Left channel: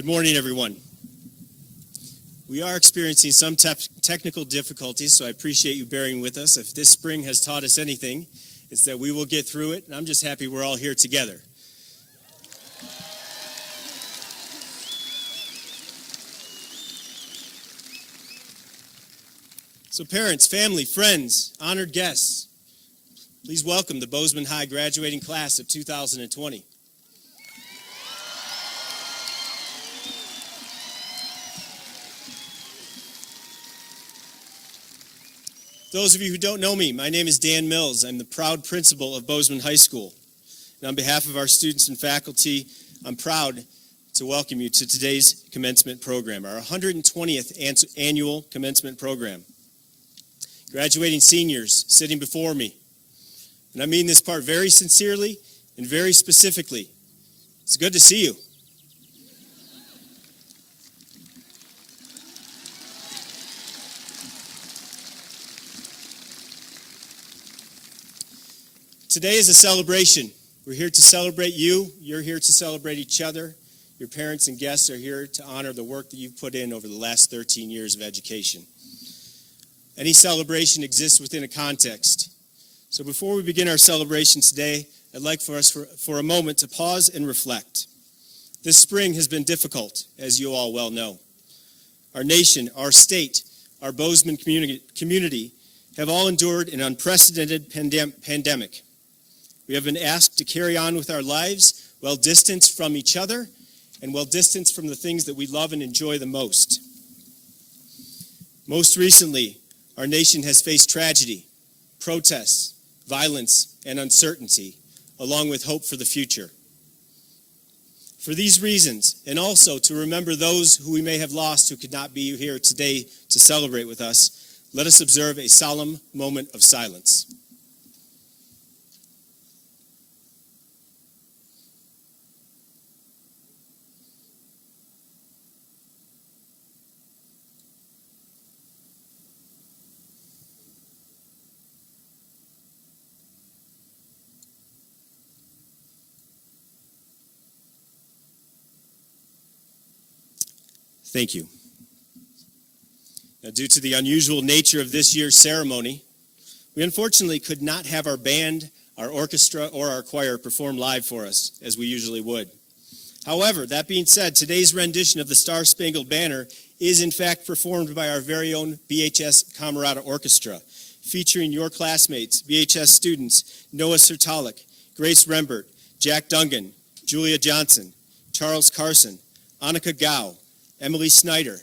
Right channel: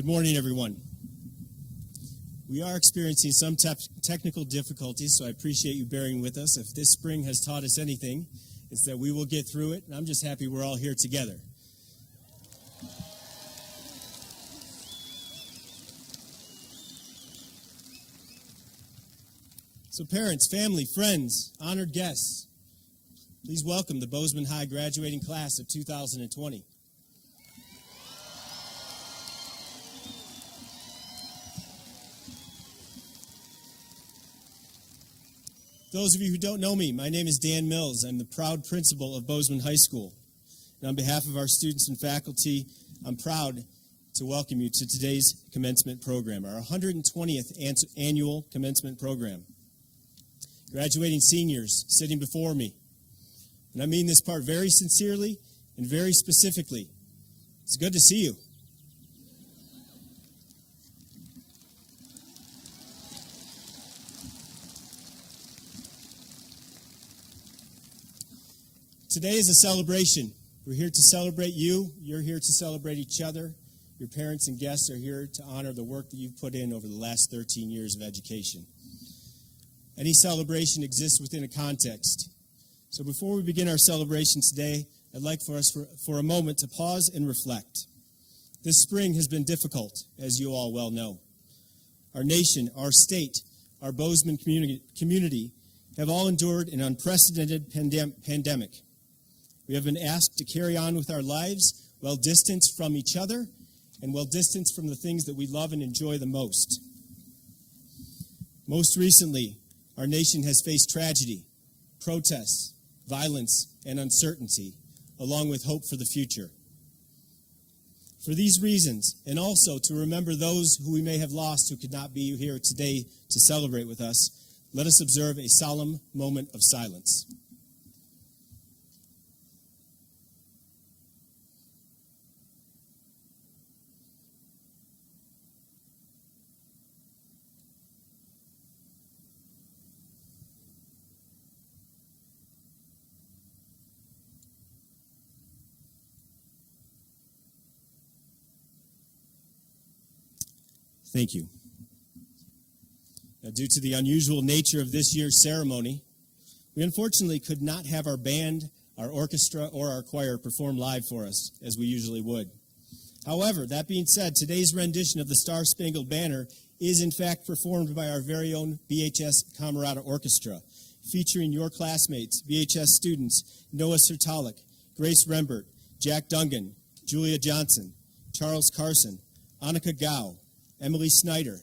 Good morning, everyone. We are experiencing some technical difficulties, so I appreciate you bearing with us. If this spring has taught us anything, it's that we will get through it, and I'm just happy we're all here together. So parents, family, friends, honored guests, please welcome the Bozeman High graduating class of 2020. Those of you who don't know me, my name is Dan Mills. I'm the proud principal of Bozeman High School. And on behalf of our students and faculty, I'm proud to welcome you to today's commencement program, our 120th annual commencement program. Graduating seniors sitting before me, and I mean this part very sincerely and very specifically. It's good to see you. Today is a celebration. We're here to celebrate you. You're here to celebrate each other. Your parents and guests are here to honor the work that you've put in over the last 13 years of education. Any celebration exists within a context. So before we begin our celebration today, I'd like for us for a moment to pause and reflect. This spring has been difficult, as you all well know. Our nation, our state, our Bozeman community have all endured an unprecedented pandemic. We have been asked to carry on with our lives well distanced from each other and well distanced from the things that we love and enjoy the most. Most recently, our nation has faced tragedy, protests, violence, and uncertainty, along with hope for the future. For these reasons, and also to remember those who we may have lost who could not be here today to celebrate with us, let us observe a solemn moment of silence. Thank you. Now, due to the unusual nature of this year's ceremony, we unfortunately could not have our band, our orchestra, or our choir perform live for us, as we usually would. However, that being said, today's rendition of the Star-Spangled Banner is in fact performed by our very own BHS Camerata Orchestra, featuring your classmates, BHS students Noah Sertalik, Grace Rembert, Jack Dungan, Julia Johnson, Charles Carson, Annika Gao, Emily Snyder,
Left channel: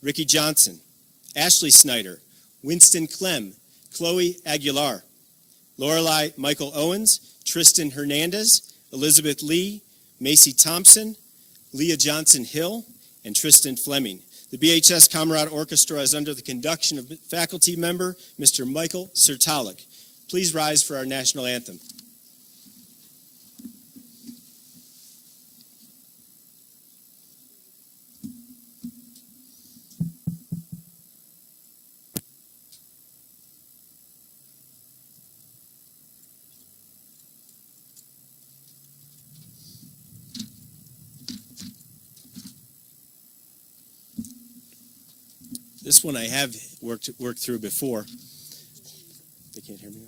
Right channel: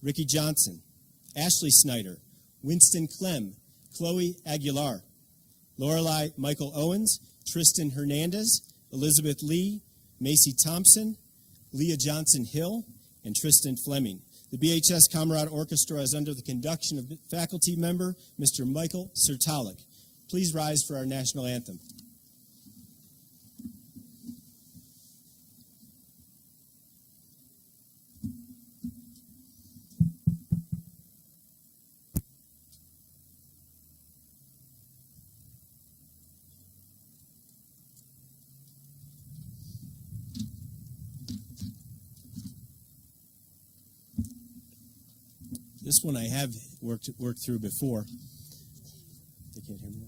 Ricky Johnson, Ashley Snyder, Winston Clem, Chloe Aguilar, Lorelei Michael Owens, Tristan Hernandez, Elizabeth Lee, Macy Thompson, Leah Johnson Hill, and Tristan Fleming. The BHS Camerata Orchestra is under the conduction of faculty member Mr. Michael Sertalik. Please rise for our national anthem. This one I have worked through before. They can't hear me now.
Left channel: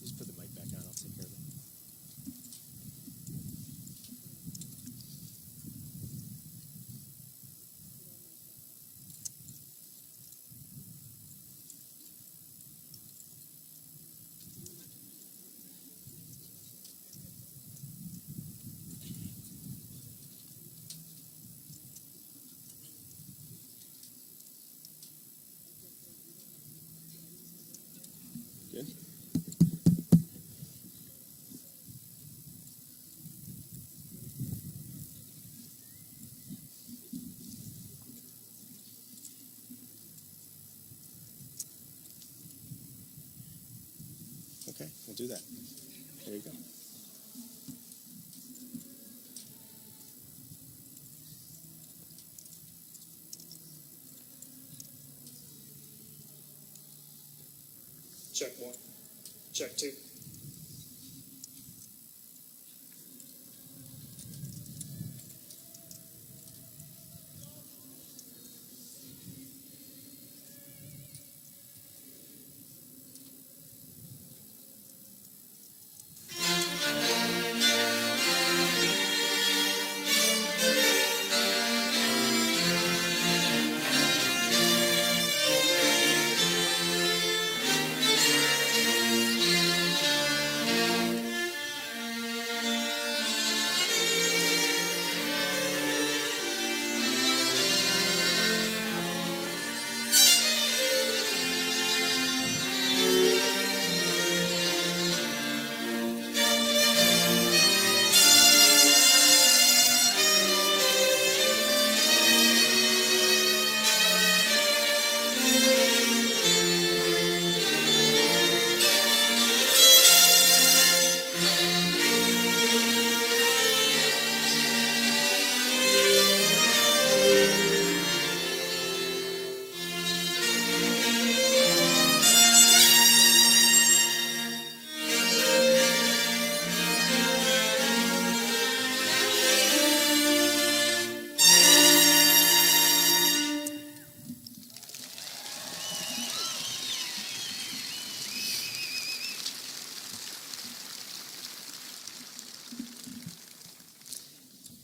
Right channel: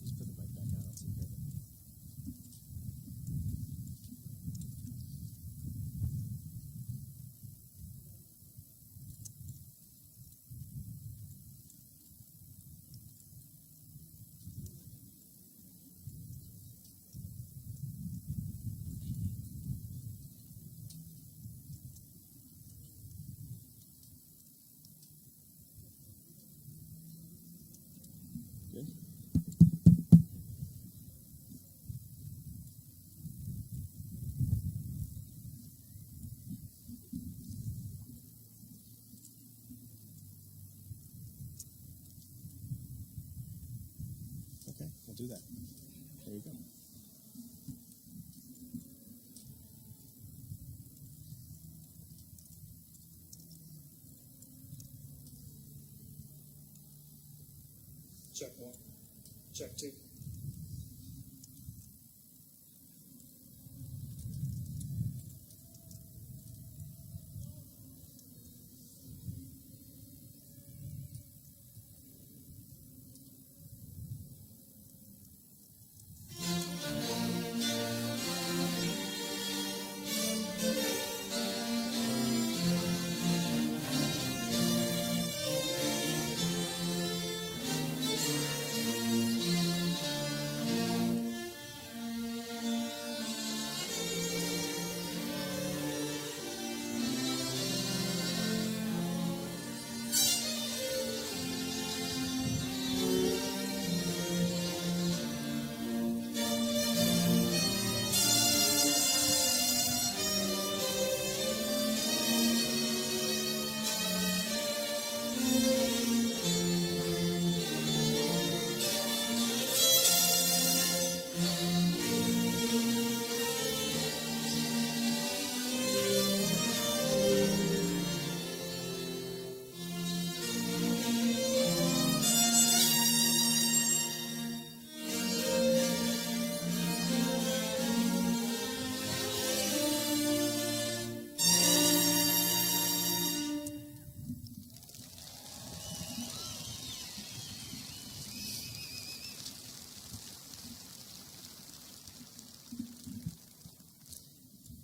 Just put the mic back on. I'll take care of it. do that. There you go. Check one. Check two.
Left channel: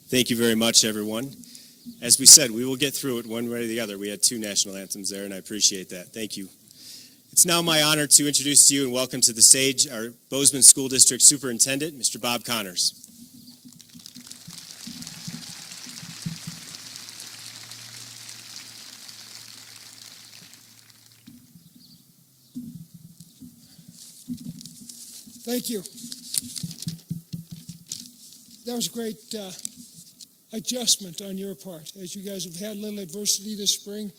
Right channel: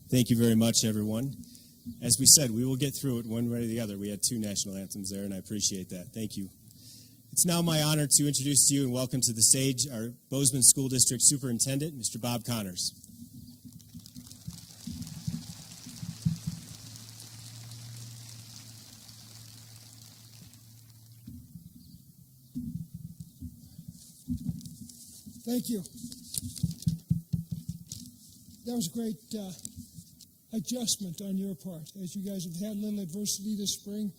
Thank you very much, everyone. As we said, we will get through it one way or the other. We had two national anthems there, and I appreciate that. Thank you. It's now my honor to introduce to you and welcome to the stage our Bozeman School District Superintendent, Mr. Bob Connors. Thank you. That was a great adjustment on your part. As you guys have had a little adversity this spring,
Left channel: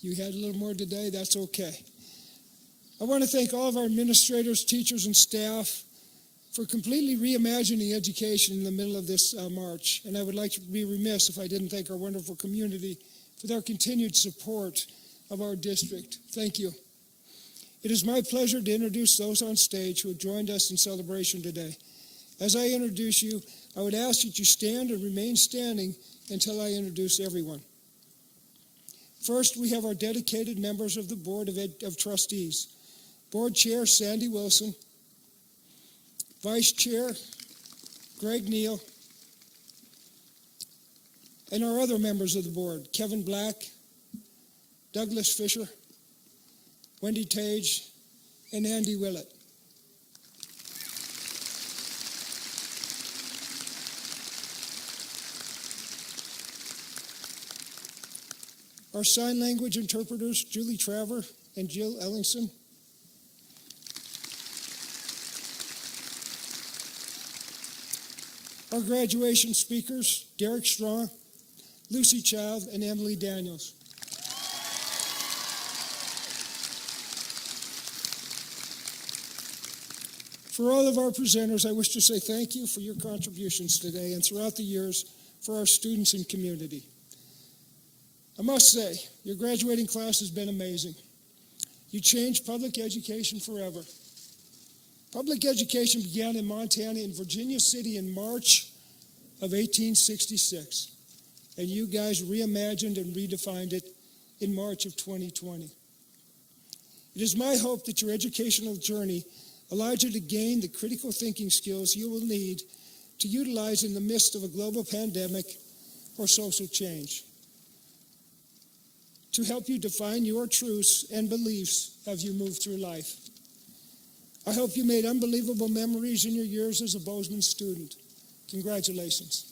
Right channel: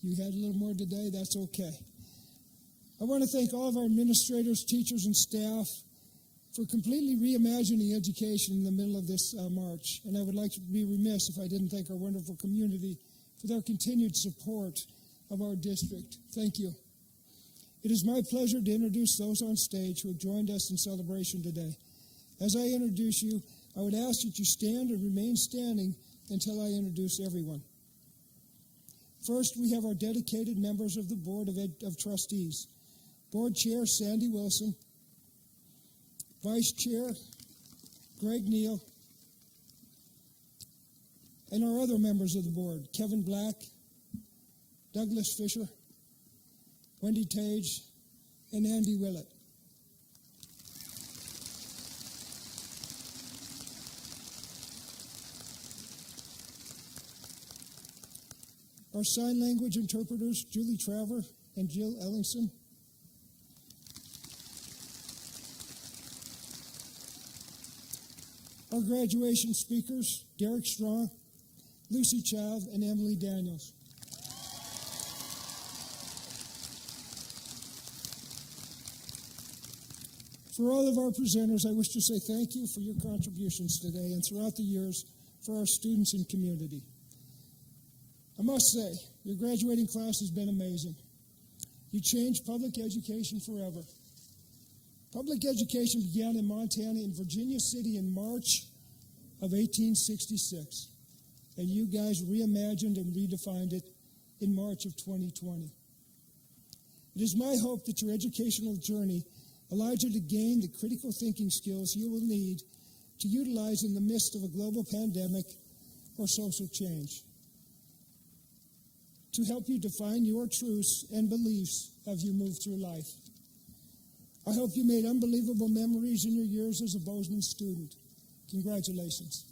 you had a little more today, that's okay. I want to thank all of our administrators, teachers, and staff for completely reimagining education in the middle of this march. And I would like to be remiss if I didn't thank our wonderful community for their continued support of our district. Thank you. It is my pleasure to introduce those on stage who have joined us in celebration today. As I introduce you, I would ask that you stand and remain standing until I introduce everyone. First, we have our dedicated members of the Board of Trustees. Board Chair Sandy Wilson, Vice Chair Greg Neal, and our other members of the board, Kevin Black, Douglas Fisher, Wendy Tage, and Andy Willett. Our sign language interpreters, Julie Traver and Jill Ellingson. Our graduation speakers, Derek Strong, Lucy Child, and Emily Daniels. For all of our presenters, I wish to say thank you for your contributions today and throughout the years for our students and community. I must say, your graduating class has been amazing. You changed public education forever. Public education began in Montana in Virginia City in March of 1866, and you guys reimagined and redefined it in March of 2020. It is my hope that your educational journey allowed you to gain the critical thinking skills you will need to utilize in the midst of a global pandemic or social change, to help you define your truths and beliefs as you move through life. I hope you made unbelievable memories in your years as a Bozeman student. Congratulations.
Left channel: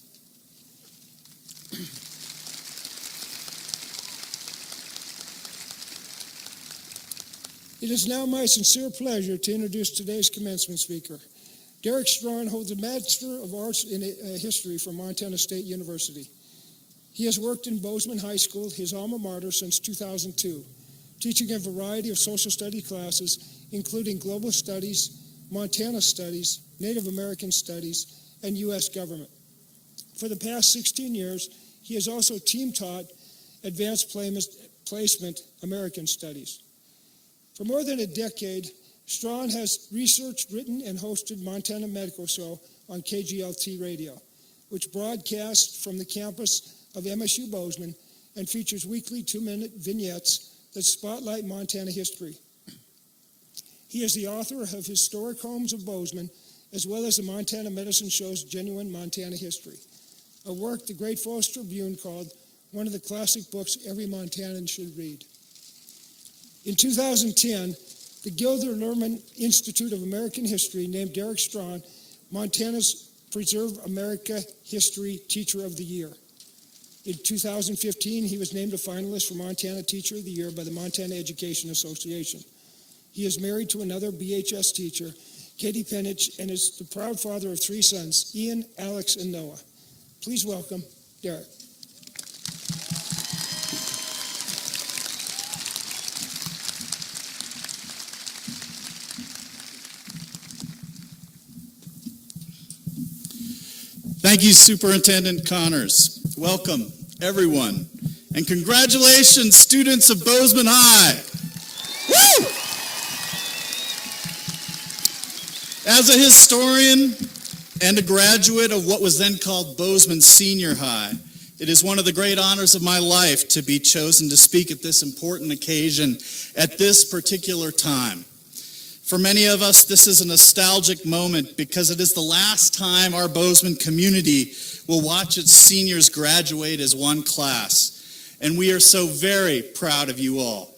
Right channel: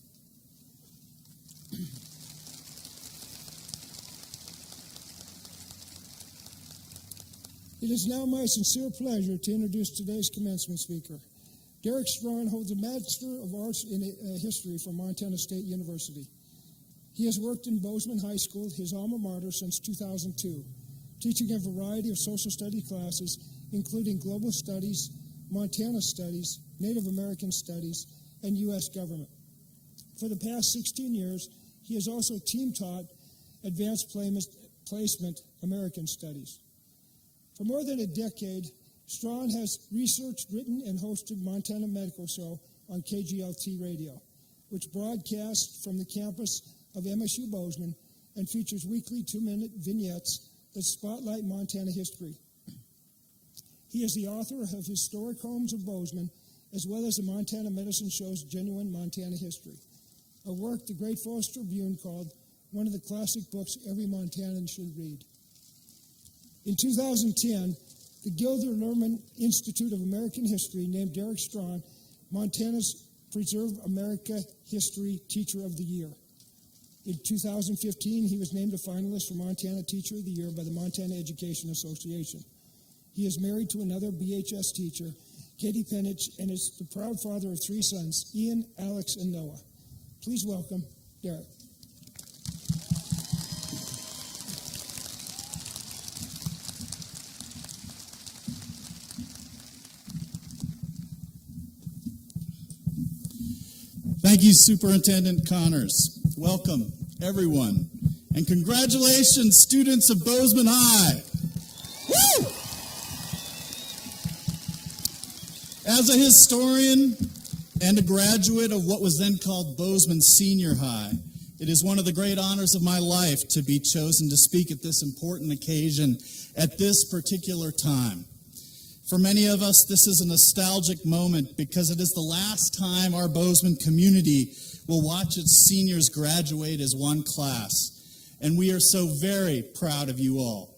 It is now my sincere pleasure to introduce today's commencement speaker. Derek Strong holds a Master of Arts in History from Montana State University. He has worked in Bozeman High School, his alma mater, since 2002, teaching a variety of social studies classes, including global studies, Montana Studies, Native American Studies, and U.S. Government. For the past 16 years, he has also team-taught Advanced Placement American Studies. For more than a decade, Strawn has researched, written, and hosted Montana Medical Show on KGLT Radio, which broadcasts from the campus of MSU Bozeman and features weekly 2-minute vignettes that spotlight Montana history. He is the author of Historic Homes of Bozeman, as well as the Montana Medicine Show's Genuine Montana History, a work the Great Falls Tribune called one of the classic books every Montanan should read. In 2010, the Gilder Lehrman Institute of American History named Derek Strawn Montana's Preserve America History Teacher of the Year. In 2015, he was named a finalist for Montana Teacher of the Year by the Montana Education Association. He is married to another BHS teacher, Katie Penich, and is the proud father of 3 sons, Ian, Alex, and Noah. Please welcome Derek. Thank you, Superintendent Connors. Welcome, everyone. And congratulations, students of Bozeman High. Woo! As a historian and a graduate of what was then called Bozeman Senior High, it is one of the great honors of my life to be chosen to speak at this important occasion at this particular time. For many of us, this is a nostalgic moment because it is the last time our Bozeman community will watch its seniors graduate as one class. And we are so very proud of you all.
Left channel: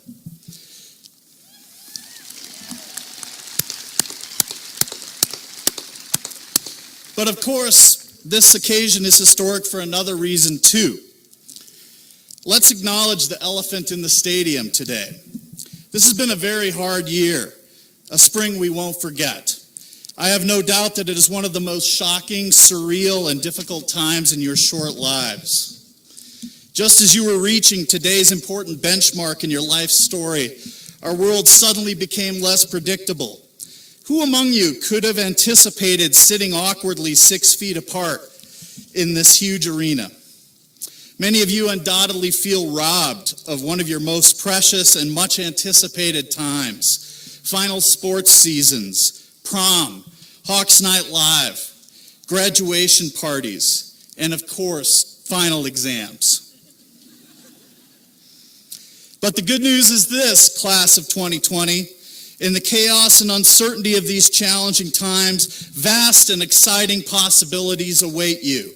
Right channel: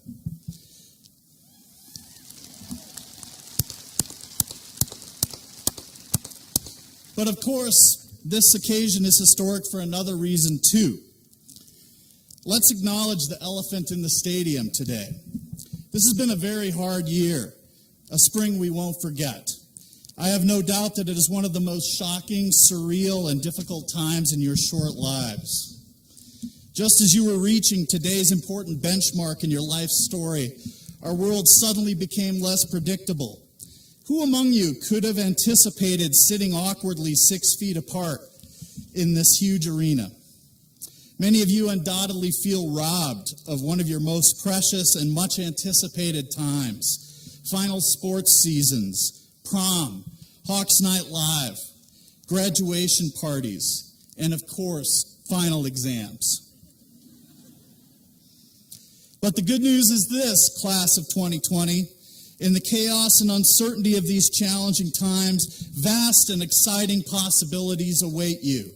But of course, this occasion is historic for another reason too. Let's acknowledge the elephant in the stadium today. This has been a very hard year, a spring we won't forget. I have no doubt that it is one of the most shocking, surreal, and difficult times in your short lives. Just as you were reaching today's important benchmark in your life story, our world suddenly became less predictable. Who among you could have anticipated sitting awkwardly 6 feet apart in this huge arena? Many of you undoubtedly feel robbed of one of your most precious and much anticipated times. Final sports seasons, prom, Hawks Night Live, graduation parties, and of course, final exams. But the good news is this, class of 2020, in the chaos and uncertainty of these challenging times, vast and exciting possibilities await you.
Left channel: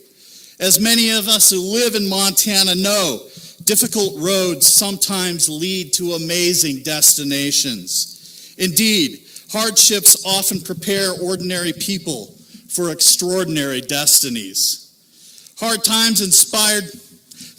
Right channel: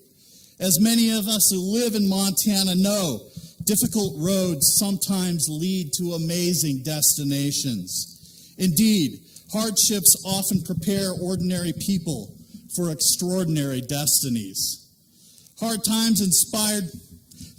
As many of us who live in Montana know, difficult roads sometimes lead to amazing destinations. Indeed, hardships often prepare ordinary people for extraordinary destinies. Hard times inspired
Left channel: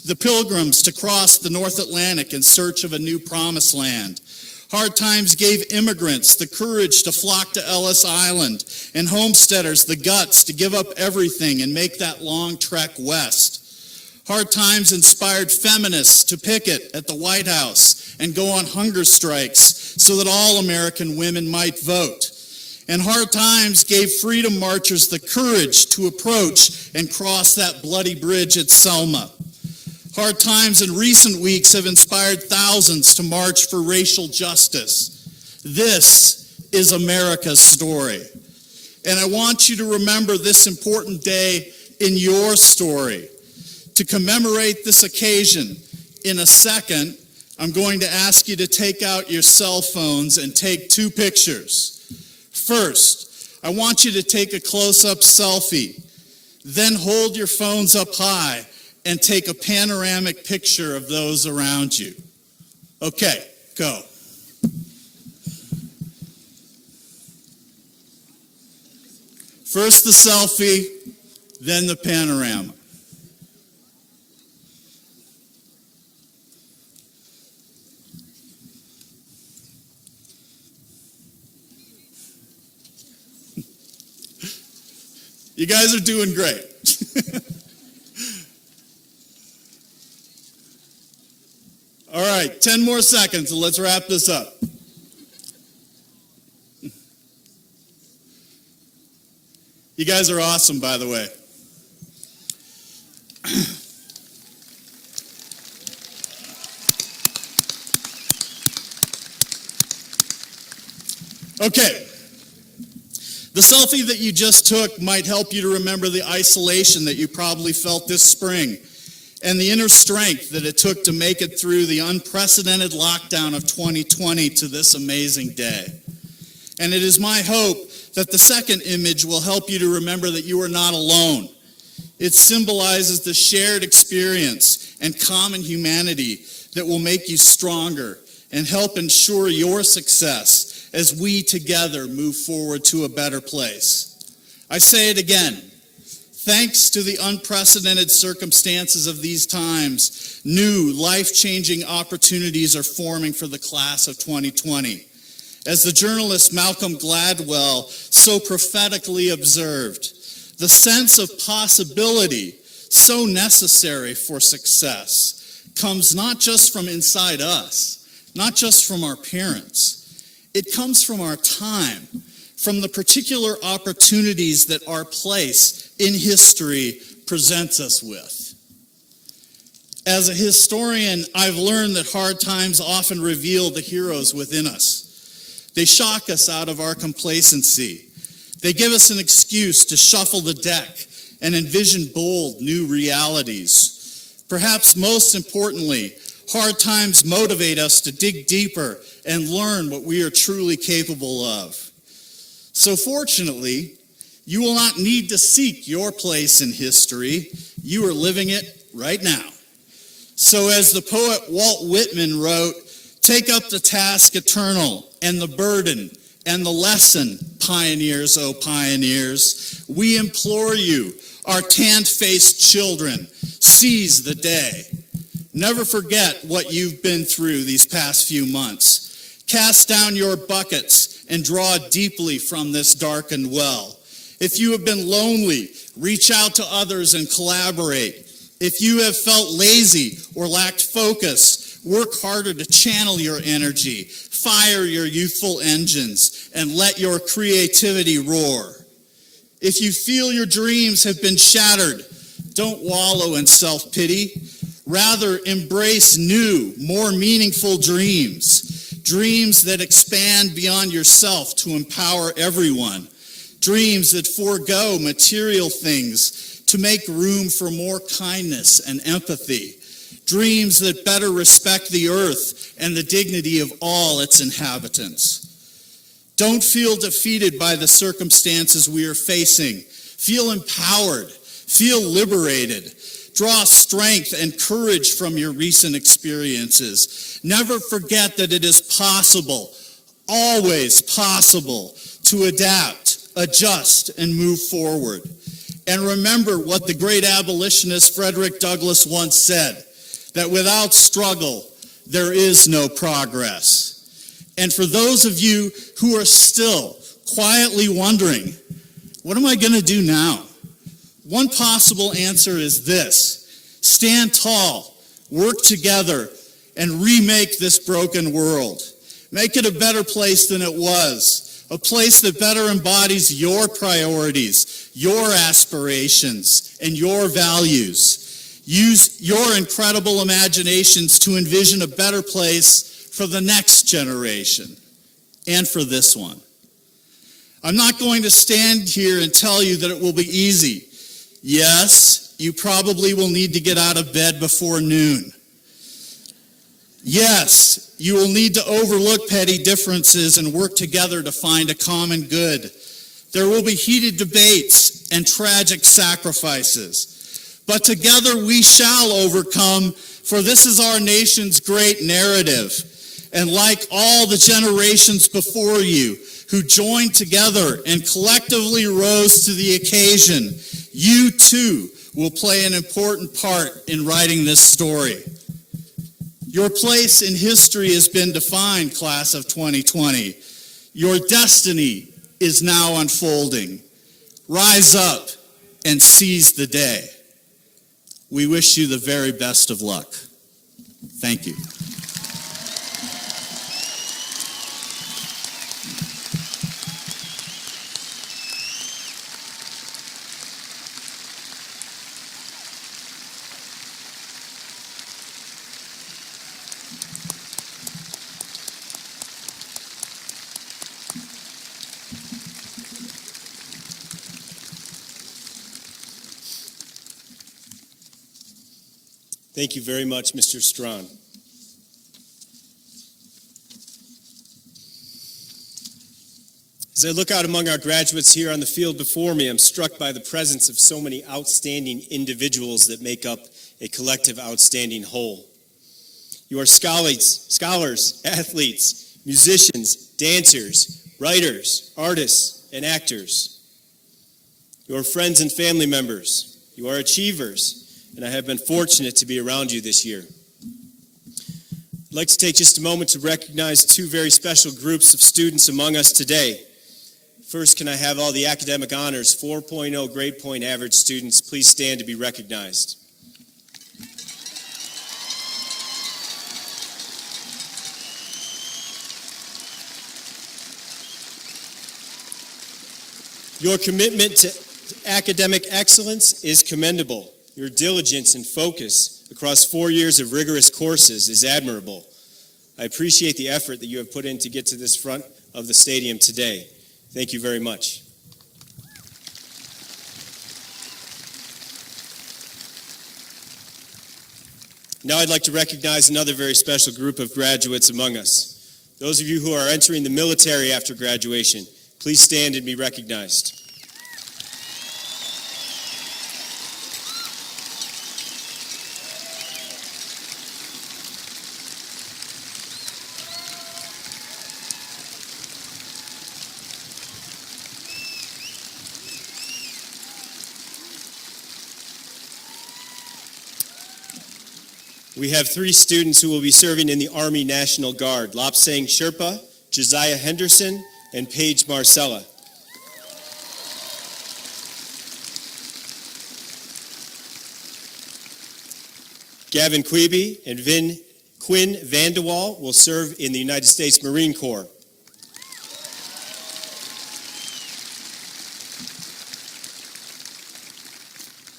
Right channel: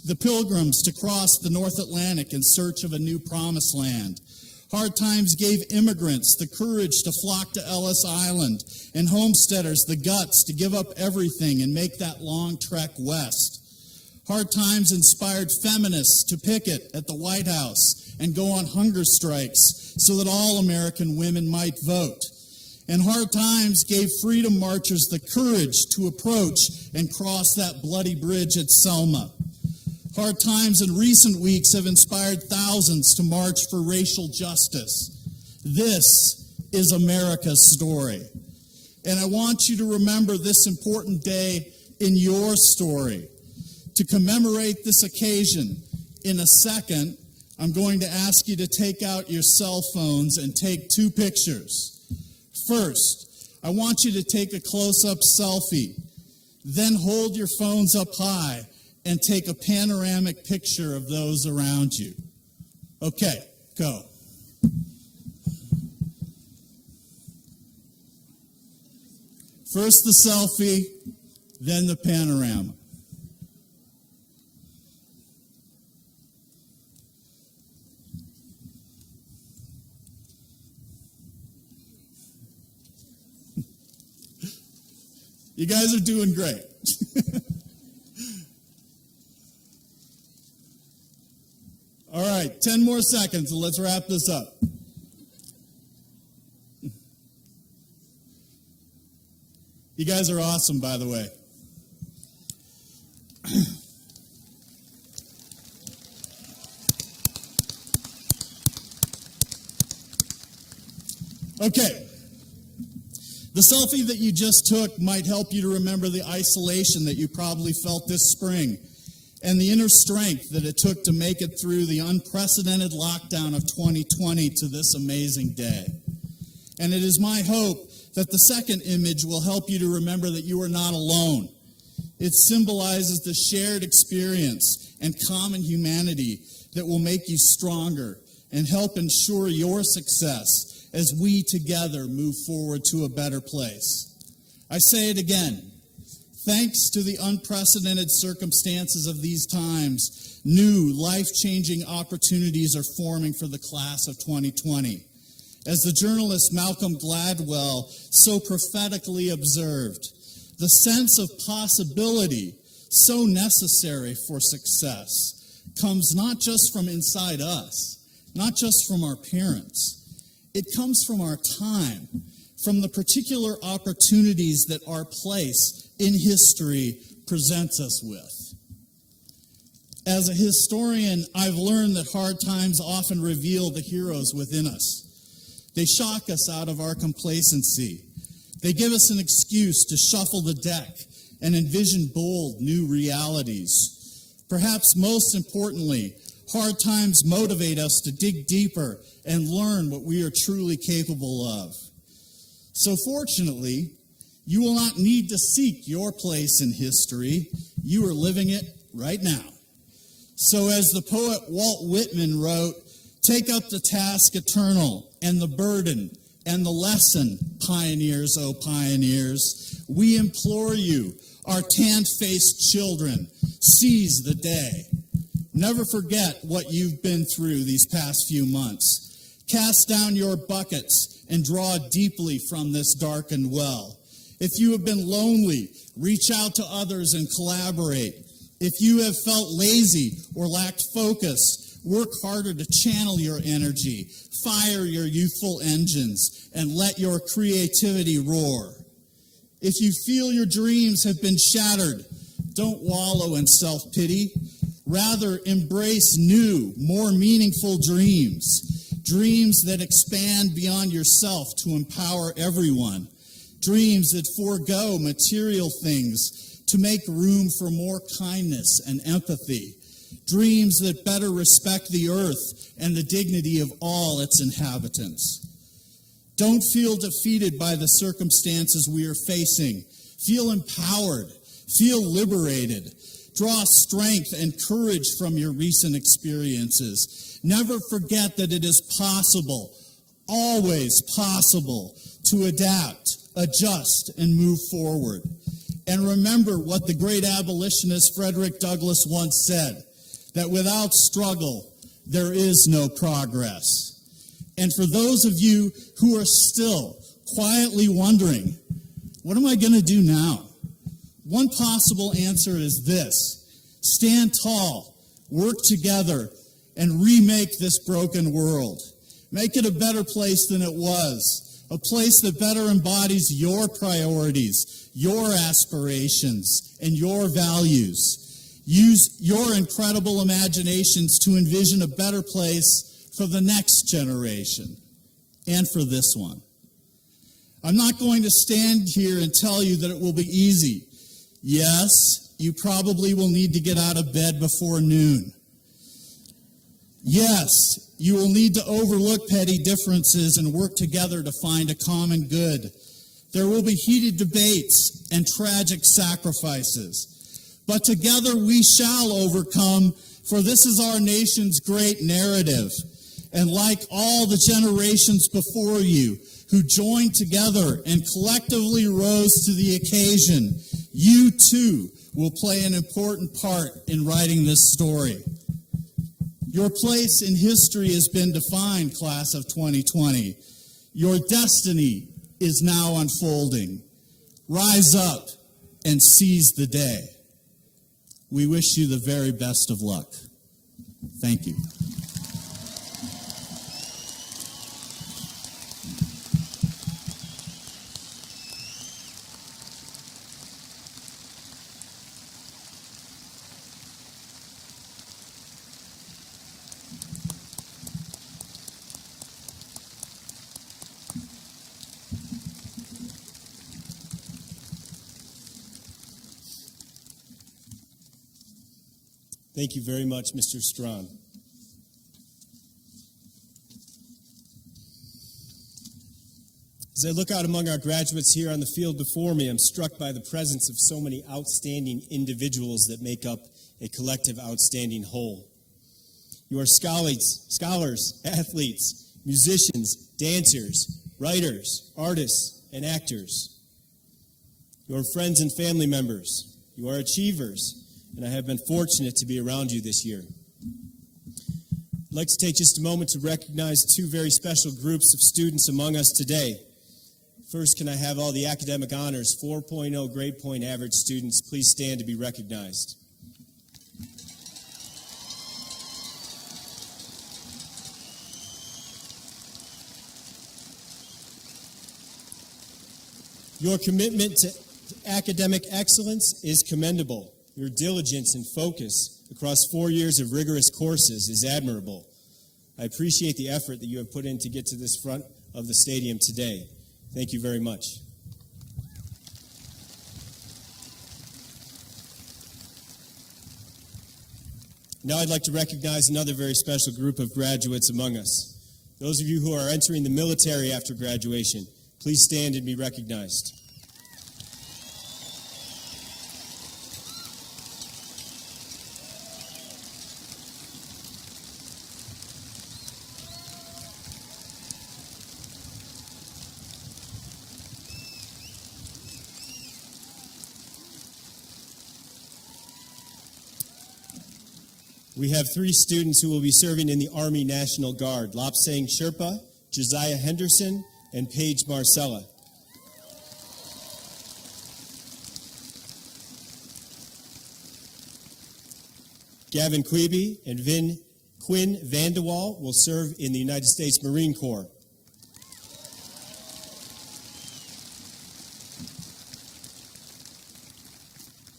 the Pilgrims to cross the North Atlantic in search of a new promised land. Hard times gave immigrants the courage to flock to Ellis Island and homesteaders the guts to give up everything and make that long trek west. Hard times inspired feminists to picket at the White House and go on hunger strikes so that all American women might vote. And hard times gave freedom marchers the courage to approach and cross that bloody bridge at Selma. Hard times in recent weeks have inspired thousands to march for racial justice. This is America's story. And I want you to remember this important day in your story. To commemorate this occasion, in a second, I'm going to ask you to take out your cell phones and take 2 pictures. First, I want you to take a close-up selfie. Then hold your phones up high and take a panoramic picture of those around you. Okay, go. First the selfie, then the panorama. You guys are doing great. All right, 10 more seconds and let's wrap this up. You guys are awesome, by the way. Okay. The selfie that you just took might help you to remember the isolation that you probably felt this spring and the inner strength that it took to make it through the unprecedented lockdown of 2020 to this amazing day. And it is my hope that the second image will help you to remember that you are not alone. It symbolizes the shared experience and common humanity that will make you stronger and help ensure your success as we together move forward to a better place. I say it again. Thanks to the unprecedented circumstances of these times, new life-changing opportunities are forming for the class of 2020. As the journalist Malcolm Gladwell so prophetically observed, the sense of possibility so necessary for success comes not just from inside us, not just from our parents. It comes from our time, from the particular opportunities that our place in history presents us with. As a historian, I've learned that hard times often reveal the heroes within us. They shock us out of our complacency. They give us an excuse to shuffle the deck and envision bold new realities. Perhaps most importantly, hard times motivate us to dig deeper and learn what we are truly capable of. So fortunately, you will not need to seek your place in history. You are living it right now. So as the poet Walt Whitman wrote, take up the task eternal and the burden and the lesson, pioneers, oh pioneers. We implore you, our tan-faced children, seize the day. Never forget what you've been through these past few months. Cast down your buckets and draw deeply from this darkened well. If you have been lonely, reach out to others and collaborate. If you have felt lazy or lacked focus, work harder to channel your energy, fire your youthful engines, and let your creativity roar. If you feel your dreams have been shattered, don't wallow in self-pity. Rather, embrace new, more meaningful dreams. Dreams that expand beyond yourself to empower everyone. Dreams that forego material things to make room for more kindness and empathy. Dreams that better respect the earth and the dignity of all its inhabitants. Don't feel defeated by the circumstances we are facing. Feel empowered. Feel liberated. Draw strength and courage from your recent experiences. Never forget that it is possible, always possible, to adapt, adjust, and move forward. And remember what the great abolitionist Frederick Douglass once said, that without struggle, there is no progress. And for those of you who are still quietly wondering, what am I going to do now? One possible answer is this: stand tall, work together, and remake this broken world. Make it a better place than it was, a place that better embodies your priorities, your aspirations, and your values. Use your incredible imaginations to envision a better place for the next generation and for this one. I'm not going to stand here and tell you that it will be easy. Yes, you probably will need to get out of bed before noon. Yes, you will need to overlook petty differences and work together to find a common good. There will be heated debates and tragic sacrifices. But together we shall overcome, for this is our nation's great narrative. And like all the generations before you who joined together and collectively rose to the occasion, you too will play an important part in writing this story. Your place in history has been defined, class of 2020. Your destiny is now unfolding. Rise up and seize the day. We wish you the very best of luck. Thank you. Thank you very much, Mr. Strawn. As I look out among our graduates here on the field before me, I'm struck by the presence of so many outstanding individuals that make up a collective outstanding whole. You are scholars, athletes, musicians, dancers, writers, artists, and actors. You are friends and family members. You are achievers, and I have been fortunate to be around you this year. I'd like to take just a moment to recognize two very special groups of students among us today. First, can I have all the academic honors 4.0 grade point average students please stand to be recognized? Your commitment to academic excellence is commendable. Your diligence and focus across 4 years of rigorous courses is admirable. I appreciate the effort that you have put in to get to this front of the stadium today. Thank you very much. Now I'd like to recognize another very special group of graduates among us. Those of you who are entering the military after graduation, please stand and be recognized. We have 3 students who will be serving in the Army National Guard: Lopsang Sherpa, Josiah Henderson, and Paige Marcella. Gavin Quebe and Quinn Vandewall will serve in the United States Marine Corps.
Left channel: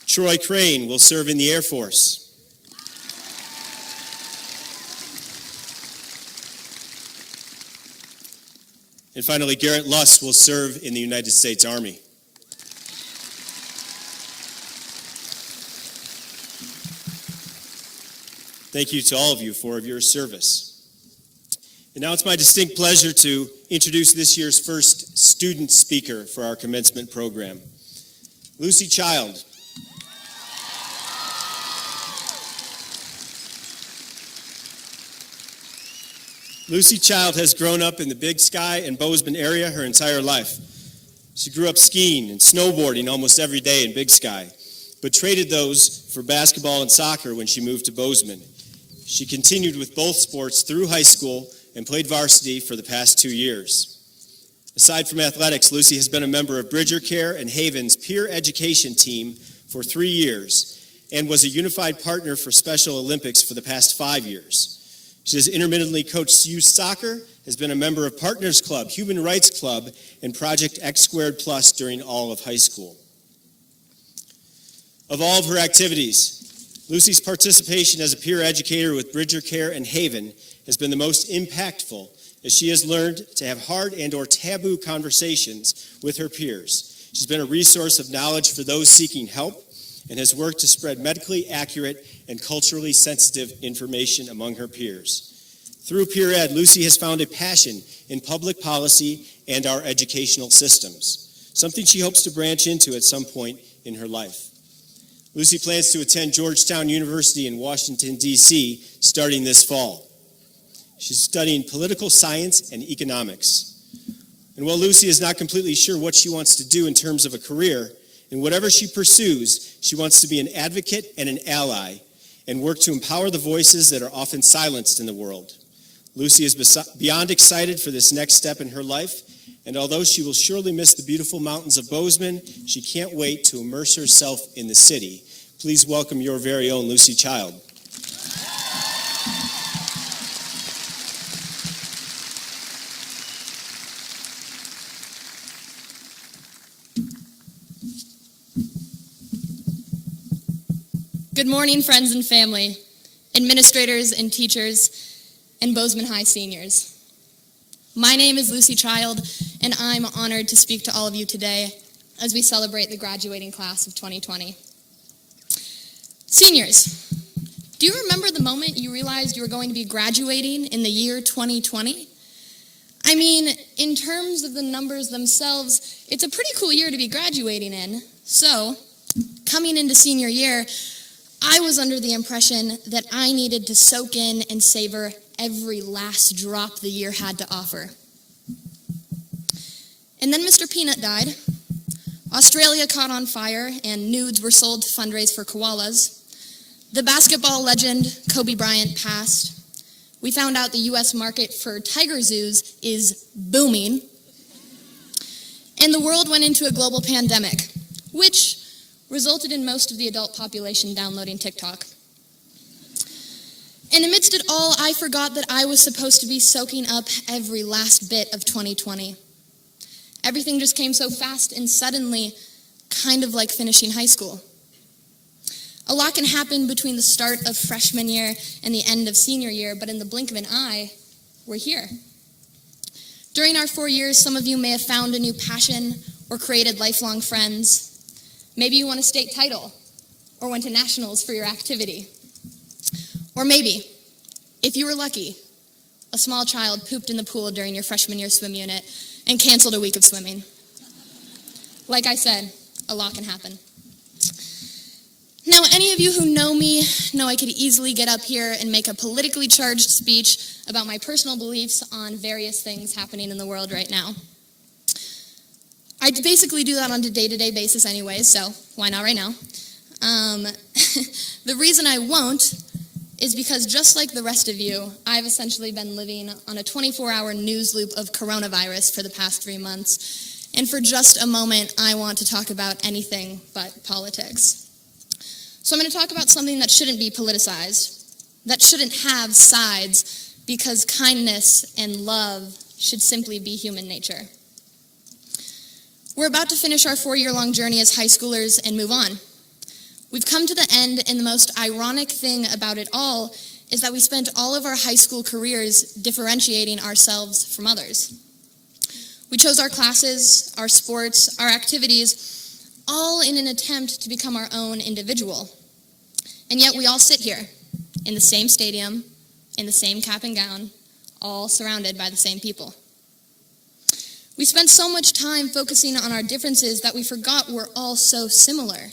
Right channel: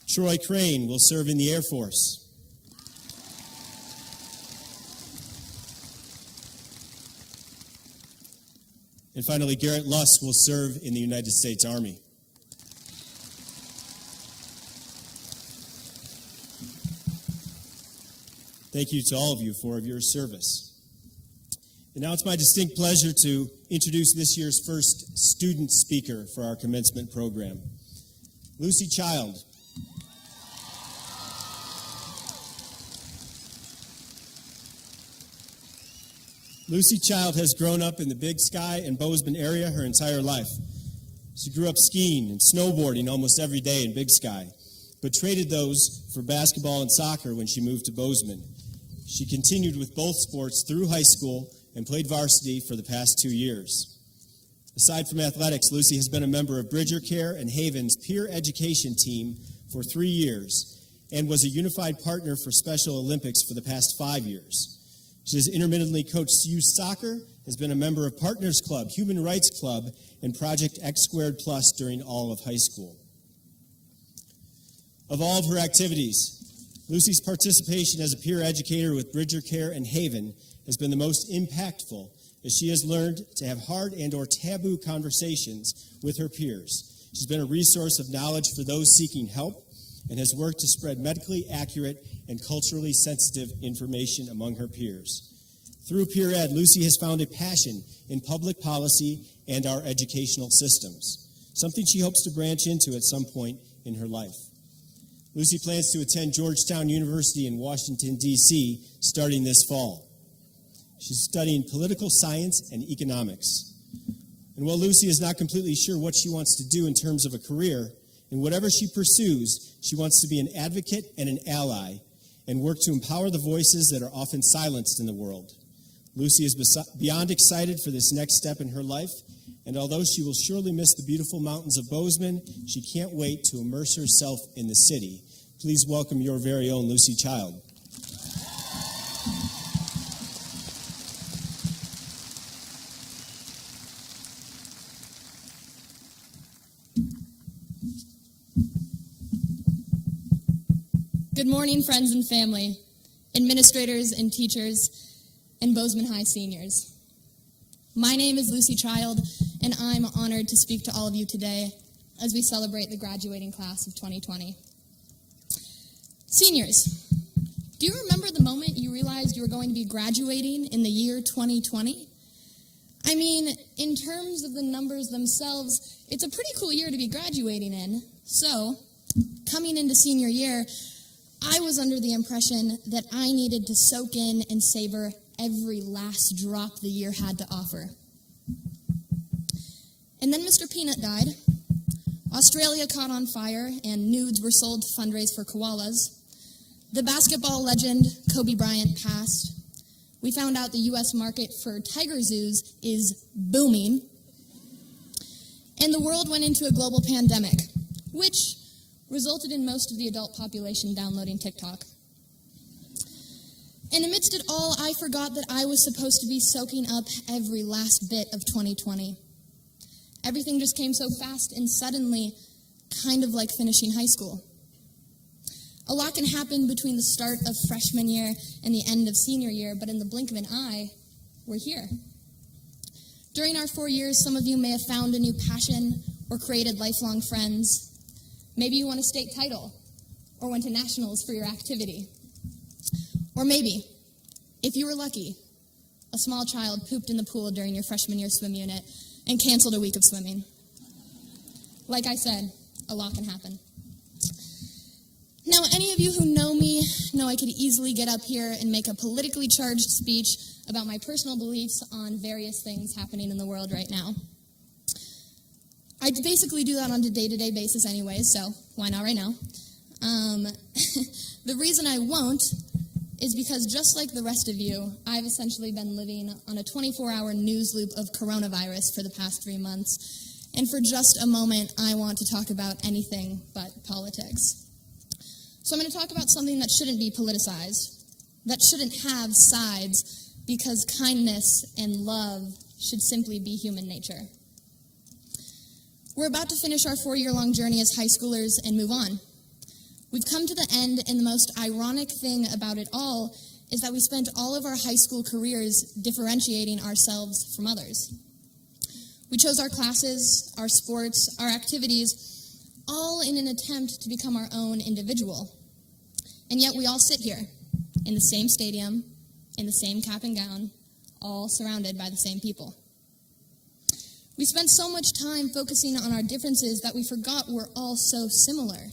Troy Crane will serve in the Air Force. And finally, Garrett Luss will serve in the United States Army. Thank you to all of you for your service. And now it's my distinct pleasure to introduce this year's first student speaker for our commencement program, Lucy Child. Lucy Child has grown up in the Big Sky and Bozeman area her entire life. She grew up skiing and snowboarding almost every day in Big Sky, but traded those for basketball and soccer when she moved to Bozeman. She continued with both sports through high school and played varsity for the past 2 years. Aside from athletics, Lucy has been a member of Bridger Care and Haven's peer education team for 3 years and was a unified partner for Special Olympics for the past 5 years. She has intermittently coached youth soccer, has been a member of Partners Club, Human Rights Club, and Project X Squared Plus during all of high school. Of all of her activities, Lucy's participation as a peer educator with Bridger Care and Haven has been the most impactful, as she has learned to have hard and/or taboo conversations with her peers. She's been a resource of knowledge for those seeking help and has worked to spread medically accurate and culturally sensitive information among her peers. Through Peer Ed, Lucy has found a passion in public policy and our educational systems, something she hopes to branch into at some point in her life. Lucy plans to attend Georgetown University in Washington, D.C., starting this fall. She's studying political science and economics. And while Lucy is not completely sure what she wants to do in terms of a career, in whatever she pursues, she wants to be an advocate and an ally and work to empower the voices that are often silenced in the world. Lucy is beyond excited for this next step in her life, and although she will surely miss the beautiful mountains of Bozeman, she can't wait to immerse herself in the city. Please welcome your very own Lucy Child. Good morning, friends and family, administrators and teachers, and Bozeman High seniors. My name is Lucy Child, and I'm honored to speak to all of you today as we celebrate the graduating class of 2020. Seniors, Do you remember the moment you realized you were going to be graduating in the year 2020? I mean, in terms of the numbers themselves, it's a pretty cool year to be graduating in. So, coming into senior year, I was under the impression that I needed to soak in and savor every last drop the year had to offer. And then Mr. Peanut died. Australia caught on fire, and nudes were sold to fundraise for koalas. The basketball legend Kobe Bryant passed. We found out the U.S. market for tiger zoos is booming. And the world went into a global pandemic, which resulted in most of the adult population downloading TikTok. And amidst it all, I forgot that I was supposed to be soaking up every last bit of 2020. Everything just came so fast and suddenly, kind of like finishing high school. A lot can happen between the start of freshman year and the end of senior year, but in the blink of an eye, we're here. During our 4 years, some of you may have found a new passion or created lifelong friends. Maybe you won a state title or went to nationals for your activity. Or maybe, if you were lucky, a small child pooped in the pool during your freshman year swim unit and canceled a week of swimming. Like I said, a lot can happen. Now, any of you who know me know I could easily get up here and make a politically charged speech about my personal beliefs on various things happening in the world right now. I basically do that on a day-to-day basis anyways, so why not right now? The reason I won't is because just like the rest of you, I've essentially been living on a 24-hour news loop of coronavirus for the past 3 months. And for just a moment, I want to talk about anything but politics. So I'm going to talk about something that shouldn't be politicized, that shouldn't have sides, because kindness and love should simply be human nature. We're about to finish our 4-year-long journey as high schoolers and move on. We've come to the end, and the most ironic thing about it all is that we spent all of our high school careers differentiating ourselves from others. We chose our classes, our sports, our activities, all in an attempt to become our own individual. And yet we all sit here in the same stadium, in the same cap and gown, all surrounded by the same people. We spent so much time focusing on our differences that we forgot we're all so similar.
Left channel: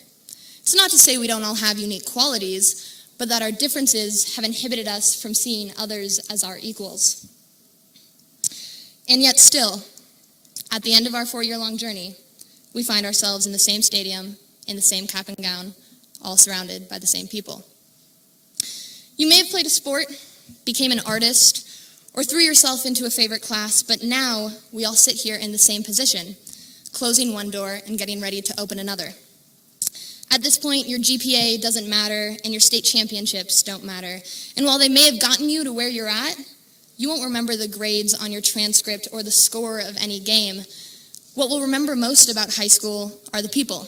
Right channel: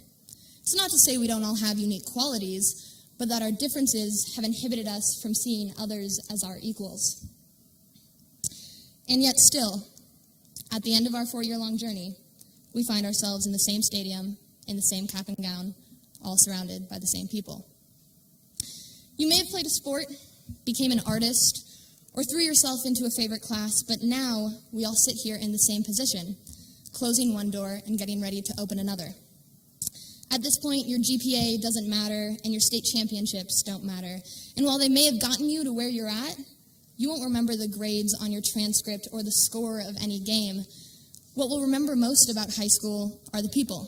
It's not to say we don't all have unique qualities, but that our differences have inhibited us from seeing others as our equals. And yet still, at the end of our 4-year-long journey, we find ourselves in the same stadium, in the same cap and gown, all surrounded by the same people. You may have played a sport, became an artist, or threw yourself into a favorite class, but now we all sit here in the same position, closing one door and getting ready to open another. At this point, your GPA doesn't matter, and your state championships don't matter. And while they may have gotten you to where you're at, you won't remember the grades on your transcript or the score of any game. What we'll remember most about high school are the people.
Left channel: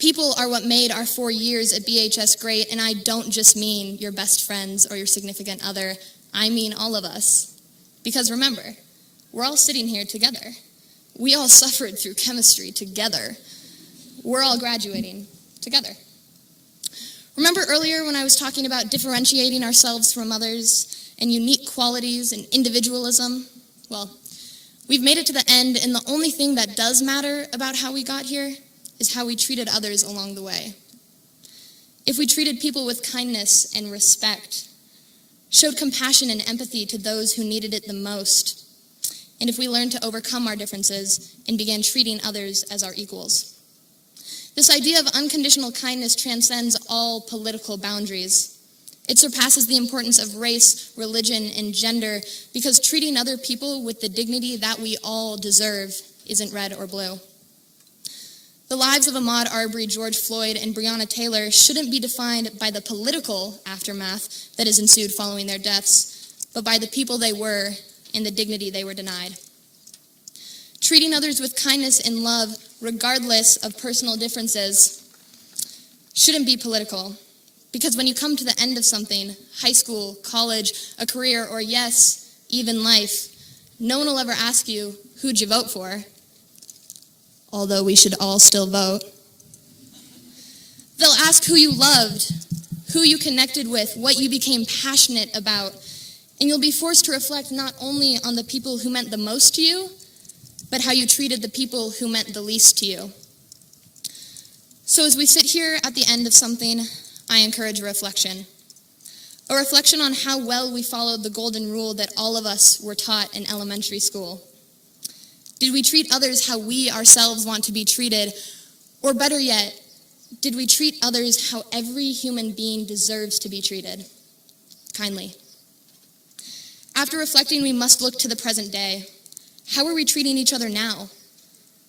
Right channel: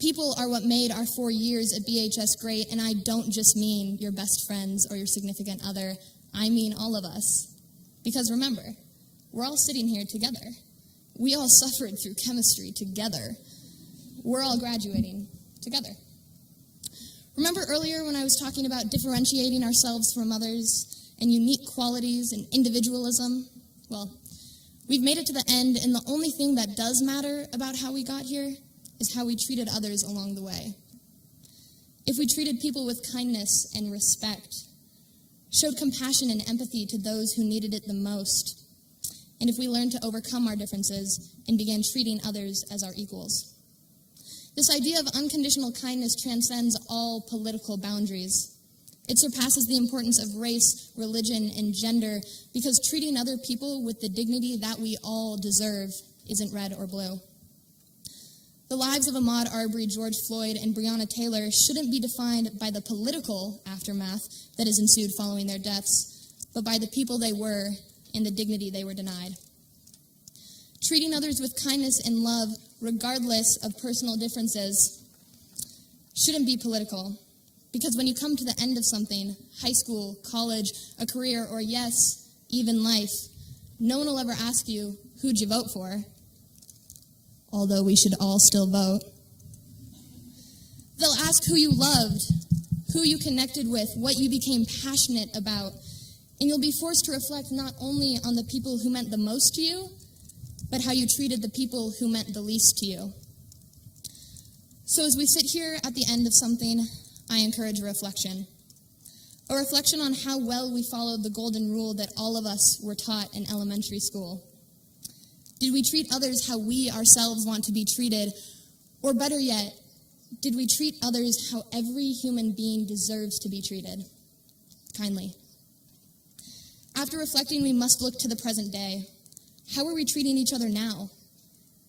People are what made our 4 years at BHS great, and I don't just mean your best friends or your significant other. I mean all of us. Because remember, we're all sitting here together. We all suffered through chemistry together. We're all graduating together. Remember earlier when I was talking about differentiating ourselves from others and unique qualities and individualism? Well, we've made it to the end, and the only thing that does matter about how we got here is how we treated others along the way. If we treated people with kindness and respect, showed compassion and empathy to those who needed it the most, and if we learned to overcome our differences and began treating others as our equals. This idea of unconditional kindness transcends all political boundaries. It surpasses the importance of race, religion, and gender because treating other people with the dignity that we all deserve isn't red or blue. The lives of Ahmaud Arbery, George Floyd, and Breonna Taylor shouldn't be defined by the political aftermath that has ensued following their deaths, but by the people they were and the dignity they were denied. Treating others with kindness and love, regardless of personal differences, shouldn't be political. Because when you come to the end of something, high school, college, a career, or yes, even life, no one will ever ask you, who'd you vote for? Although we should all still vote. They'll ask who you loved, who you connected with, what you became passionate about, and you'll be forced to reflect not only on the people who meant the most to you, but how you treated the people who meant the least to you. So as we sit here at the end of something, I encourage a reflection on how well we followed the golden rule that all of us were taught in elementary school. Did we treat others how we ourselves want to be treated? Or better yet, did we treat others how every human being deserves to be treated? Kindly. After reflecting, we must look to the present day. How are we treating each other now?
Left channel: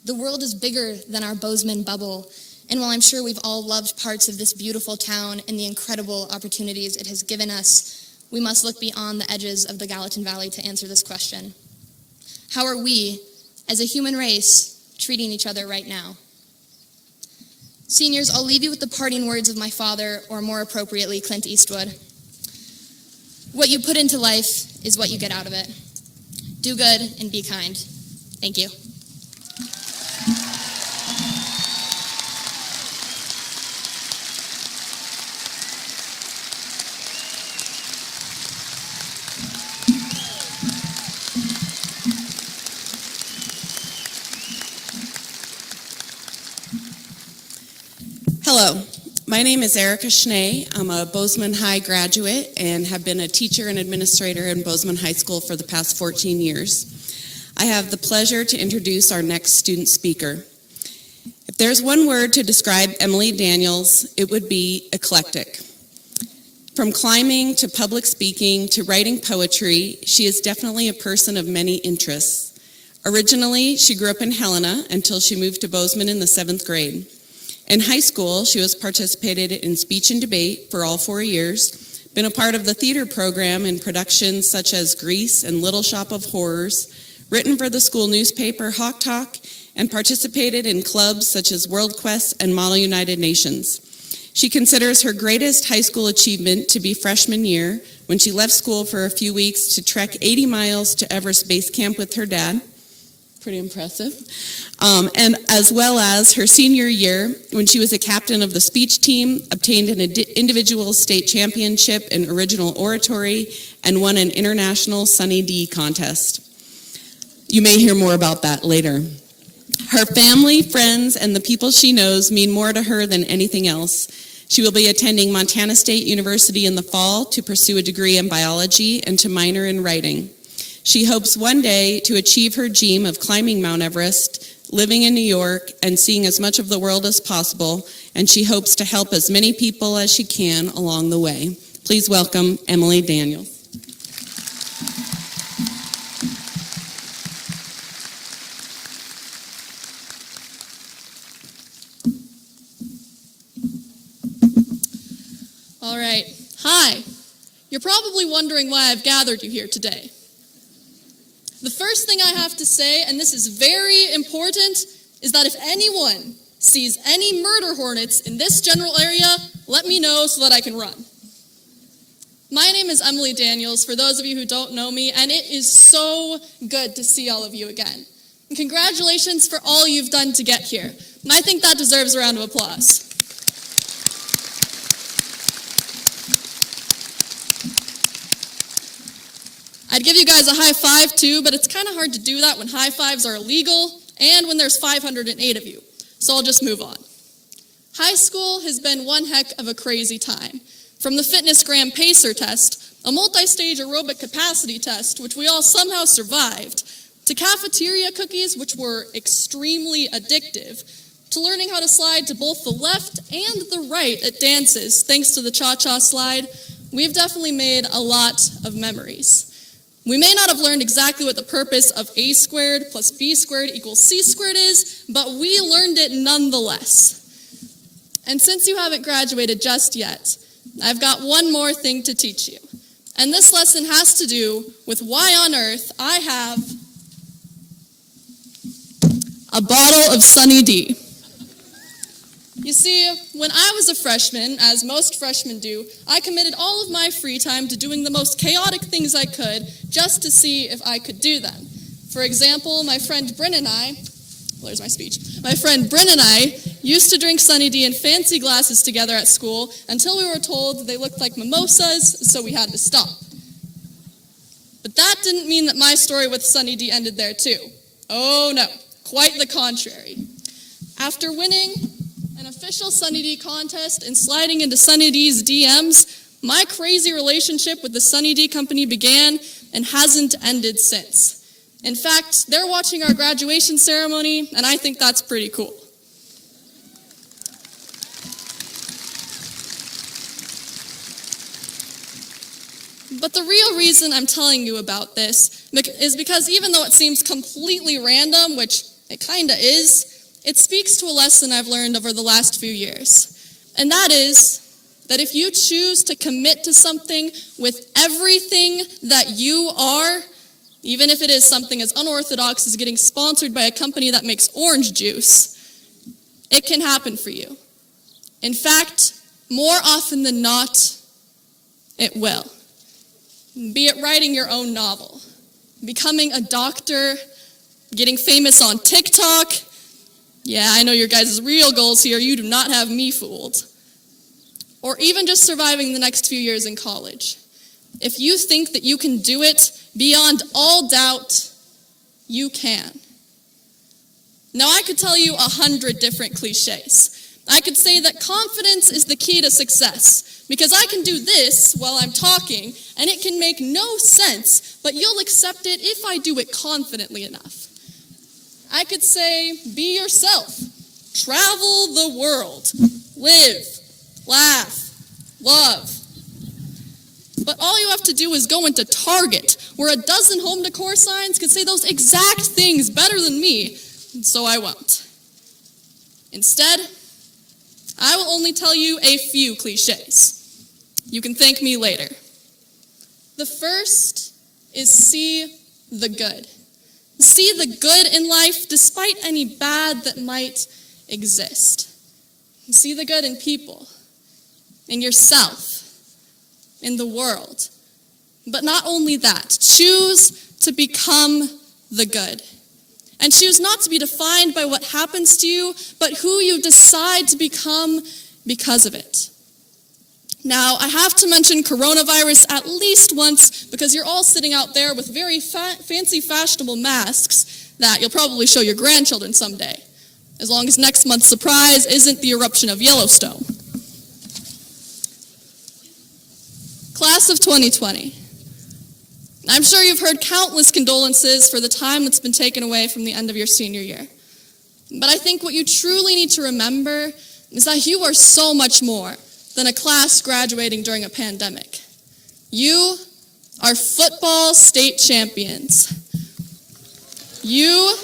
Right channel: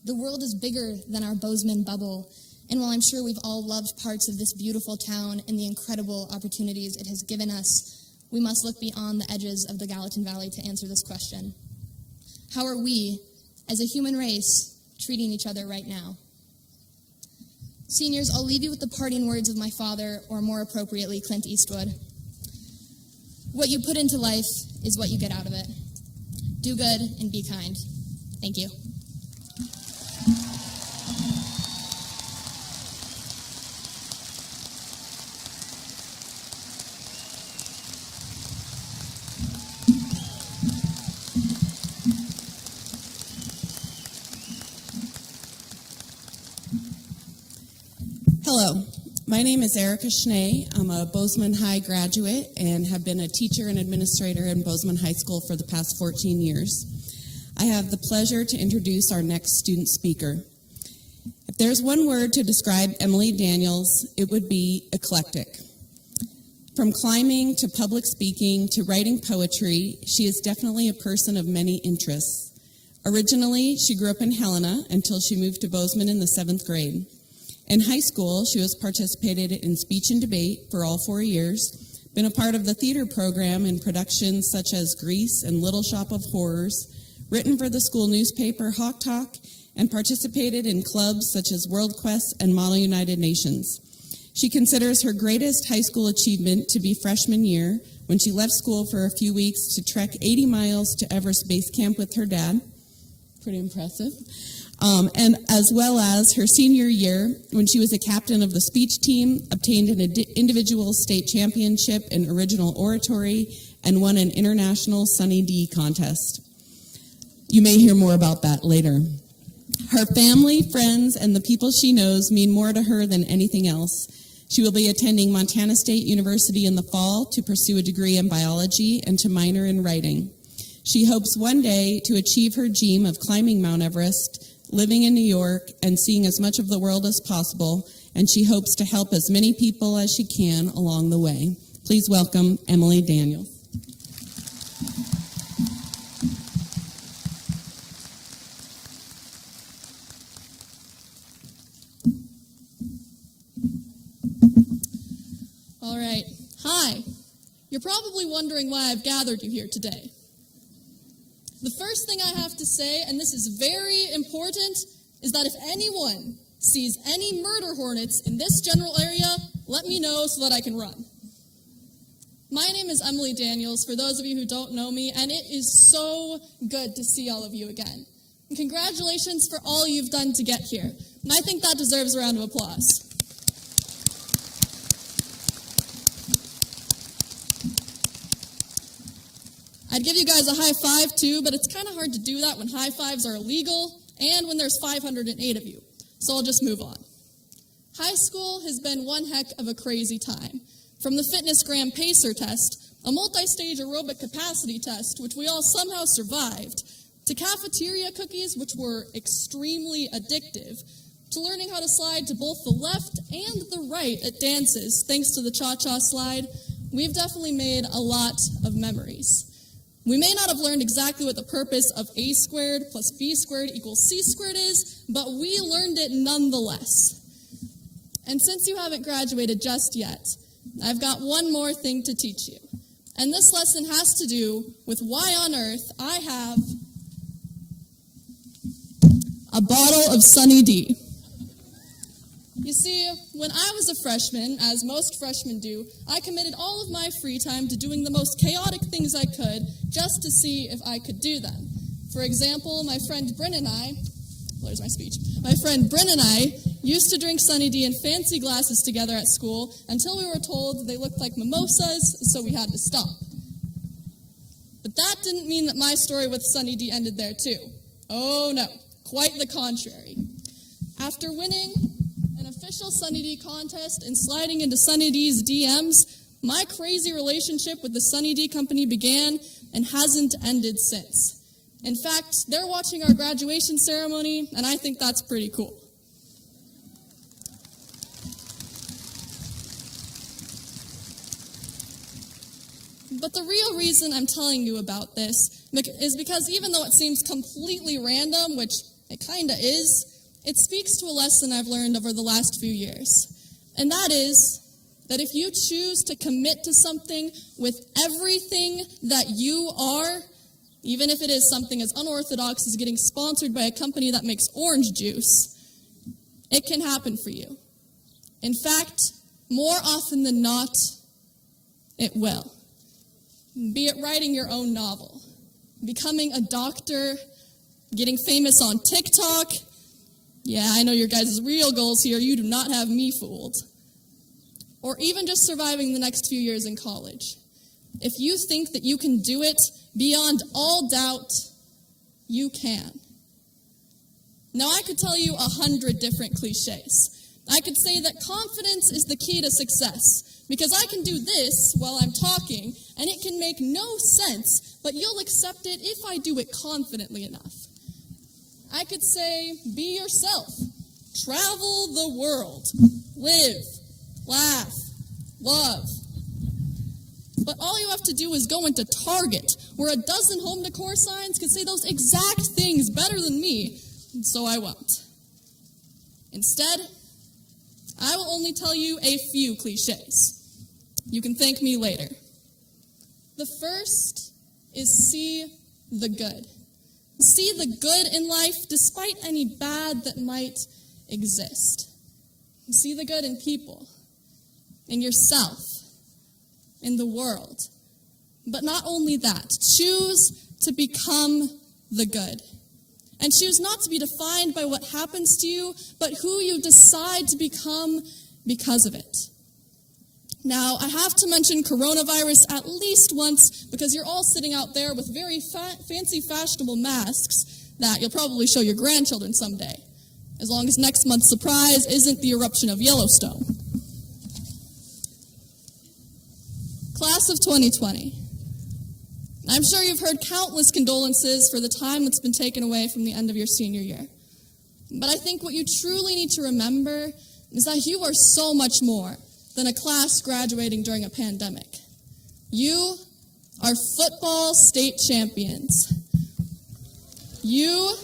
The world is bigger than our Bozeman bubble, and while I'm sure we've all loved parts of this beautiful town and the incredible opportunities it has given us, we must look beyond the edges of the Gallatin Valley to answer this question. How are we, as a human race, treating each other right now? Seniors, I'll leave you with the parting words of my father, or more appropriately, Clint Eastwood. What you put into life is what you get out of it. Do good and be kind. Thank you. Hello, my name is Erica Schnee. I'm a Bozeman High graduate and have been a teacher and administrator in Bozeman High School for the past 14 years. I have the pleasure to introduce our next student speaker. If there's one word to describe Emily Daniels, it would be eclectic. From climbing to public speaking to writing poetry, she is definitely a person of many interests. Originally, she grew up in Helena until she moved to Bozeman in the 7th grade. In high school, she was participated in speech and debate for all 4 years, been a part of the theater program in productions such as Grease and Little Shop of Horrors, written for the school newspaper Hawk Talk, and participated in clubs such as World Quest and Model United Nations. She considers her greatest high school achievement to be freshman year, when she left school for a few weeks to trek 80 miles to Everest Base Camp with her dad. Pretty impressive. And as well as her senior year, when she was a captain of the speech team, obtained an individual state championship in original oratory, and won an international Sunny D contest. You may hear more about that later. Her family, friends, and the people she knows mean more to her than anything else. She will be attending Montana State University in the fall to pursue a degree in biology and to minor in writing. She hopes one day to achieve her dream of climbing Mount Everest, living in New York, and seeing as much of the world as possible, and she hopes to help as many people as she can along the way. Please welcome Emily Daniels. All right. Hi. You're probably wondering why I've gathered you here today. The first thing I have to say, and this is very important, is that if anyone sees any murder hornets in this general area, let me know so that I can run. My name is Emily Daniels, for those of you who don't know me, and it is so good to see all of you again. And congratulations for all you've done to get here. And I think that deserves a round of applause. I'd give you guys a high five too, but it's kind of hard to do that when high fives are illegal and when there's 508 of you. So I'll just move on. High school has been one heck of a crazy time. From the Fitness Gram Pacer test, a multi-stage aerobic capacity test, which we all somehow survived, to cafeteria cookies, which were extremely addictive, to learning how to slide to both the left and the right at dances, thanks to the cha-cha slide, we've definitely made a lot of memories. We may not have learned exactly what the purpose of a squared plus b squared equals c squared is, but we learned it nonetheless. And since you haven't graduated just yet, I've got one more thing to teach you. And this lesson has to do with why on earth I have a bottle of Sunny D. You see, when I was a freshman, as most freshmen do, I committed all of my free time to doing the most chaotic things I could just to see if I could do them. For example, my friend Bryn and I used to drink Sunny D in fancy glasses together at school until we were told they looked like mimosas, so we had to stop. But that didn't mean that my story with Sunny D ended there too. Oh no, quite the contrary. After winning an official Sunny D contest and sliding into Sunny D's DMs, my crazy relationship with the Sunny D company began and hasn't ended since. In fact, they're watching our graduation ceremony, and I think that's pretty cool. But the real reason I'm telling you about this is because even though it seems completely random, which it kinda is, it speaks to a lesson I've learned over the last few years. And that is that if you choose to commit to something with everything that you are, even if it is something as unorthodox as getting sponsored by a company that makes orange juice, it can happen for you. In fact, more often than not, it will. Be it writing your own novel, becoming a doctor, getting famous on TikTok. Yeah, I know your guys' real goals here. You do not have me fooled. Or even just surviving the next few years in college. If you think that you can do it beyond all doubt, you can. Now, I could tell you 100 different cliches. I could say that confidence is the key to success, because I can do this while I'm talking, and it can make no sense, but you'll accept it if I do it confidently enough. I could say, be yourself, travel the world, live, laugh, love. But all you have to do is go into Target, where a dozen home decor signs could say those exact things better than me, and so I won't. Instead, I will only tell you a few cliches. You can thank me later. The first is see the good. See the good in life despite any bad that might exist. See the good in people, in yourself, in the world. But not only that, choose to become the good. And choose not to be defined by what happens to you, but who you decide to become because of it. Now, I have to mention coronavirus at least once because you're all sitting out there with very fancy, fashionable masks that you'll probably show your grandchildren someday, as long as next month's surprise isn't the eruption of Yellowstone. Class of 2020. I'm sure you've heard countless condolences for the time that's been taken away from the end of your senior year. But I think what you truly need to remember is that you are so much more than a class graduating during a pandemic. You are football state champions. You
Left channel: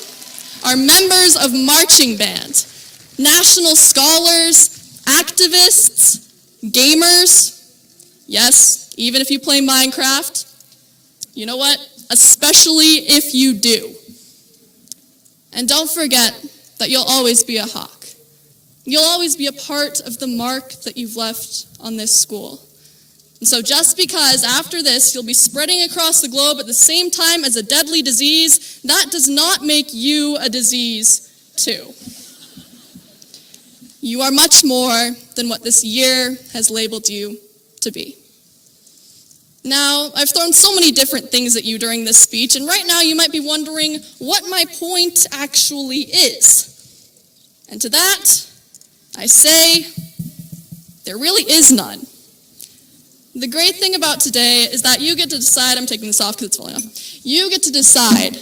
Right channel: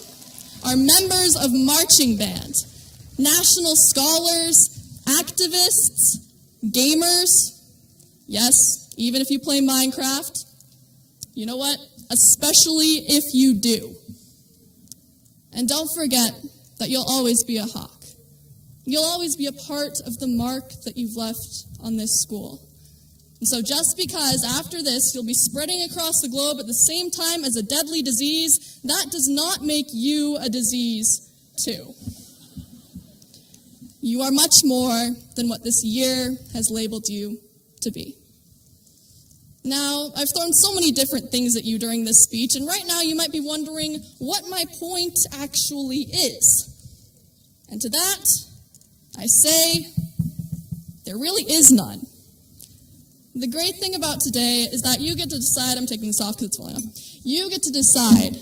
are members of marching band, national scholars, activists, gamers. Yes, even if you play Minecraft. You know what? Especially if you do. And don't forget that you'll always be a Hawk. You'll always be a part of the mark that you've left on this school. And so just because after this you'll be spreading across the globe at the same time as a deadly disease, that does not make you a disease too. You are much more than what this year has labeled you to be. Now, I've thrown so many different things at you during this speech, and right now you might be wondering what my point actually is. And to that, I say, there really is none. The great thing about today is that you get to decide, I'm taking this off because it's falling off, you get to decide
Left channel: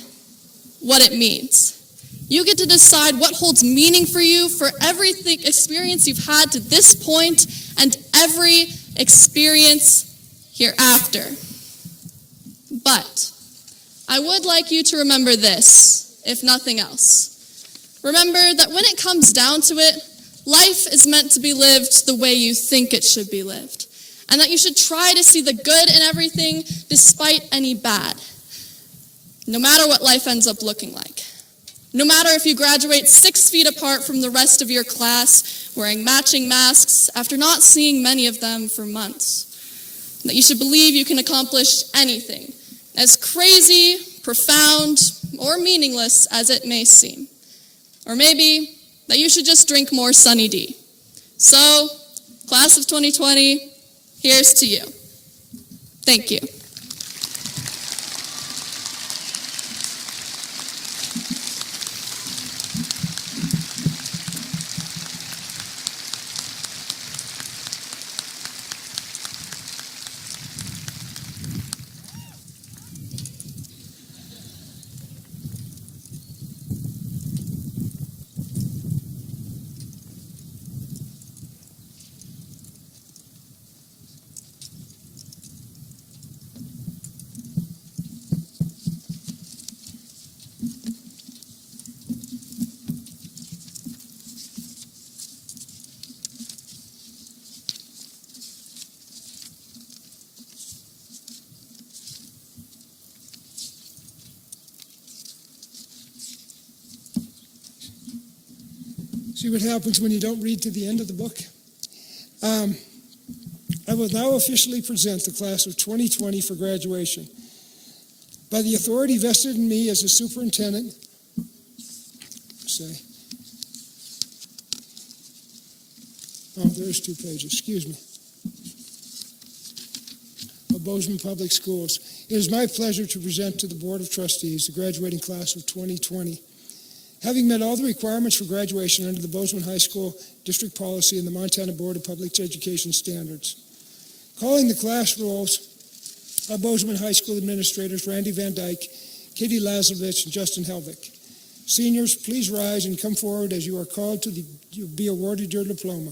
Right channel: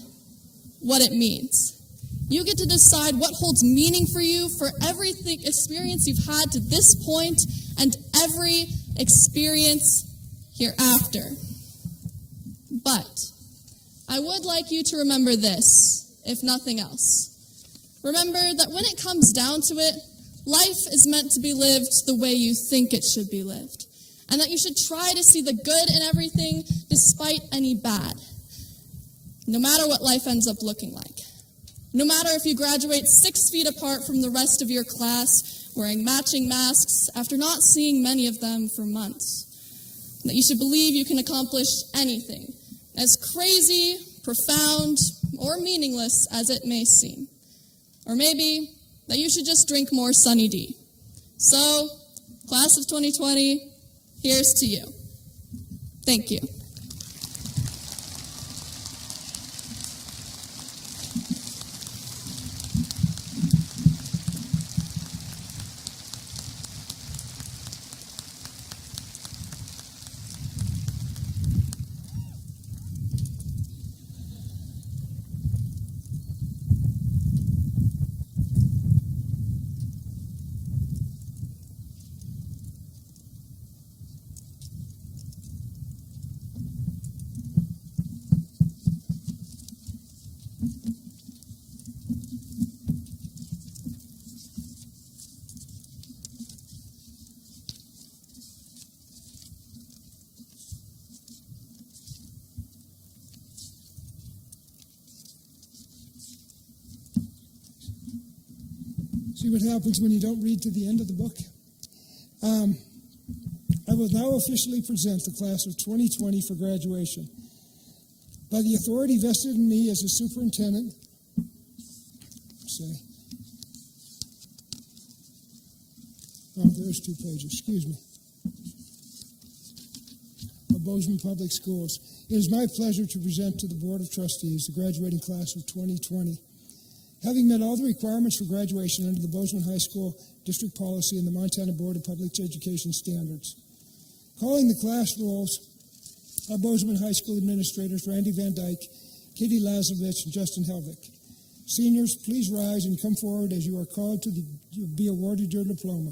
what it means. You get to decide what holds meaning for you for every experience you've had to this point and every experience hereafter. But I would like you to remember this, if nothing else. Remember that when it comes down to it, life is meant to be lived the way you think it should be lived, and that you should try to see the good in everything despite any bad, no matter what life ends up looking like. No matter if you graduate 6 feet apart from the rest of your class, wearing matching masks after not seeing many of them for months. That you should believe you can accomplish anything, as crazy, profound, or meaningless as it may seem. Or maybe that you should just drink more Sunny D. So, class of 2020, here's to you. Thank you. See what happens when you don't read to the end of the book? I will now officially present the class of 2020 for graduation. By the authority vested in me as a superintendent, there's 2 pages, excuse me, of Bozeman Public Schools. It is my pleasure to present to the Board of Trustees the graduating class of 2020. Having met all the requirements for graduation under the Bozeman High School District Policy and the Montana Board of Public Education Standards. Calling the class rolls are Bozeman High School administrators Randy Van Dyke, Katie Lazlovich, and Justin Helvick. Seniors, please rise and come forward as you are called to be awarded your diploma.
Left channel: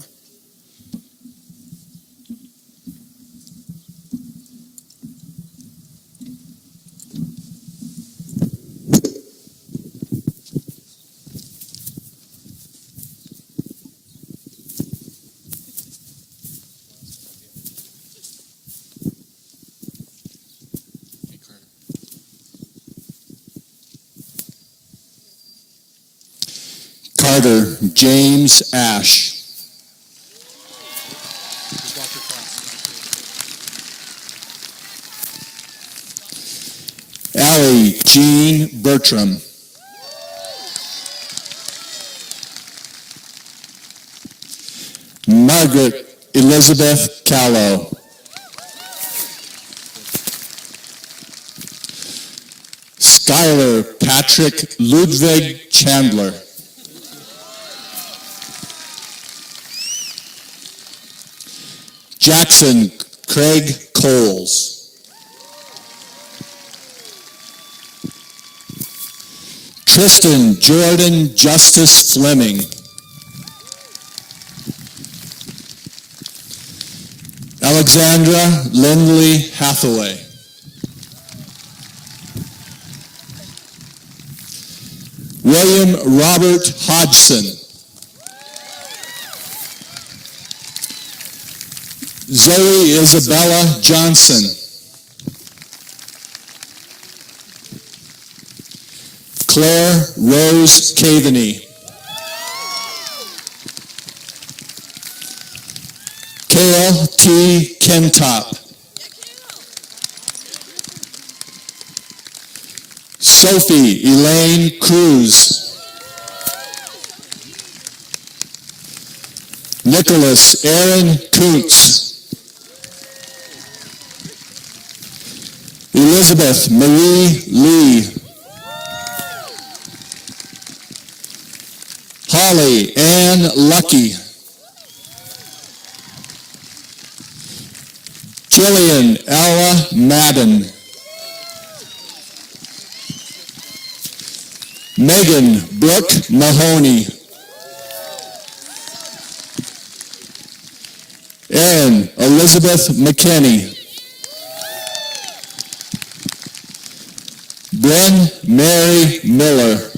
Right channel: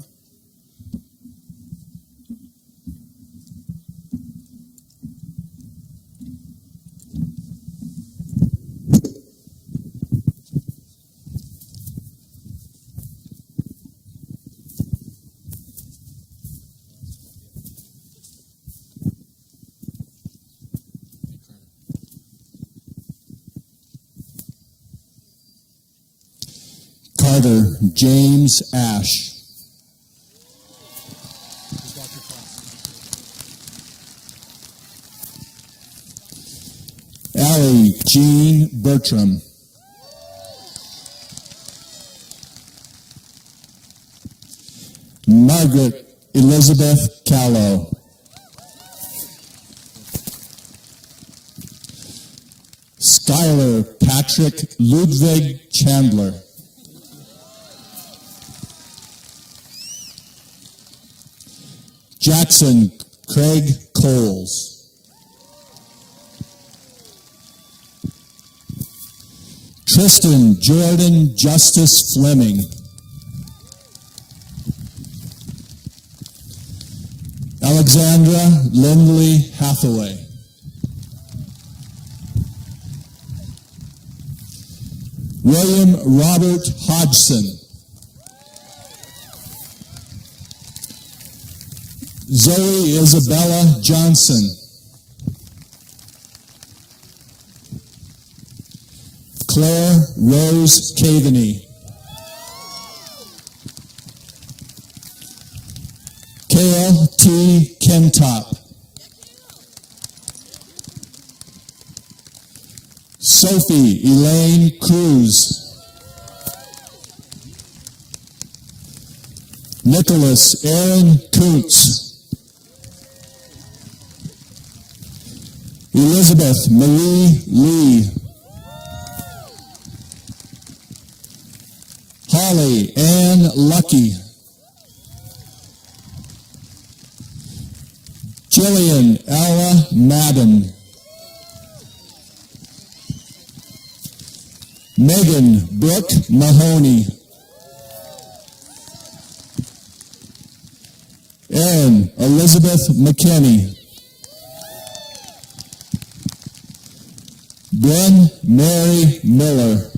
Carter James Ash. Allie Jean Bertram. Margaret Elizabeth Callow. Skylar Patrick Ludwig Chandler. Jackson Craig Coles. Tristan Jordan Justice Fleming. Alexandra Lindley Hathaway. William Robert Hodgson. Zoe Isabella Johnson. Claire Rose Caveney. Kale T. Kentop. Sophie Elaine Cruz. Nicholas Aaron Kuntz. Elizabeth Marie Lee. Holly Ann Lucky. Jillian Ella Madden. Megan Brooke Mahoney. Erin Elizabeth McKinney. Bryn Mary Miller.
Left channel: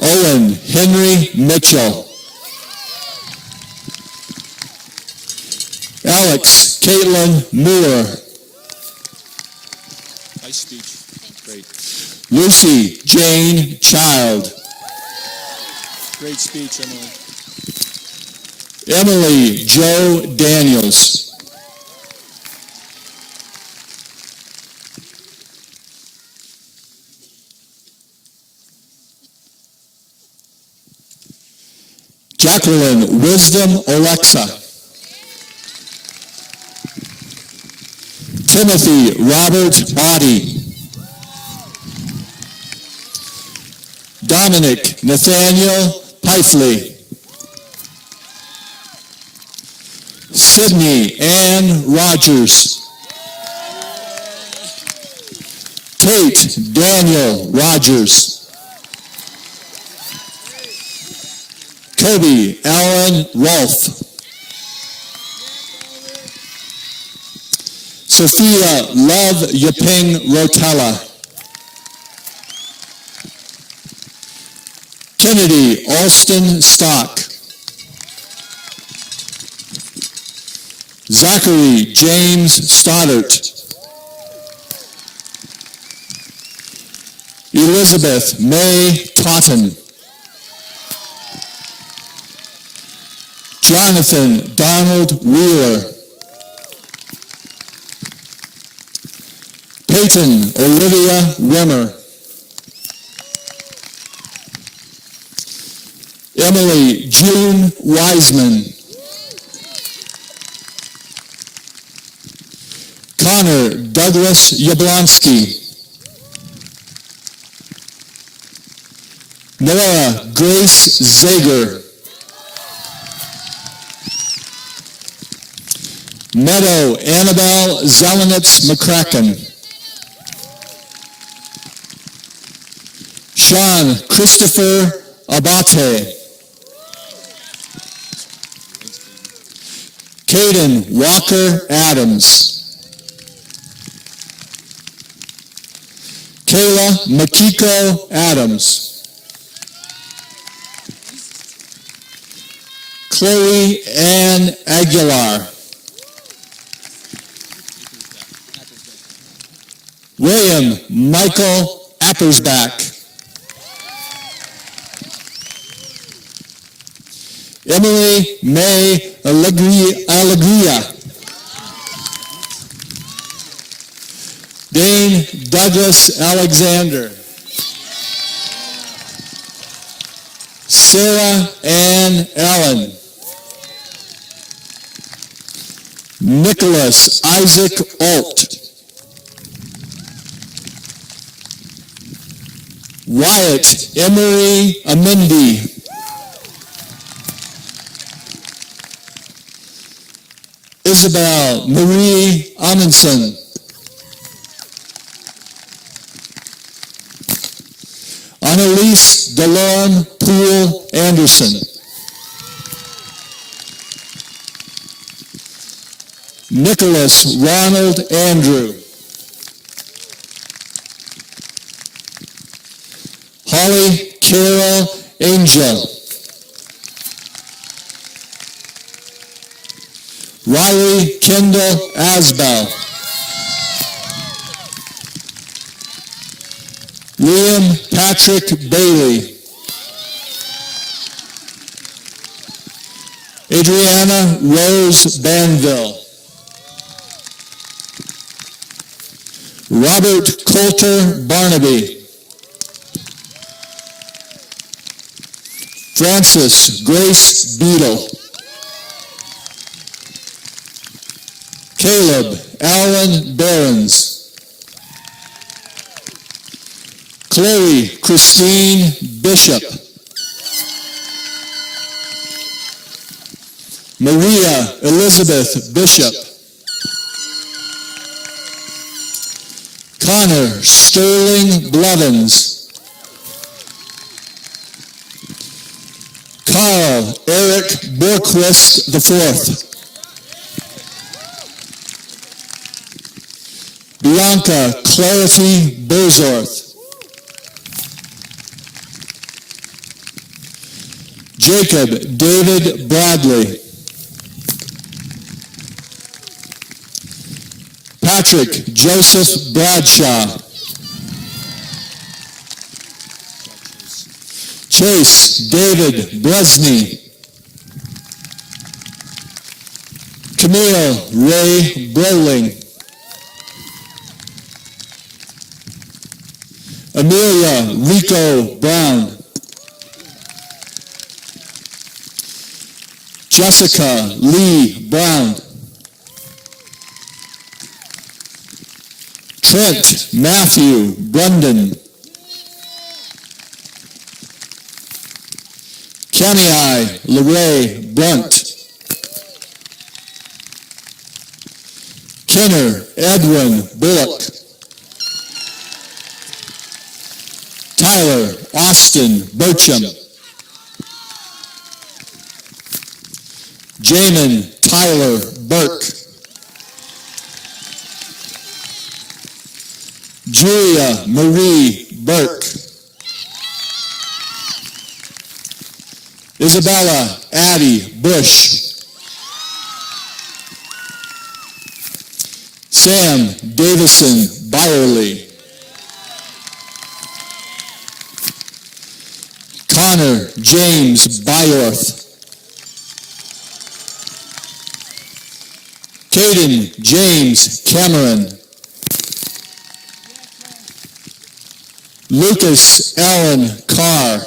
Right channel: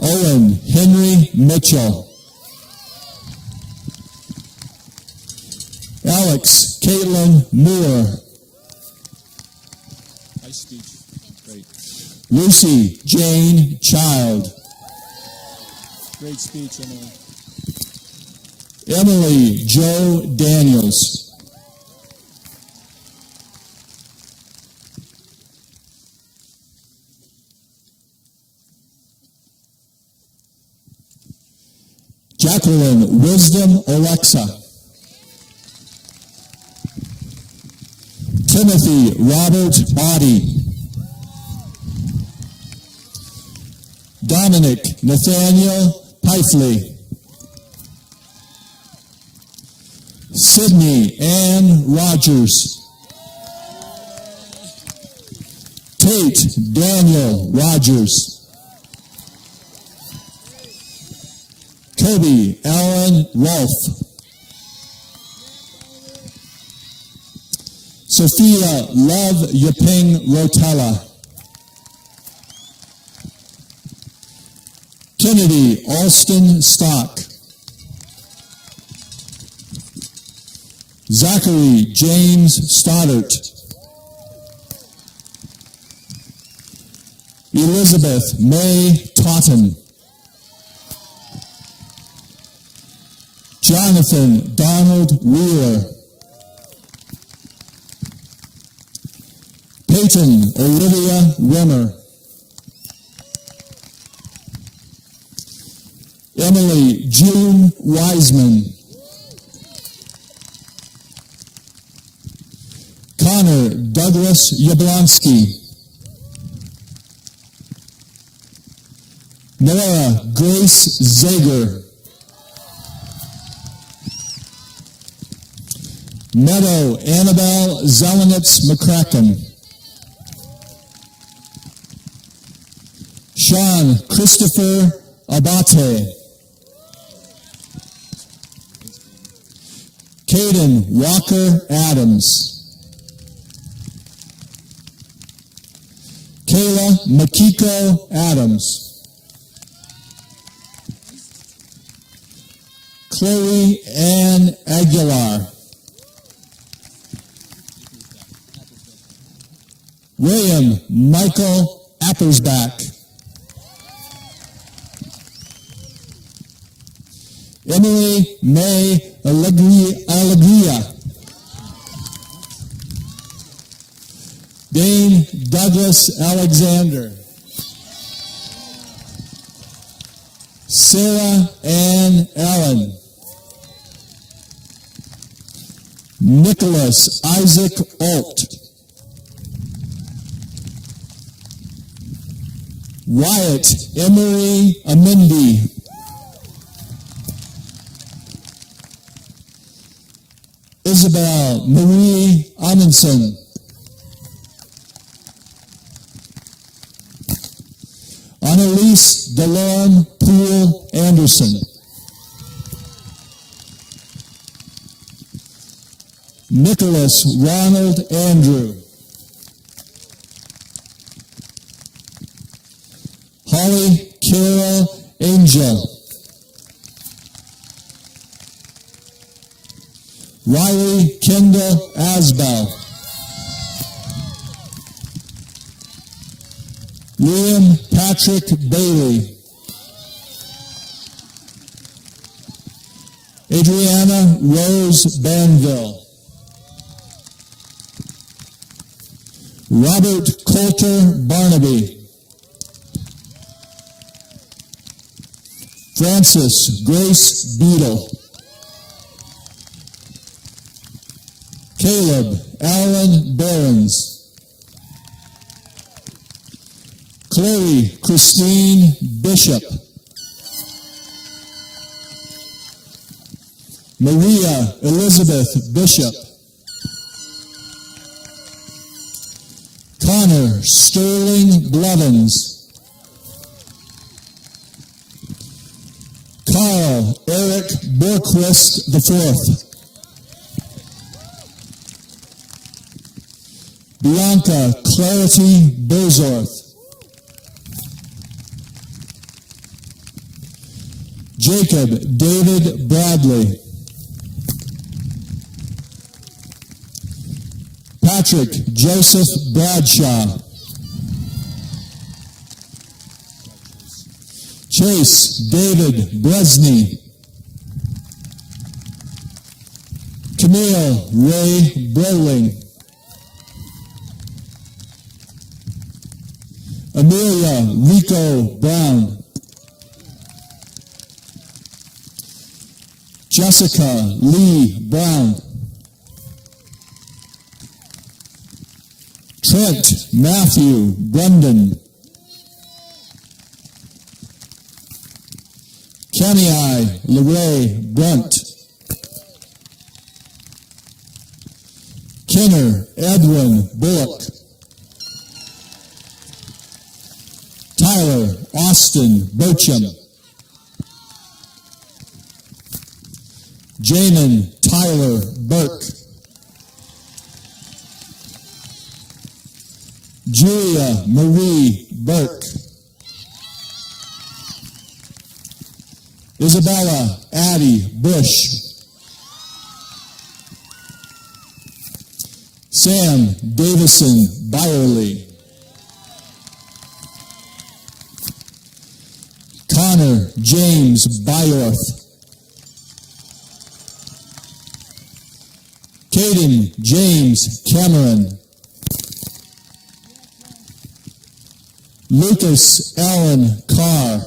Owen Henry Mitchell. Alex Caitlin Moore. Nice speech. Great. Lucy Jane Child. Great speech, Emily. Emily Jo Daniels. Jacqueline Wisdom Alexa. Timothy Robert Audie. Dominic Nathaniel Pifley. Sydney Ann Rogers. Tate Daniel Rogers. Kobe Allen Rolfe. Sophia Love Yaping Rotella. Kennedy Alston Stock. Zachary James Stoddart. Elizabeth May Totten. Jonathan Donald Wheeler. Peyton Olivia Rimmer. Emily June Wiseman. Connor Douglas Yablonsky. Nora Grace Zager. Meadow Annabelle Zelenitz McCracken. Sean Christopher Abate. Caden Walker Adams. Kayla Makiko Adams. Chloe Ann Aguilar. William Michael Appersbach. Emily May Alegria. Dane Douglas Alexander. Sarah Ann Allen. Nicholas Isaac Alt. Wyatt Emery Amendi. Isabel Marie Amundsen. Annalise Delorme Poole Anderson. Nicholas Ronald Andrew. Holly Carol Angel. Riley Kendall Asbell. Liam Patrick Bailey. Adriana Rose Banville. Robert Coulter Barnaby. Frances Grace Beadle. Caleb Allen Behrens. Chloe Christine Bishop. Maria Elizabeth Bishop. Connor Sterling Blevins. Carl Eric Borquist IV. Bianca Clarity Bozorth. Jacob David Bradley. Patrick Joseph Bradshaw. Chase David Bresney. Camille Ray Brolin. Amelia Rico Brown. Jessica Lee Brown. Trent Matthew Brendan. Kenny LeRae Brunt. Kenner Edwin Bullock. Tyler Austin Burcham. Jamin Tyler Burke. Julia Marie Burke. Isabella Addie Bush. Sam Davison Byerly. Connor James Byorth. Caden James Cameron. Lucas Allen Carr.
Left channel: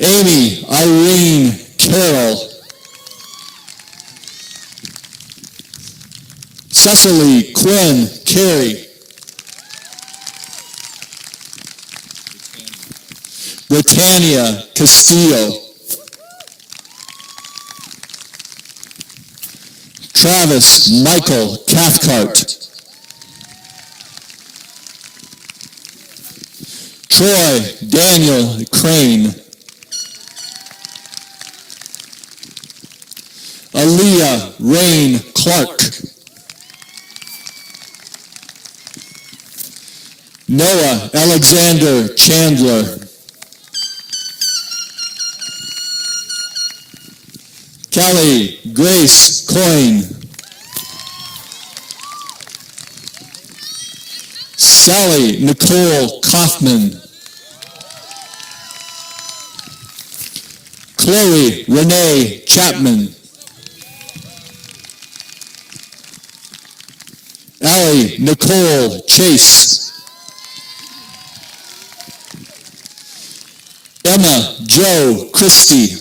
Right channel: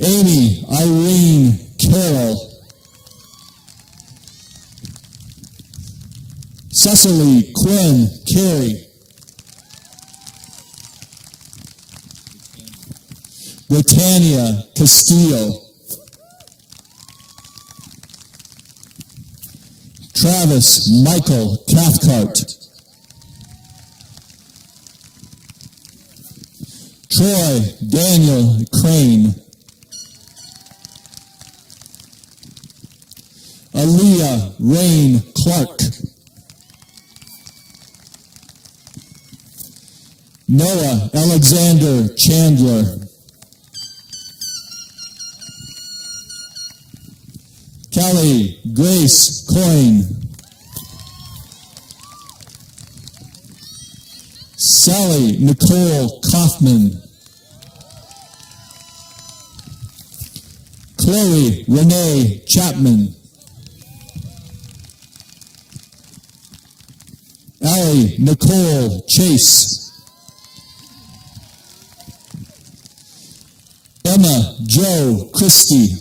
Amy Irene Carroll. Cecily Quinn Carey. Britannia Castillo. Travis Michael Cathcart. Troy Daniel Crane. Aaliyah Rain Clark. Noah Alexander Chandler. Kelly Grace Coyne. Sally Nicole Kaufman. Chloe Renee Chapman. Allie Nicole Chase. Emma Jo Christie.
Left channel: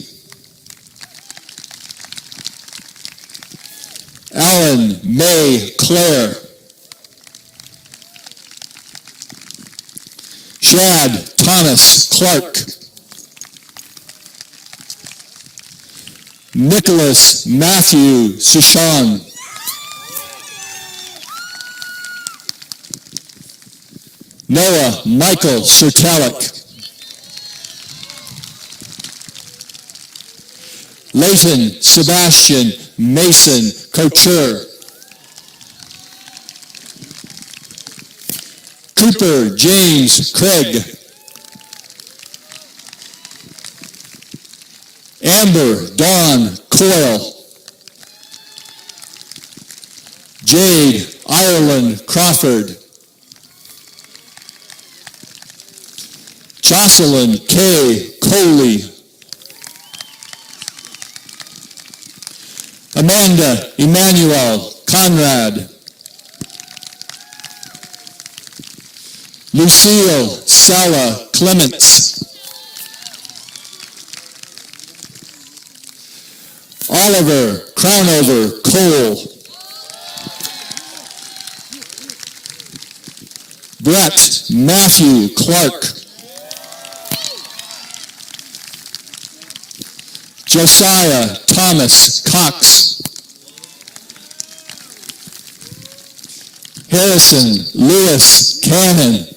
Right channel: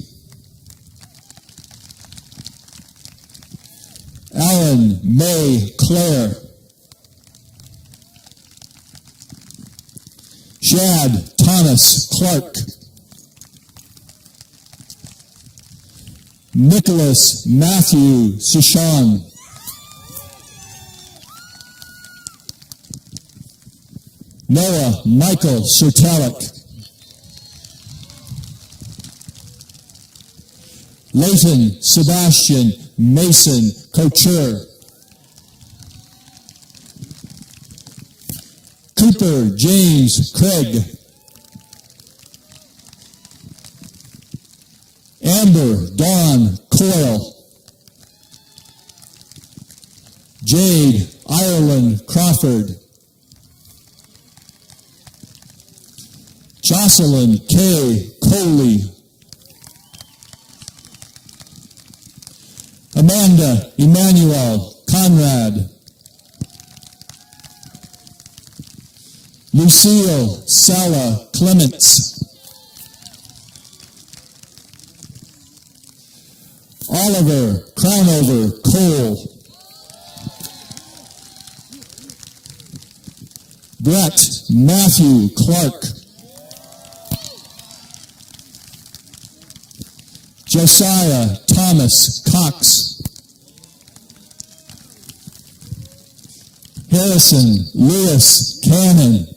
Alan May Claire. Shad Thomas Clark. Nicholas Matthew Sushan. Noah Michael Sertalik. Leighton Sebastian Mason Couture. Cooper James Craig. Amber Dawn Coyle. Jade Ireland Crawford. Jocelyn K. Coley. Amanda Emmanuel Conrad. Lucille Sala Clements. Oliver Crownover Cole. Brett Matthew Clark. Josiah Thomas Cox. Harrison Lewis Cannon.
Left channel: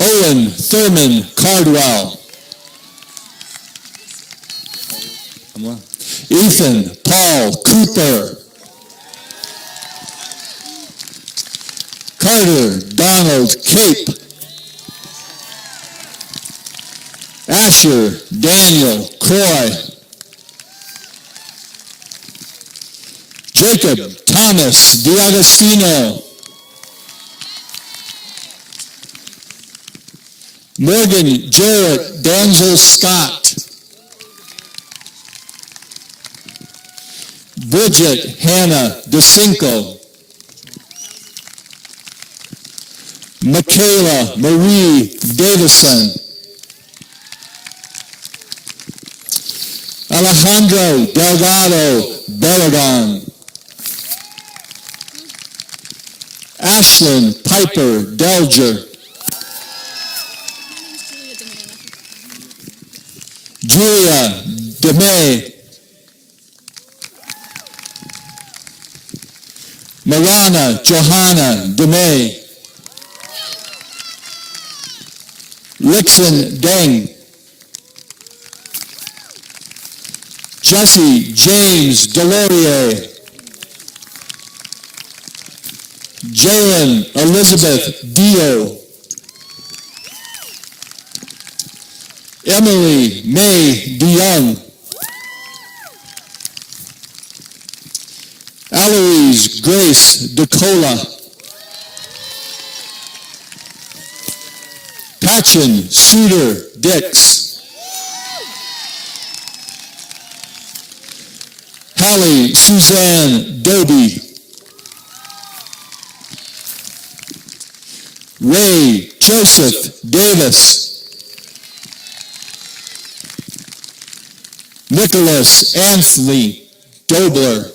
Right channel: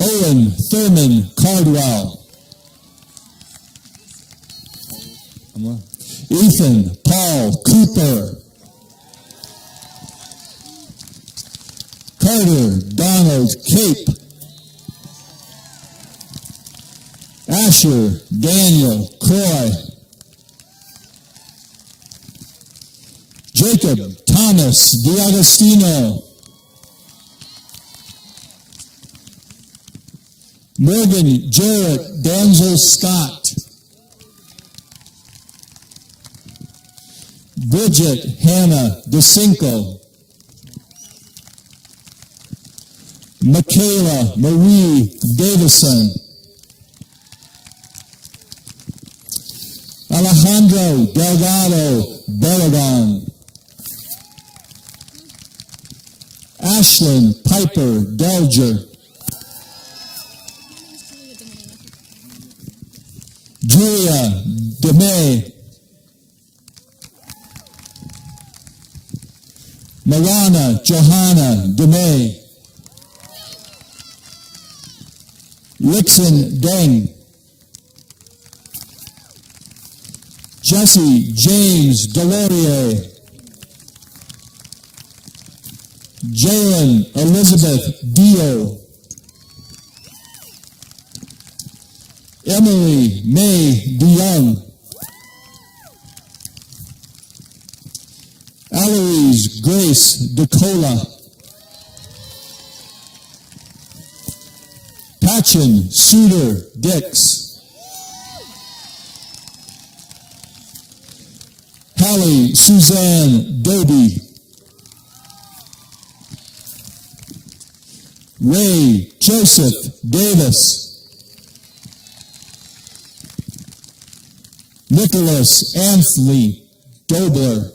Owen Thurman Cardwell. Ethan Paul Cooper. Carter Donald Cape. Asher Daniel Croy. Jacob Thomas D'Agostino. Morgan Jarrett Danzel Scott. Bridget Hannah DeCinco. Michaela Marie Davison. Alejandro Delgado Belagon. Ashlyn Piper Delger. Julia DeMay. Marana Johanna DeMay. Lixon Deng. Jesse James Delorier. Jalen Elizabeth Dio. Emily May DeYoung. Eloise Grace DeCola. Patchen Suter Dix. Hallie Suzanne Doby. Ray Joseph Davis. Nicholas Anthony Dobler.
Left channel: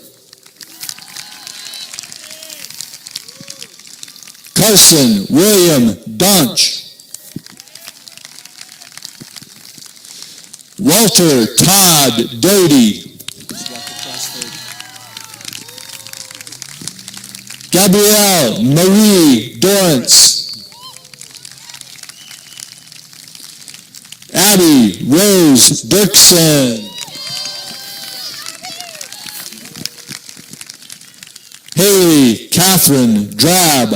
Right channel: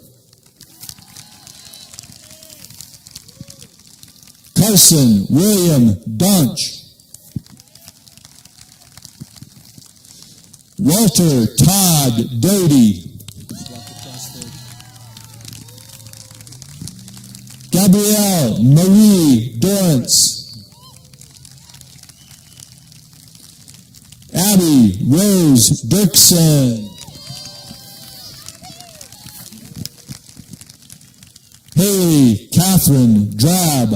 Carson William Dunch. Walter Todd Doty. Gabrielle Marie Dorrance. Abby Rose Dirksen. Haley Catherine Drab.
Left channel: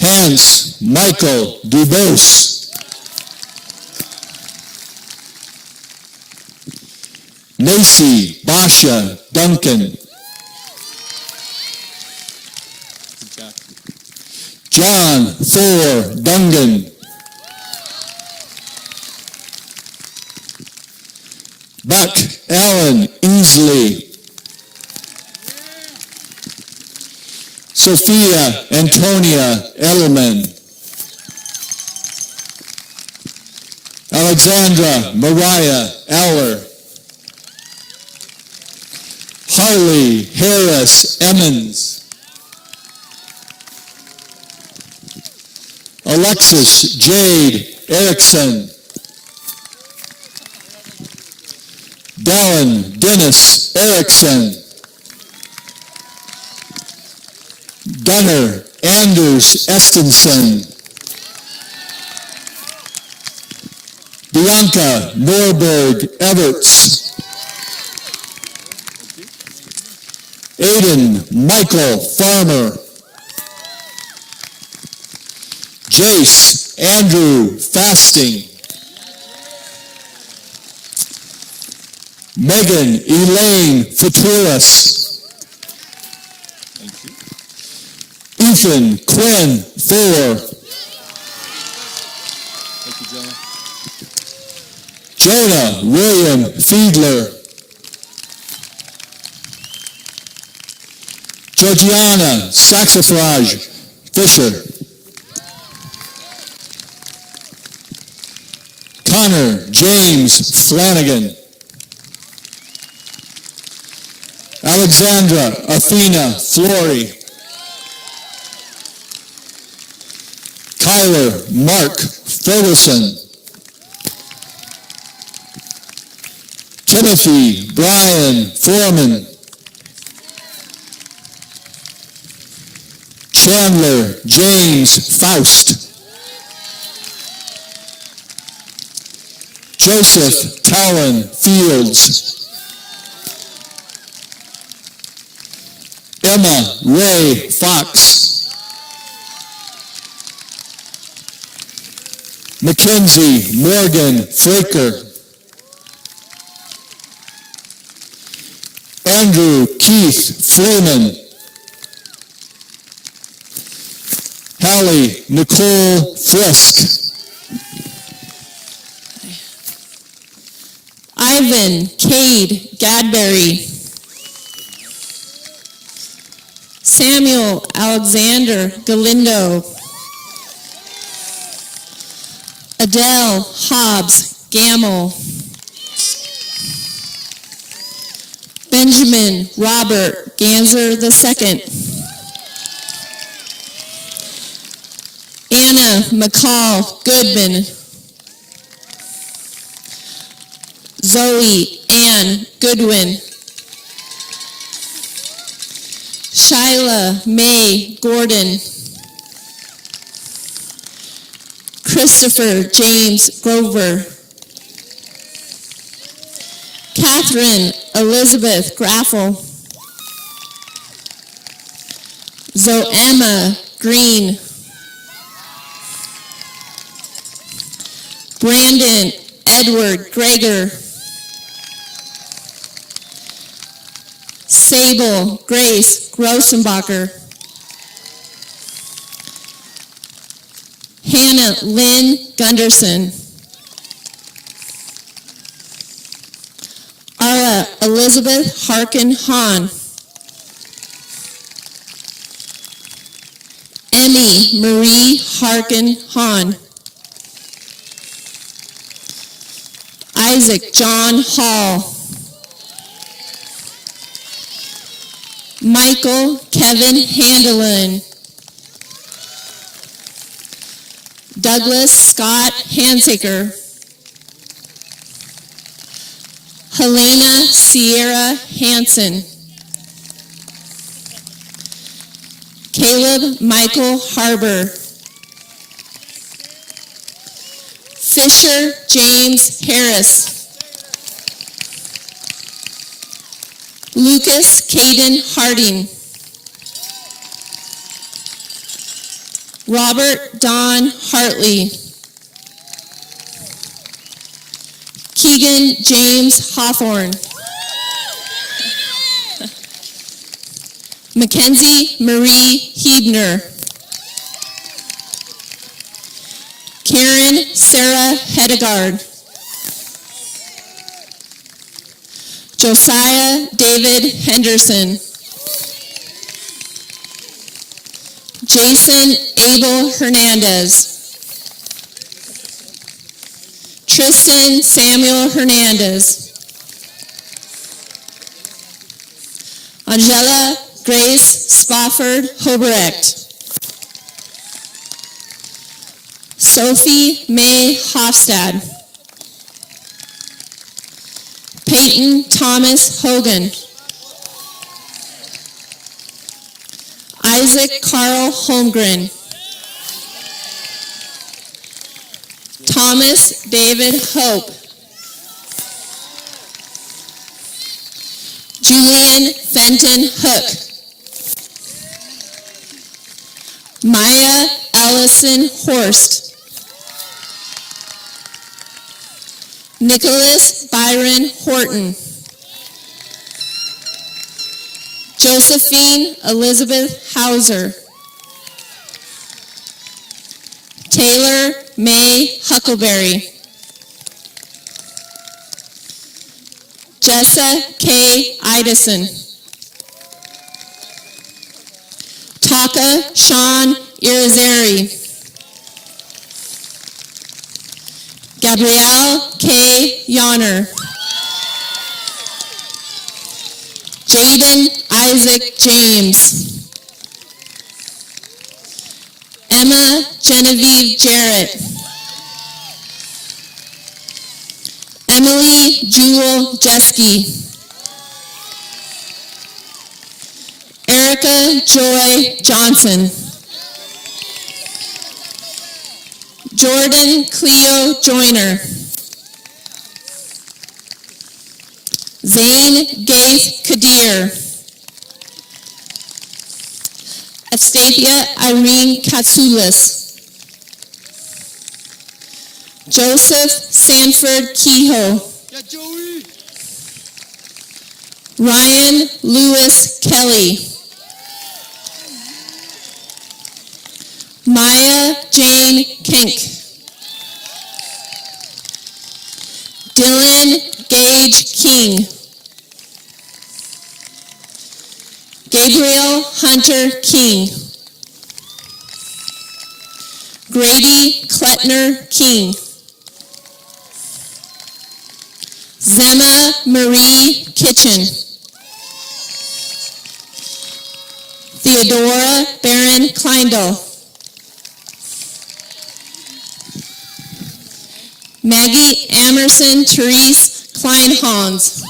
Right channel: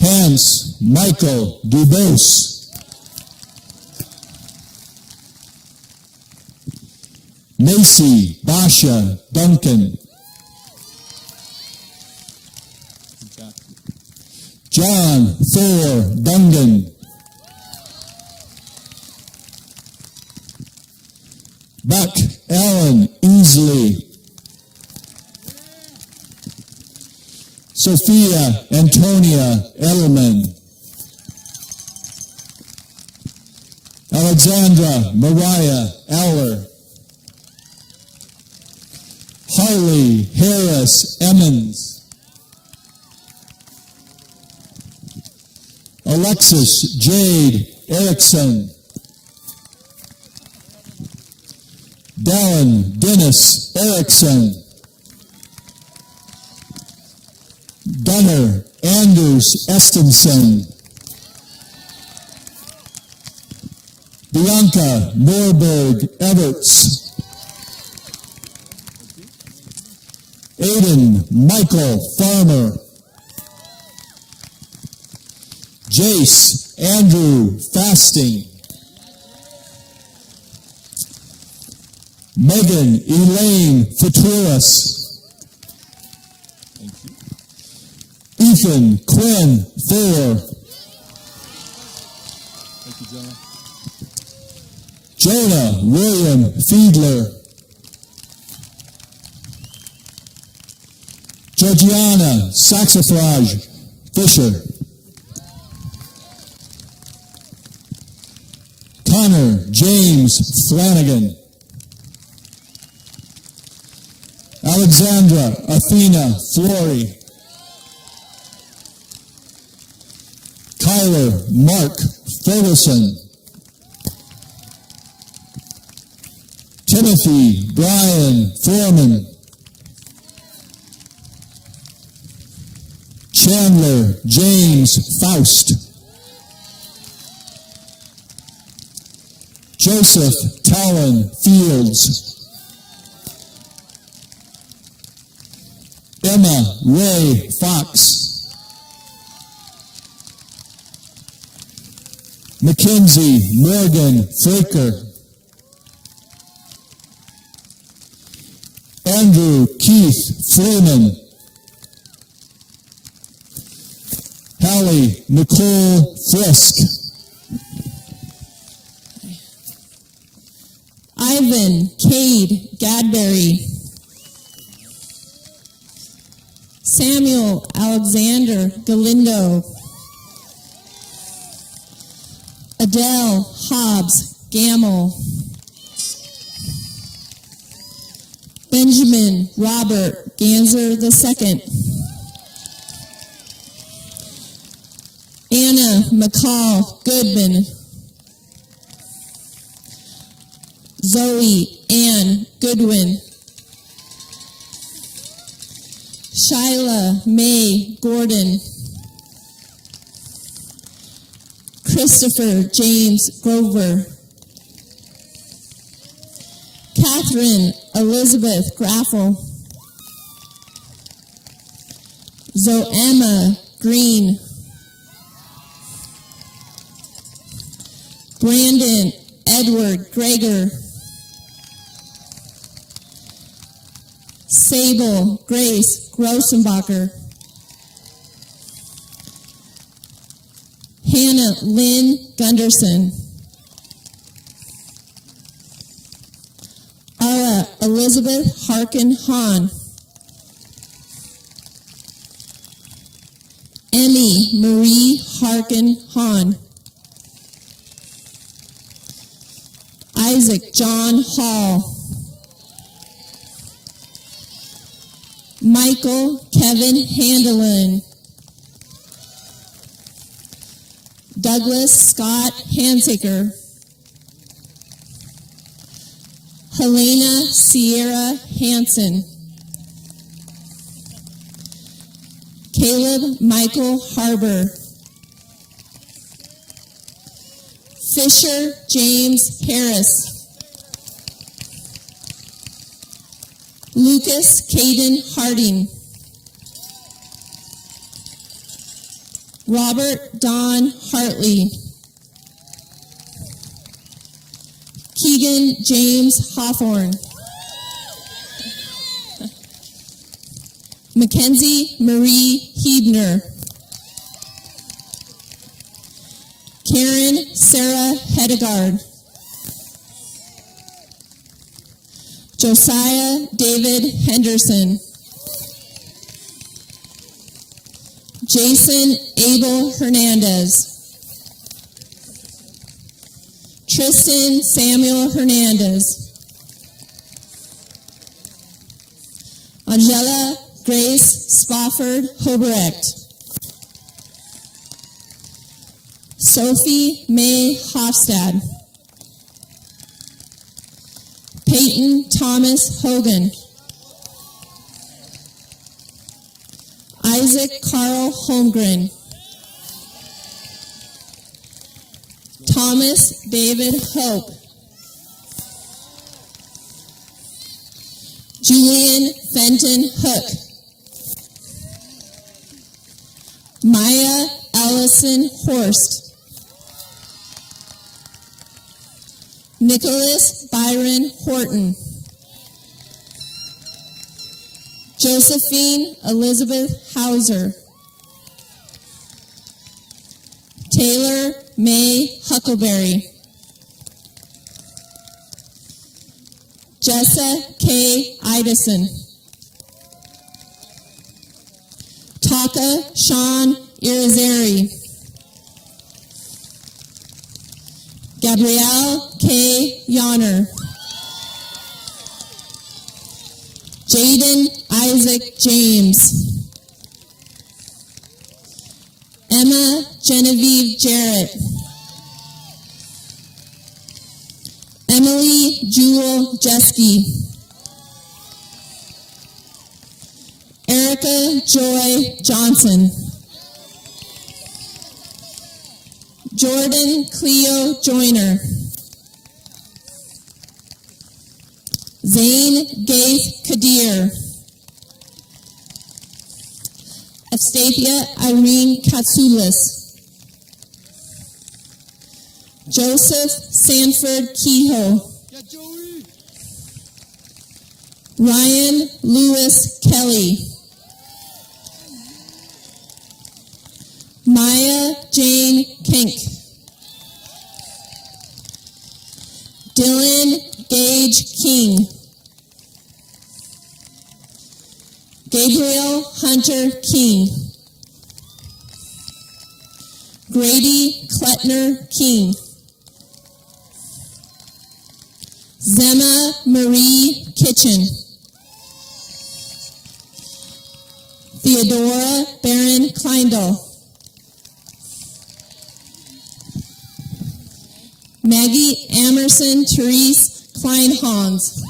Hans Michael Dubose. Macy Basha Duncan. John Thor Dungan. Buck Allen Easley. Sophia Antonia Edelman. Alexandra Mariah Eller. Harley Harris Emmons. Alexis Jade Erickson. Dallin Dennis Erickson. Gunnar Anders Estenson. Bianca Norberg Everts. Aiden Michael Farmer. Jace Andrew Fasting. Megan Elaine Faturis. Ethan Quinn Thor. Jonah William Fiedler. Georgiana Saxifrage Fisher. Connor James Flanagan. Alexandra Athena Flory. Kyler Mark Ferguson. Timothy Brian Foreman. Chandler James Faust. Joseph Talon Fields. Emma Ray Fox. Mackenzie Morgan Fraker. Andrew Keith Freeman. Hallie Nicole Frisk. Ivan Cade Gadberry. Samuel Alexander Galindo. Adele Hobbs Gamble. Benjamin Robert Ganser II. Anna McCall Goodman. Zoe Ann Goodwin. Shyla May Gordon. Christopher James Grover. Catherine Elizabeth Graffel. Zoemma Green. Brandon Edward Greger. Sable Grace Grossenbacher. Hannah Lynn Gunderson. Ara Elizabeth Harkin Hahn. Emmy Marie Harkin Hahn. Isaac John Hall. Michael Kevin Handelin. Douglas Scott Hansaker. Helena Sierra Hansen. Caleb Michael Harbor. Fisher James Harris. Lucas Caden Harding. Robert Don Hartley. Keegan James Hawthorne. Mackenzie Marie Hebner. Karen Sarah Hedegaard. Josiah David Henderson. Jason Abel Hernandez. Tristan Samuel Hernandez. Angela Grace Spofford Hobrecht. Sophie May Hofstad. Peyton Thomas Hogan. Isaac Carl Holmgren. Thomas David Hope. Julian Fenton Hook. Maya Allison Horst. Nicholas Byron Horton. Josephine Elizabeth Hauser. Taylor May Huckleberry. Jessa K. Idison. Taka Sean Irizarry. Gabrielle K. Yonner. Jaden Isaac James. Emma Genevieve Jarrett. Emily Jewel Jeske. Erica Joy Johnson. Jordan Cleo Joyner. Zane Gaith Kadir. Astathia Irene Katsoulis. Joseph Sanford Kehoe. Ryan Lewis Kelly. Maya Jane Kink. Dylan Gage King. Gabriel Hunter King. Grady Klettner King. Zemma Marie Kitchen. Theodora Barron Kleindl. Maggie Amerson Therese Kleinhans.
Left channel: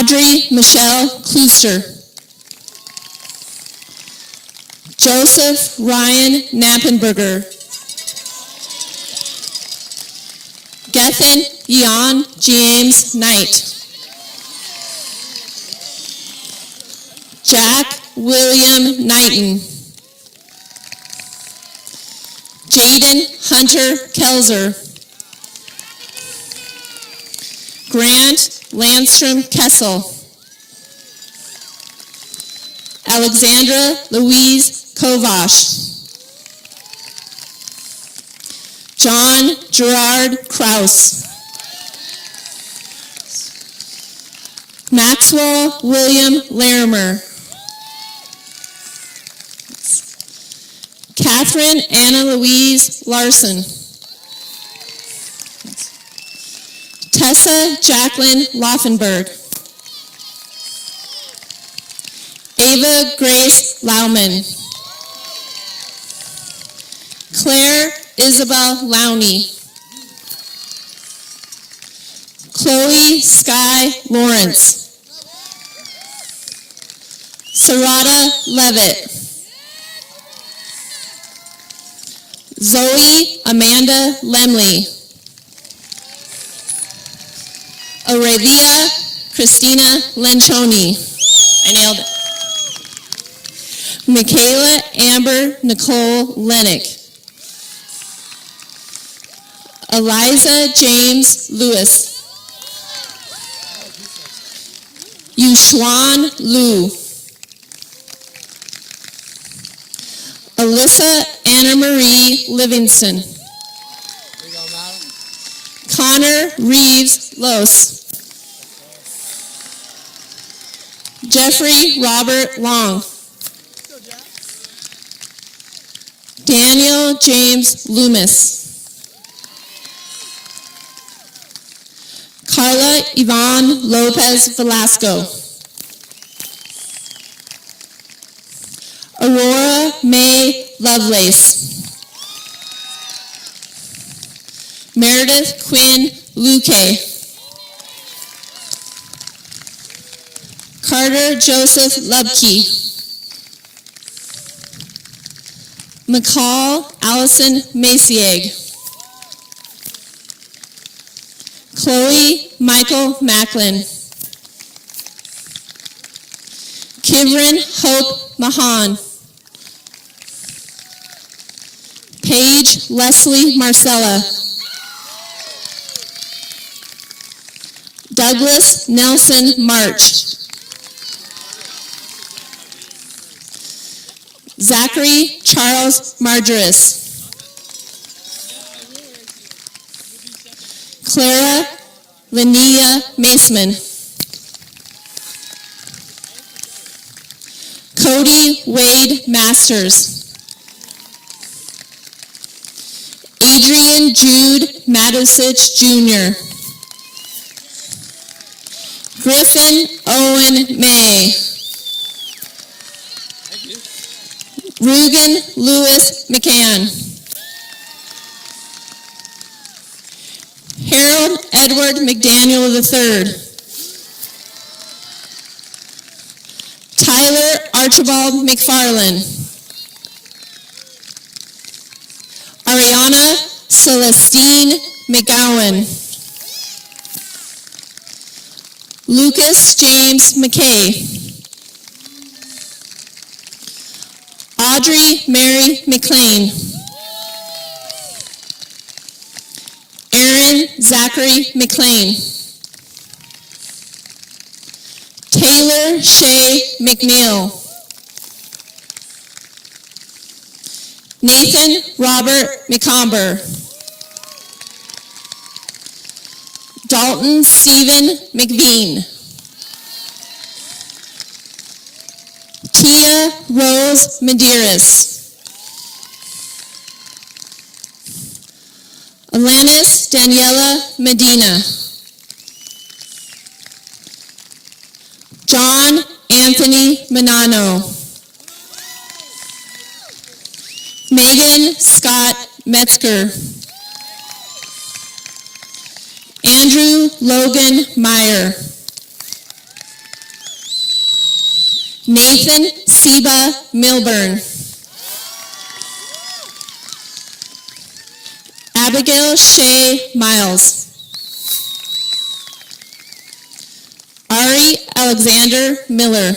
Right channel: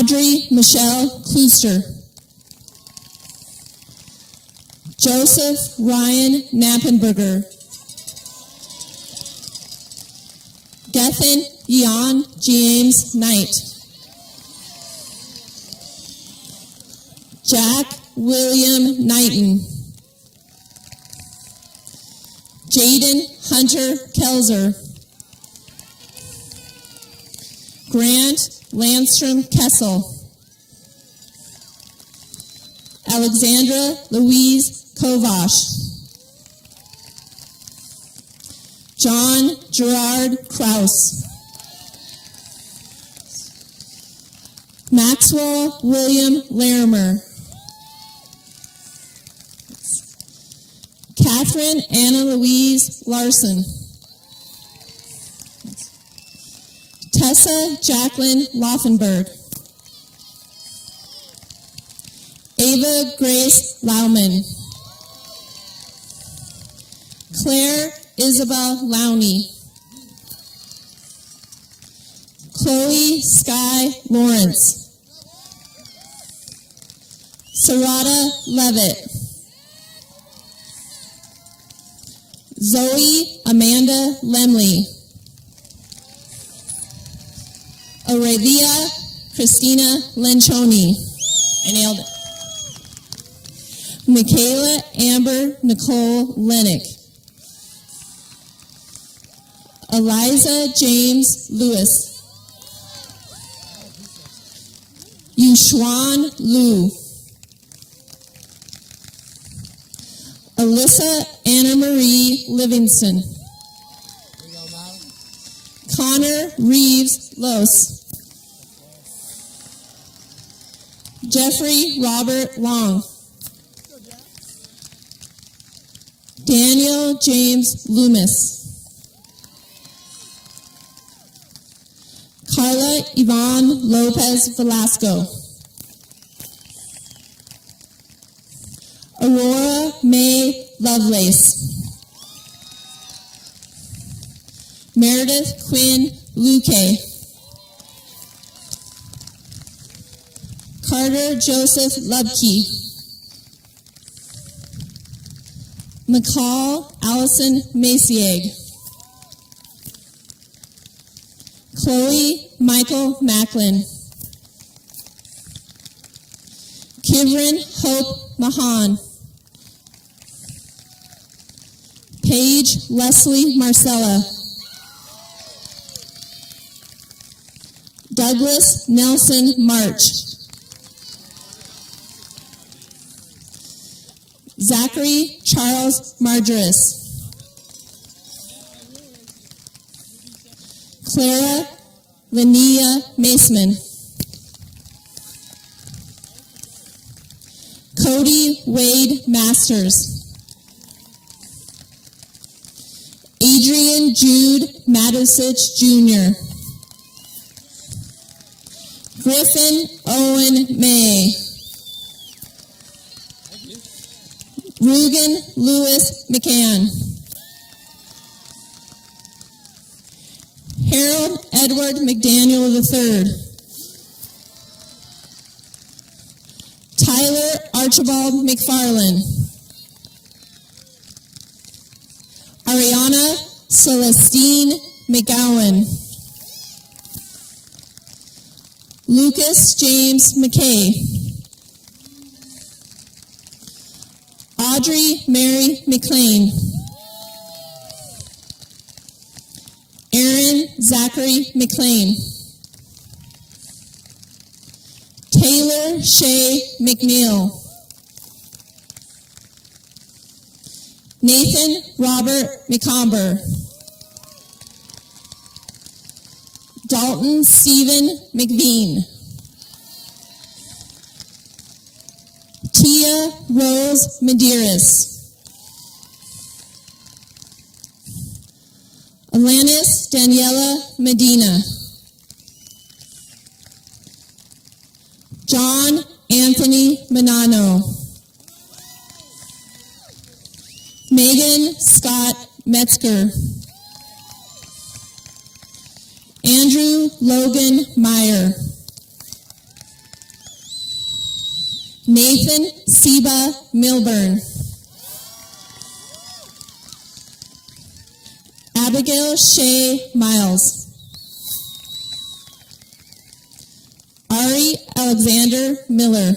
Audrey Michelle Klooster. Joseph Ryan Knappenberger. Gethin Jan James Knight. Jack William Knighton. Jaden Hunter Kelzer. Grant Landstrom Kessel. Alexandra Louise Kovash. John Gerard Kraus. Maxwell William Larimer. Catherine Anna Louise Larson. Tessa Jacqueline Laufenberg. Ava Grace Lauman. Claire Isabel Lowney. Chloe Sky Lawrence. Sarada Levitt. Zoe Amanda Lemley. Aurelia Christina Lencioni. I nailed it. Michaela Amber Nicole Lennick. Eliza James Lewis. Yushuan Liu. Alyssa Anna Marie Livingston. Connor Reeves Los. Jeffrey Robert Long. Daniel James Loomis. Carla Yvonne Lopez Velasco. Aurora May Lovelace. Meredith Quinn Luque. Carter Joseph Lubke. McCall Allison Maciag. Chloe Michael Macklin. Kivrin Hope Mahan. Paige Leslie Marcella. Douglas Nelson March. Zachary Charles Margaris. Clara Linnea Maceman. Cody Wade Masters. Adrian Jude Matusich Jr. Griffin Owen May. Rugen Lewis McCann. Harold Edward McDaniel III. Tyler Archibald McFarland. Ariana Celestine McGowan. Lucas James McKay. Audrey Mary McLean. Aaron Zachary McLean. Taylor Shea McNeil. Nathan Robert McComber. Dalton Stephen McVean. Tia Rose Medeiros. Alanis Daniela Medina. John Anthony Manano. Megan Scott Metzger. Andrew Logan Meyer. Nathan Seba Milburn. Abigail Shea Miles. Ari Alexander Miller.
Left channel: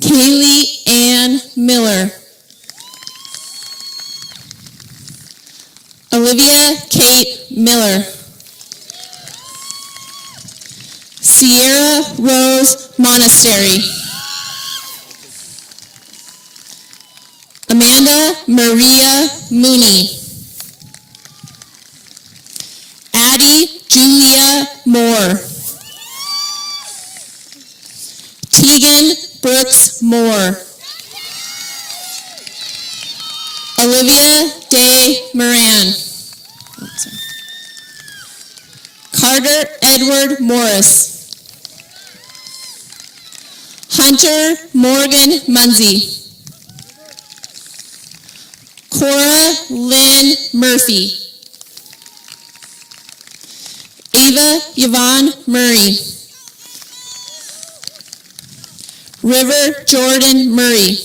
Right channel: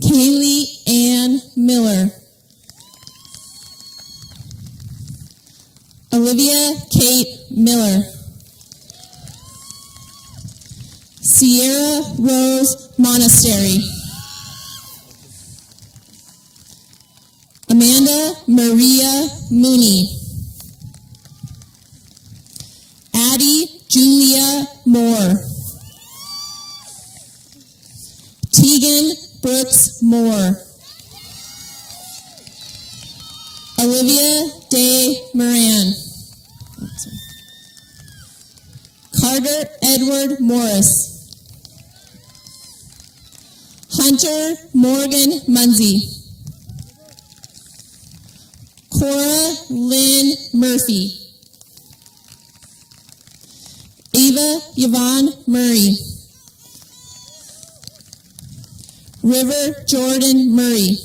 Kaylee Ann Miller. Olivia Kate Miller. Sierra Rose Monastery. Amanda Maria Mooney. Addie Julia Moore. Tegan Brooks Moore. Olivia Day Moran. Carter Edward Morris. Hunter Morgan Munsey. Cora Lynn Murphy. Ava Yvonne Murray. River Jordan Murray.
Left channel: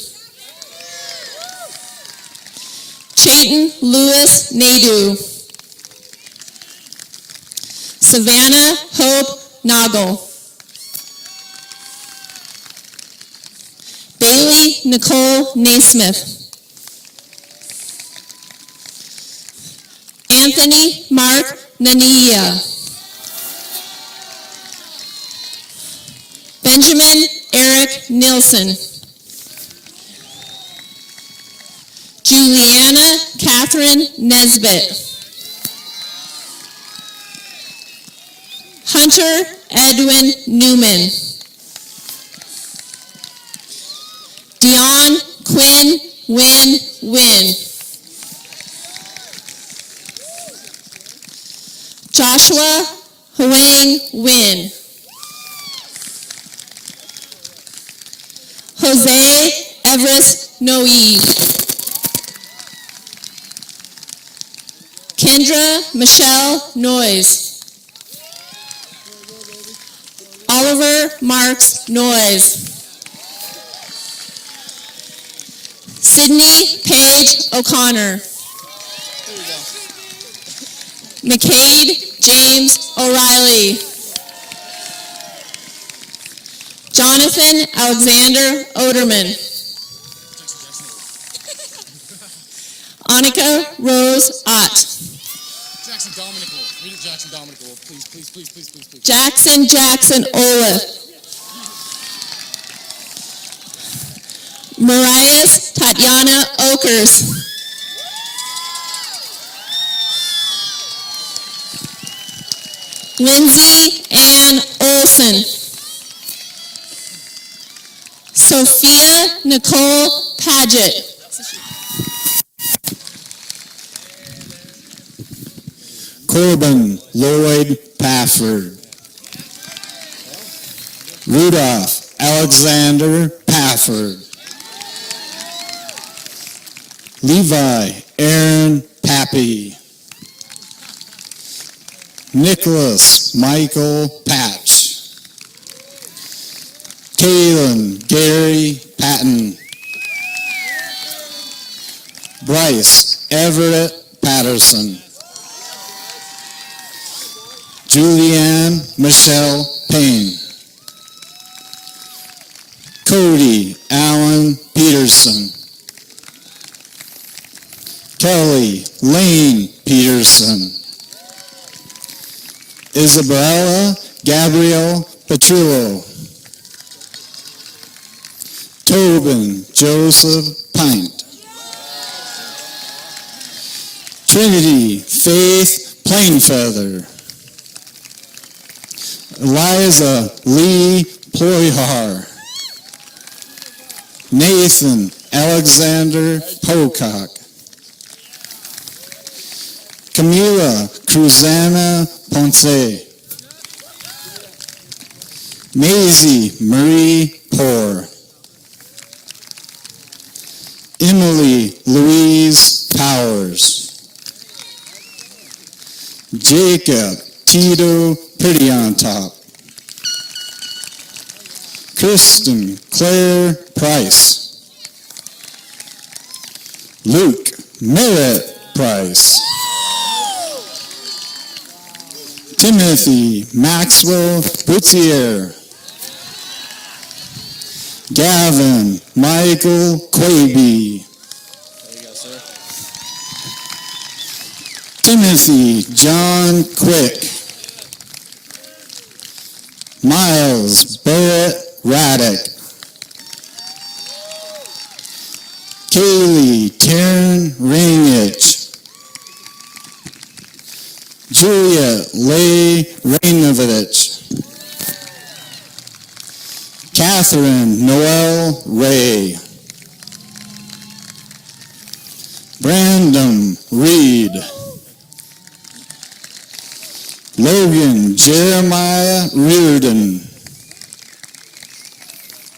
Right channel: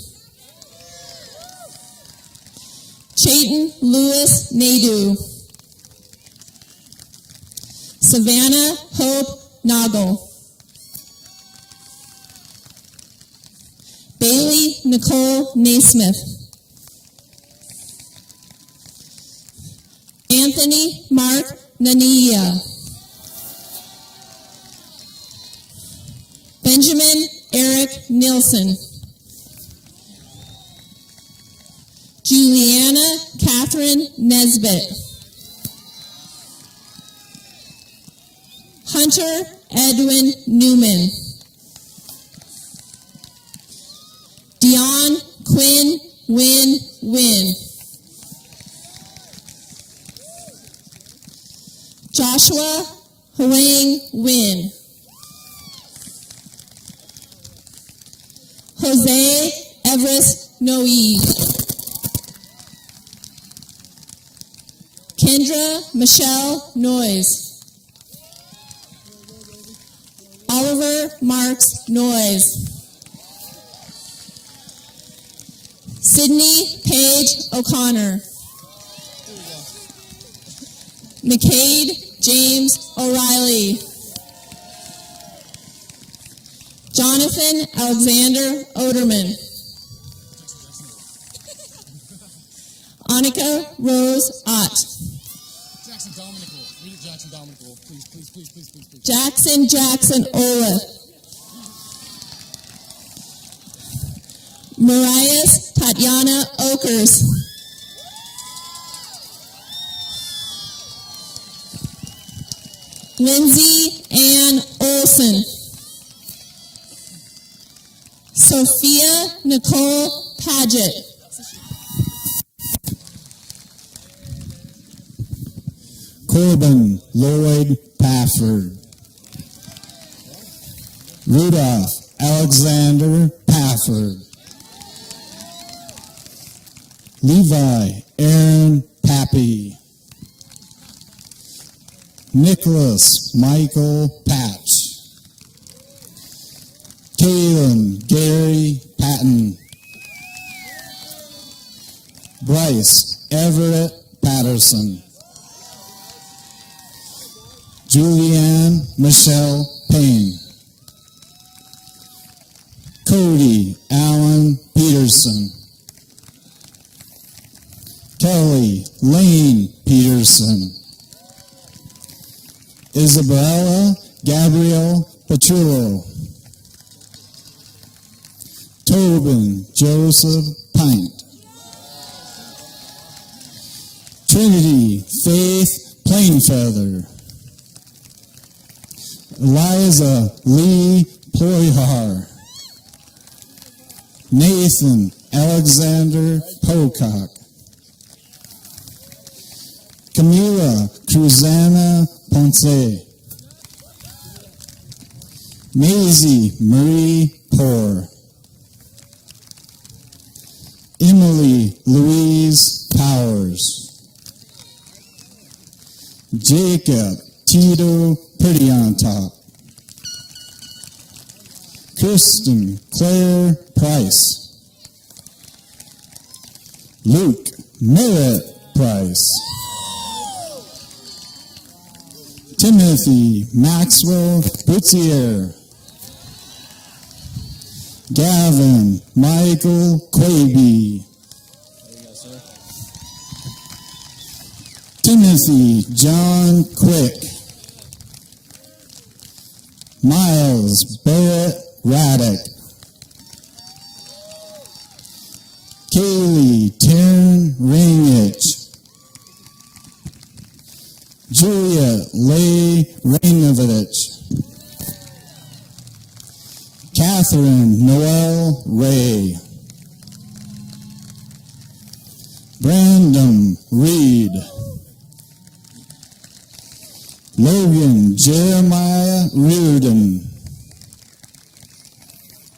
Chayton Lewis Nadu. Savannah Hope Noggle. Bailey Nicole Naismith. Anthony Mark Nania. Benjamin Eric Nilsson. Juliana Catherine Nesbitt. Hunter Edwin Newman. Dion Quinn Win. Joshua Huang Win. Jose Everest Noe. Kendra Michelle Noyes. Oliver Marks Noyes. Sydney Paige O'Connor. McCade James O'Reilly. Jonathan Alexander Oderman. Annika Rose Ott. Jackson Dominical. Read it, Jackson Dominical. Please. Jackson Olaf. Marias Tatiana Okers. Lindsay Ann Olson. Sophia Nicole Paget. Corbin Lloyd Pafford. Rudolph Alexander Pafford. Levi Aaron Pappy. Nicholas Michael Patch. Kalen Gary Patton. Bryce Everett Patterson. Julianne Michelle Payne. Cody Allen Peterson. Kelly Lane Peterson. Isabella Gabrielle Petrillo. Tobin Joseph Pint. Trinity Faith Plainfeather, Eliza Lee Ployhar, Nathan Alexander Pocock, Camila Cruzana Ponce, Maisie Marie Poor, Emily Louise Powers, Jacob Tito Pretty on Top, Kristen Claire Price, Luke Merritt Price, Timothy Maxwell Boutier, Gavin Michael Quaby, Timothy John Quick, Miles Barrett Raddick, Kaylee Taryn Rainich, Juliet Leigh Rainovich, Catherine Noel Ray, Brandon Reed, Logan Jeremiah Reardon,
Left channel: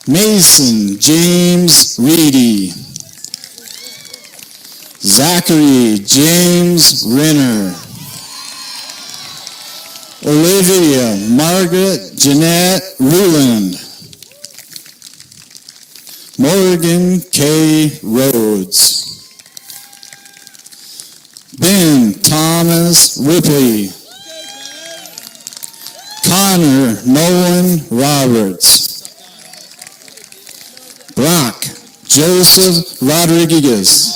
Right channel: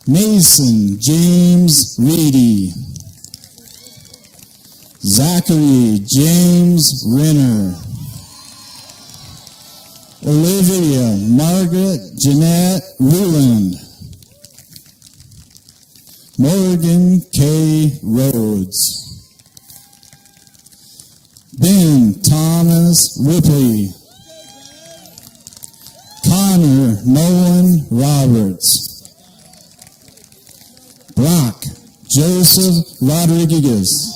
Mason James Reedy, Zachary James Renner, Olivia Margaret Jeanette Ruland, Morgan K. Rhodes, Ben Thomas Ripley, Connor Nolan Roberts, Brock Joseph Rodriguez,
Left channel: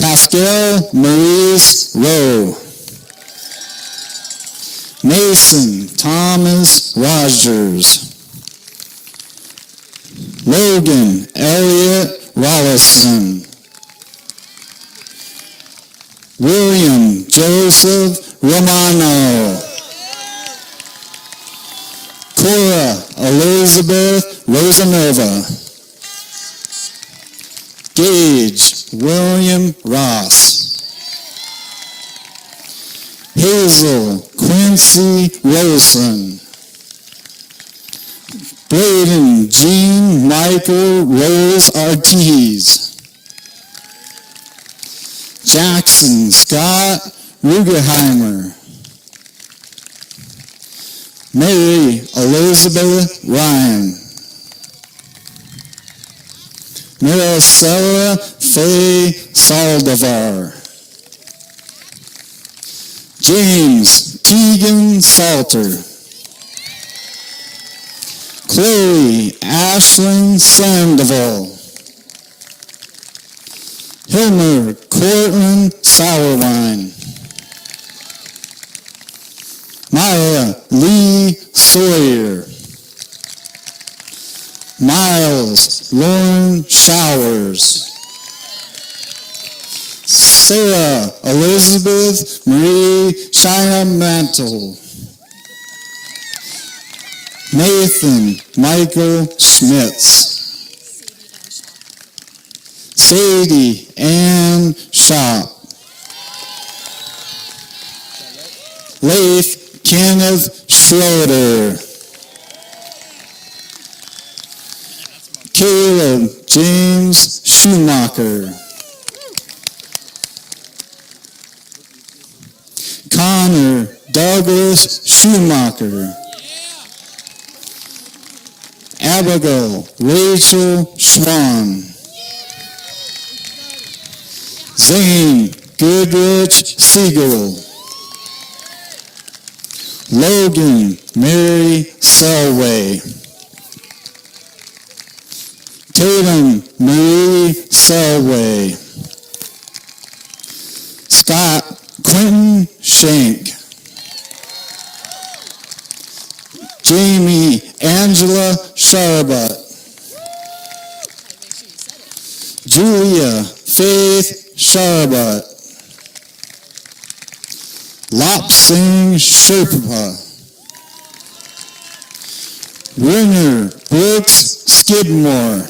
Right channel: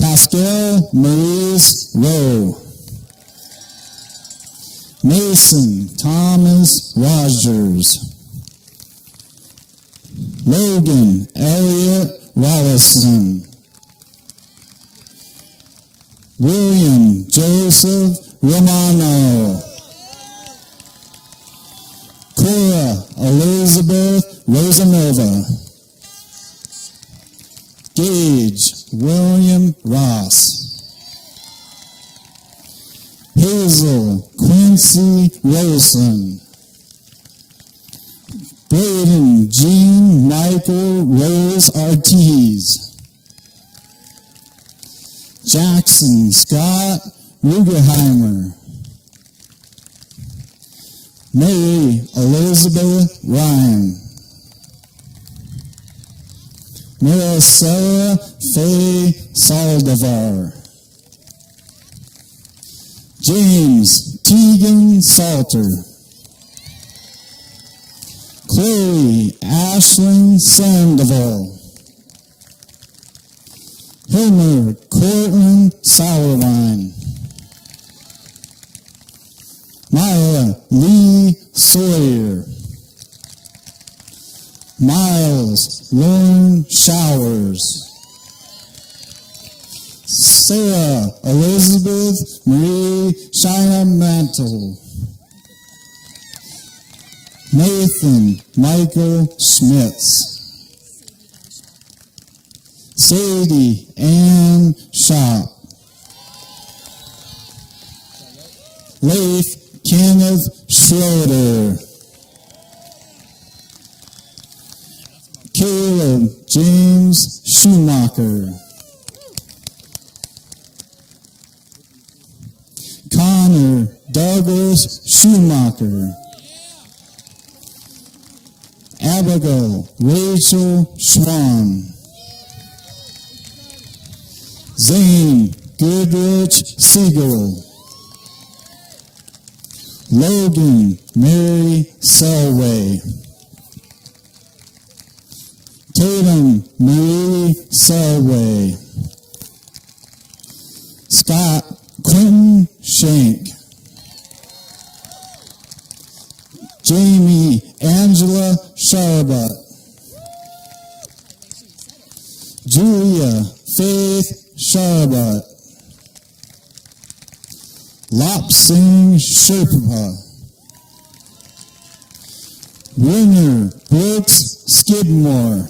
Pascal Maurice Rowe, Mason Thomas Rogers, Logan Elliott Rollison, William Joseph Romano, Cora Elizabeth Rosanova, Gage William Ross, Hazel Quincy Wilson, Braden Jean Michael Rose Ortiz, Jackson Scott Rugerheimer, Mary Elizabeth Ryan, Maricela Faye Saldivar, James Tegan Salter, Chloe Ashlyn Sandoval, Hilmer Cortland Sourwine, Maya Lee Sawyer, Miles Lauren Showers, Sarah Elizabeth Marie Shina Mantle, Nathan Michael Schmitz, Sadie Ann Shop, Leif Kenneth Schroeder, Caleb James Schumacher, Connor Douglas Schumacher, Abigail Rachel Schwan, Zane Goodrich Siegel, Logan Mary Selway, Tatum Marie Selway, Scott Quentin Shank, Jamie Angela Sharbut, Julia Faith Sharbut, Lop Singh Sherpa, Winner Brooks Skidmore,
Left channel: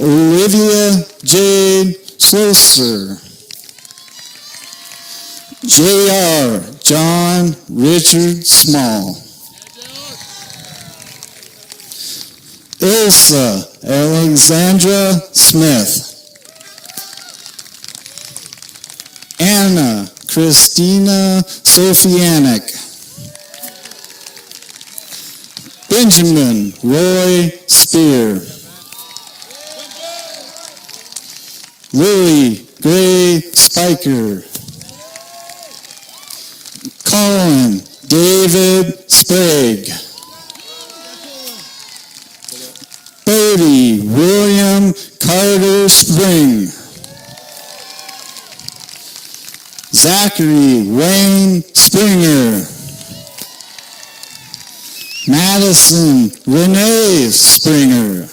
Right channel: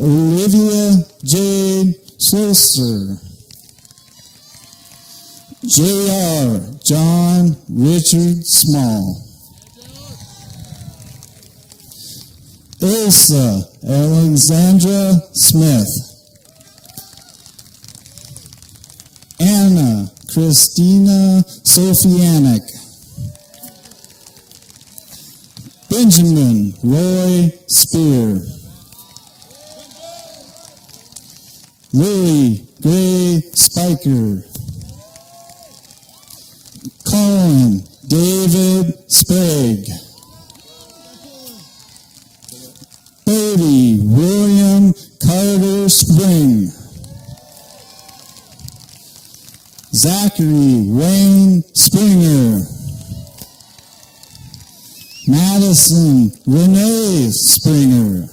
Olivia Jade Slosser, J.R. John Richard Small, Ilsa Alexandra Smith, Anna Christina Sofianik, Benjamin Roy Spear, Lily Gray Spiker, Colin David Sprague, Bodie William Carter Spring, Zachary Wayne Springer, Madison Renee Springer,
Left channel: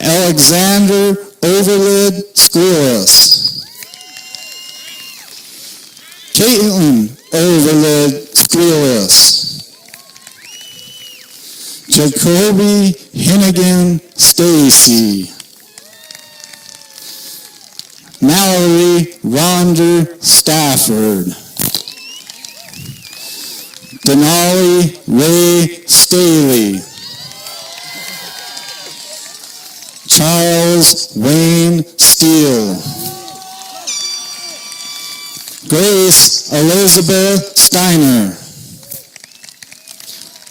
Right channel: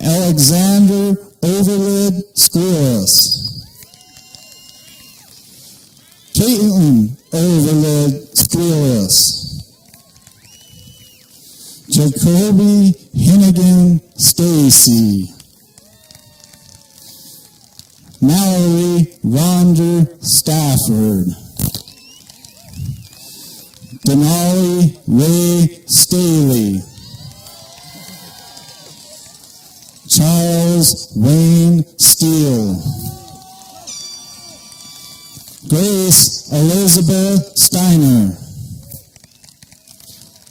Alexander Overlid Squillis, Caitlin Overlid Squillis, Jacoby Hennigan Stacy, Mallory Ronder Stafford, Denali Ray Staley, Charles Wayne Steele, Grace Elizabeth Steiner,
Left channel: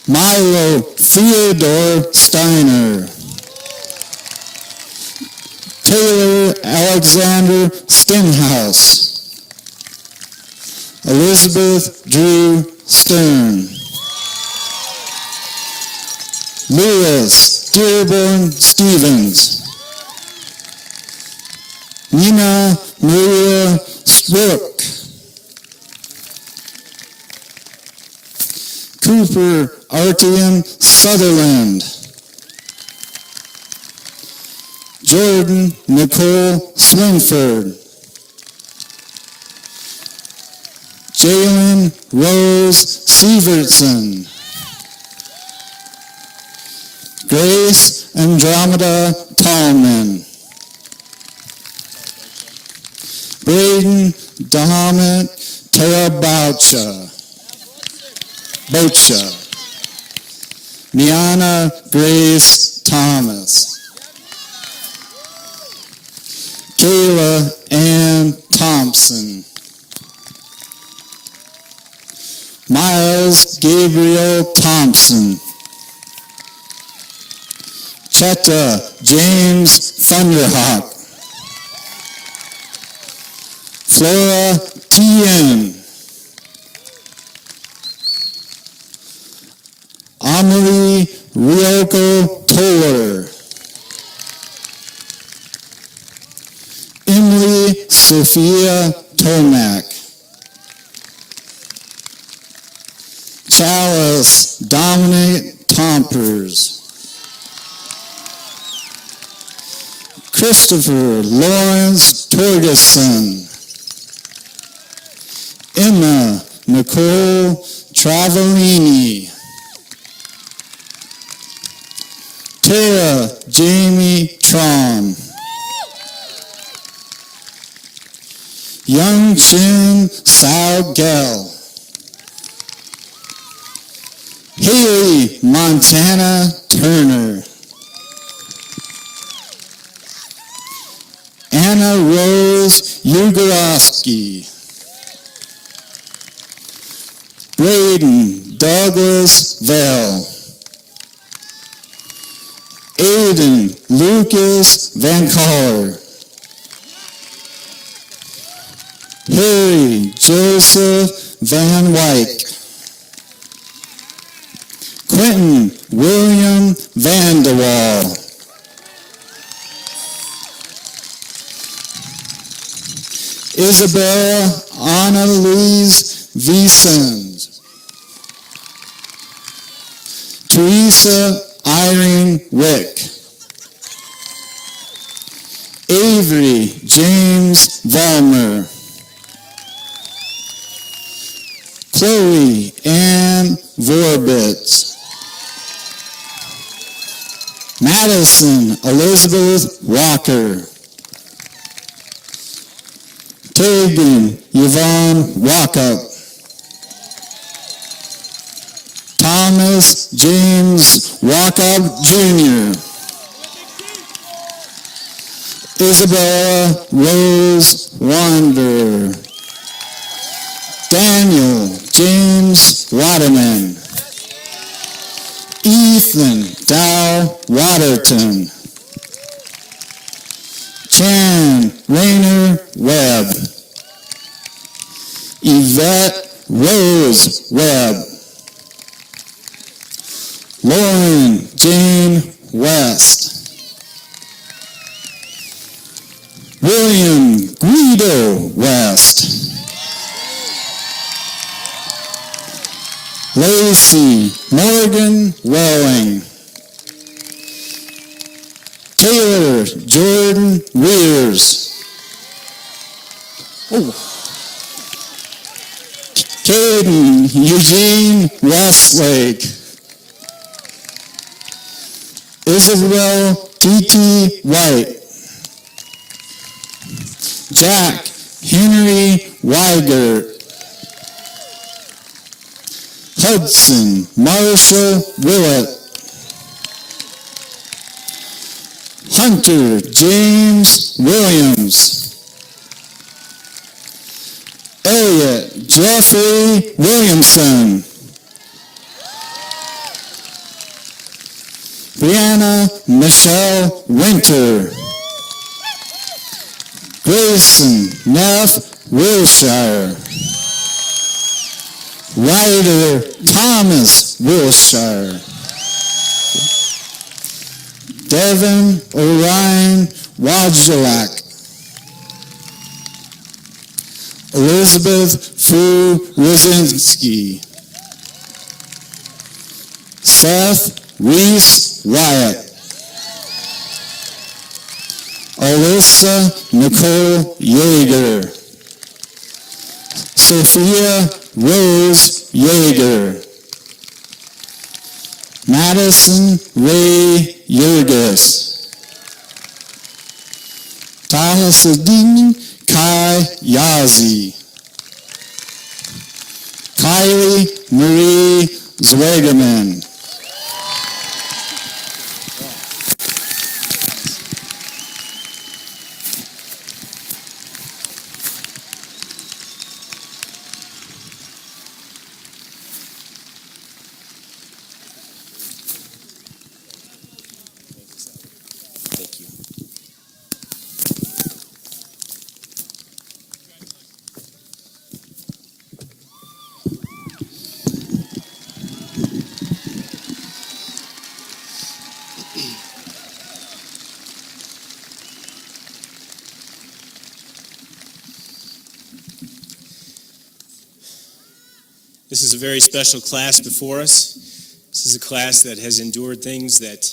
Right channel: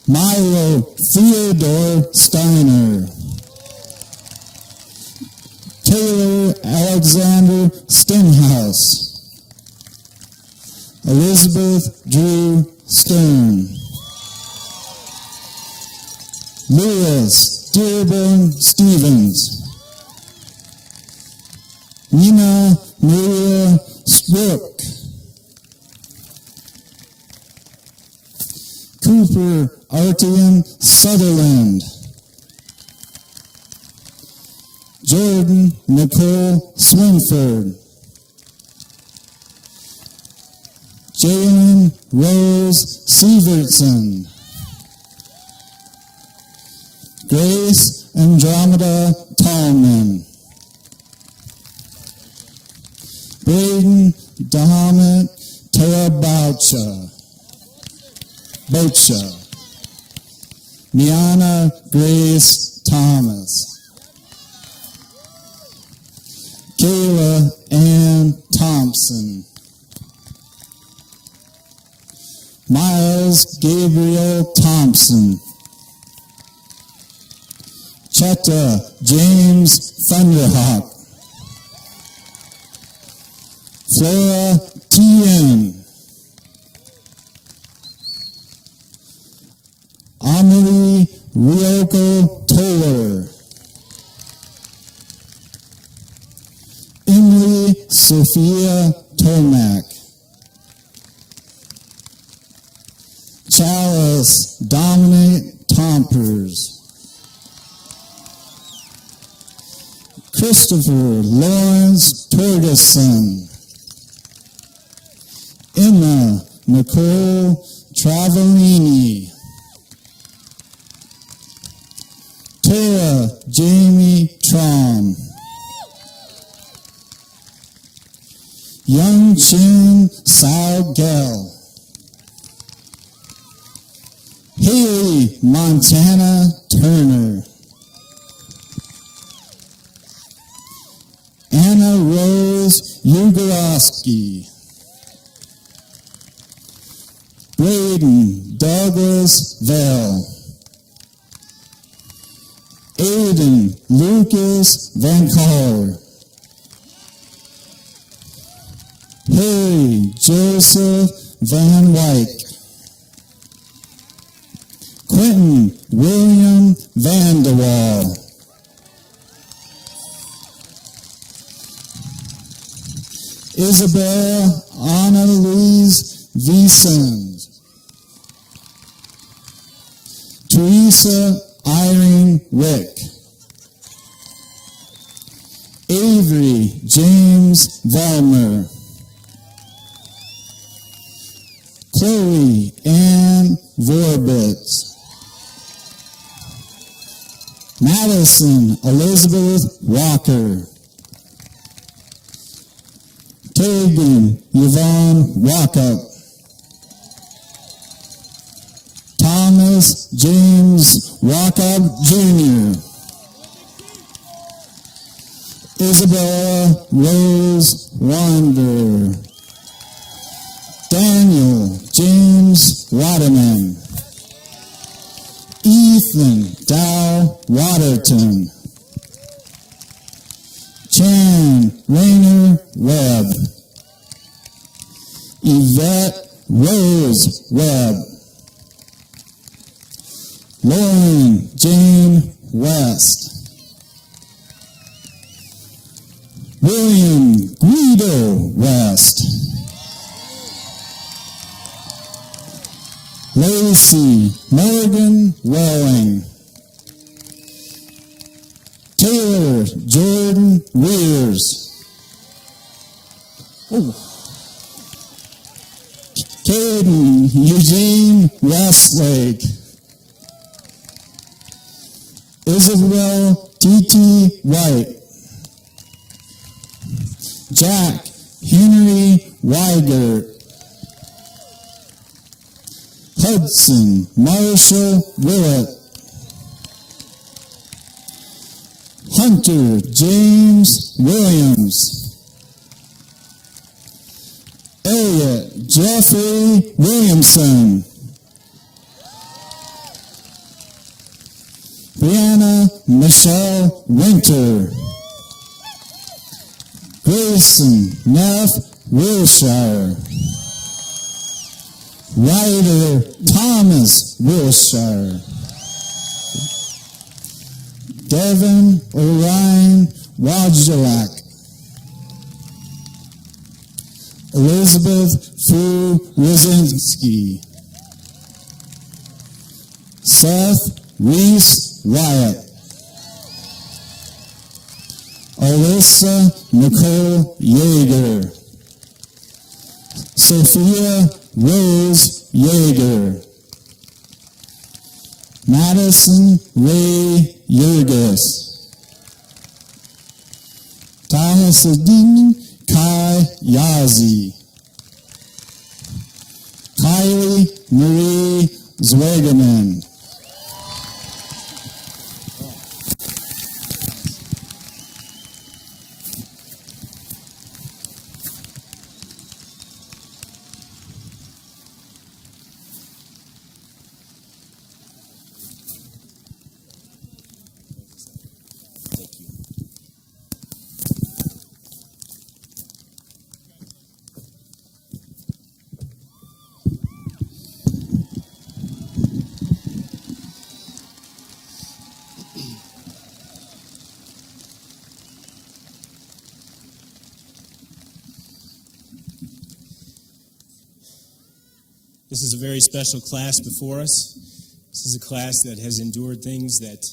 Milo Theodore Steiner, Taylor Alexander Stenhouse, Elizabeth Drew Stern, Lewis Dearborn Stevens, Nina Maria Strook, Cooper Artian Sutherland, Jordan Nicole Swinford, Jalen Rose Severson, Grace Andromeda Tallman, Braden Dahamit Terabaucha, Bocha, Miana Grace Thomas, Kayla Ann Thompson, Miles Gabriel Thompson, Chetta James Thunderhawk, Flora Tien, Amelie Ryoko Toller, Emily Sophia Tomac, Chalice Dominic Tompers, Christopher Lawrence Torgeson, Emma Nicole Travellini, Tara Jamie Trom, Young Chin Sao Gell, Haley Montana Turner, Anna Rose Ugorowski, Braden Douglas Vell, Aiden Lucas Van Caller, Harry Joseph Van Wyck, Quentin William Van de Waal, Isabel Anna Louise Wiesens, Teresa Irene Wick. Avery James Vollmer. Chloe Ann Vorbitz. Madison Elizabeth Walker. Tegan Yvonne Walkup. Thomas James Walkup Jr. Isabella Rose Wander. Daniel James Waterman. Ethan Dow Waterton. Chan Rayner Webb. Yvette Rose Webb. Lauren Jane West. William Guido West. Lacey Morgan Welling. Taylor Jordan Weers. Caden Eugene Westlake. Isabel T.T. White. Jack Henry Weigert. Hudson Marshall Willett. Hunter James Williams. Elliot Jeffrey Williamson. Brianna Michelle Winter. Grayson Neff Wilshire. Ryder Thomas Wilshire. Devin Orion Wojciak. Elizabeth Fu Rosinski. Seth Reese Wyatt. Alyssa Nicole Yeager. Sophia Rose Yeager. Madison Ray Yurgis. Tahasadin Kai Yazi. Kylie Marie Zwegeman. Thank you. This is a very special class before us. This is a class that has endured things that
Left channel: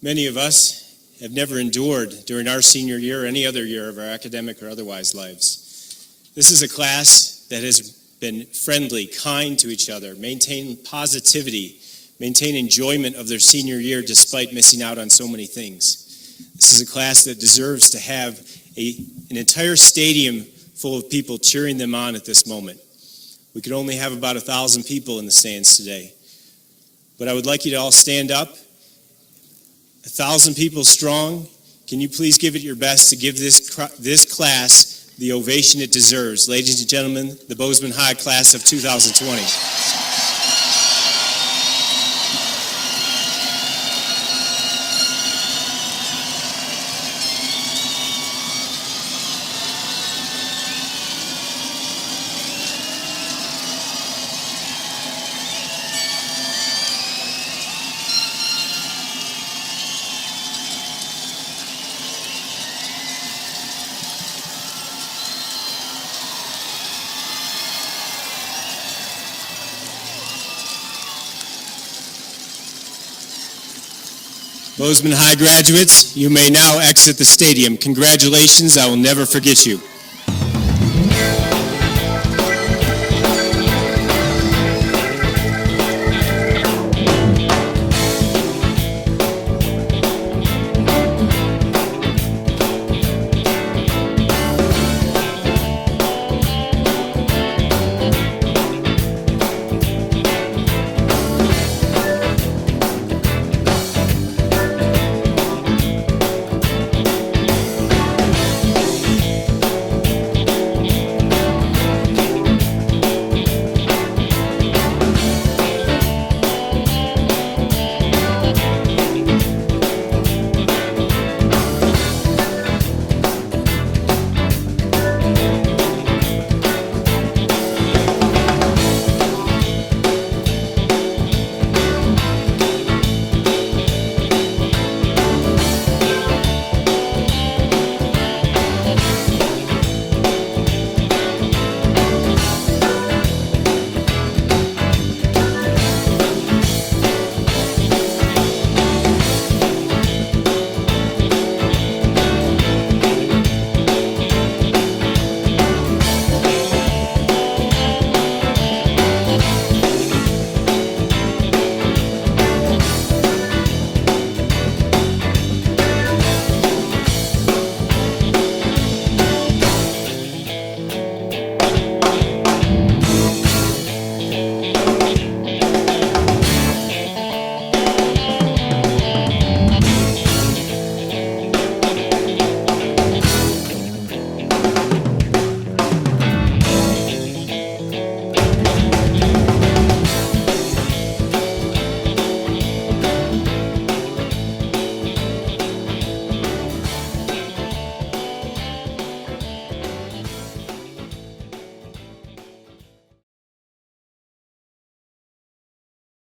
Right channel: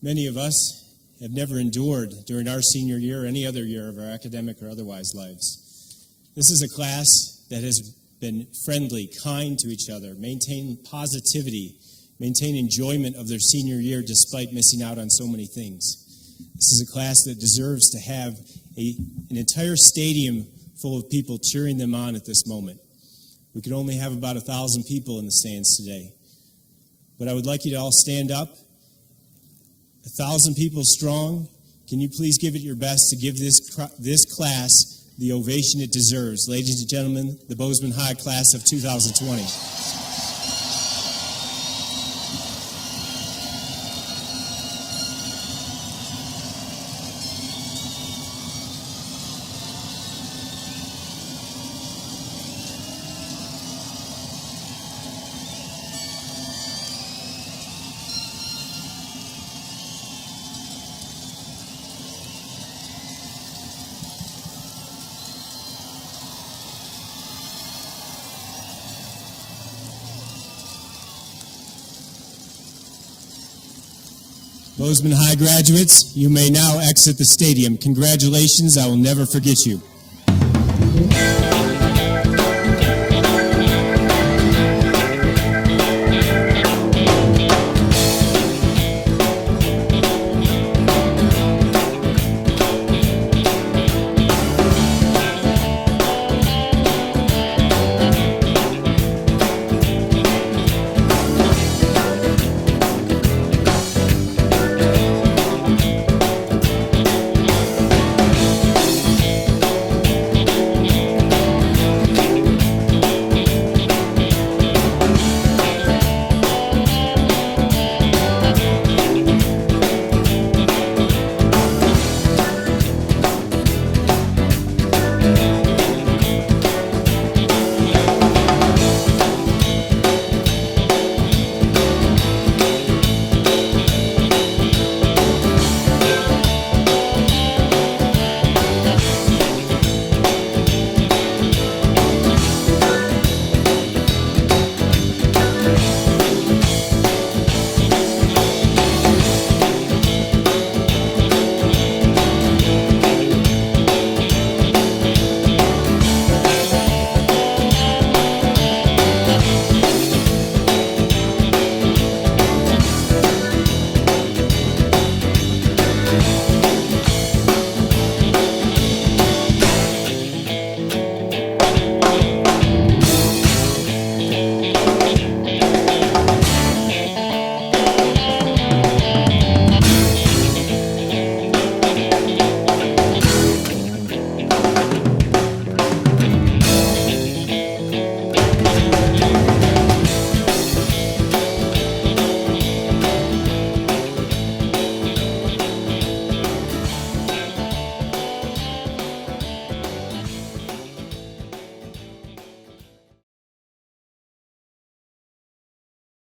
many of us have never endured during our senior year or any other year of our academic or otherwise lives. This is a class that has been friendly, kind to each other, maintain positivity, maintain enjoyment of their senior year despite missing out on so many things. This is a class that deserves to have an entire stadium full of people cheering them on at this moment. We could only have about 1,000 people in the stands today. But I would like you to all stand up. 1,000 people strong. Can you please give it your best to give this class the ovation it deserves? Ladies and gentlemen, the Bozeman High class of 2020. Bozeman High graduates, you may now exit the stadium. Congratulations, I will never forget you.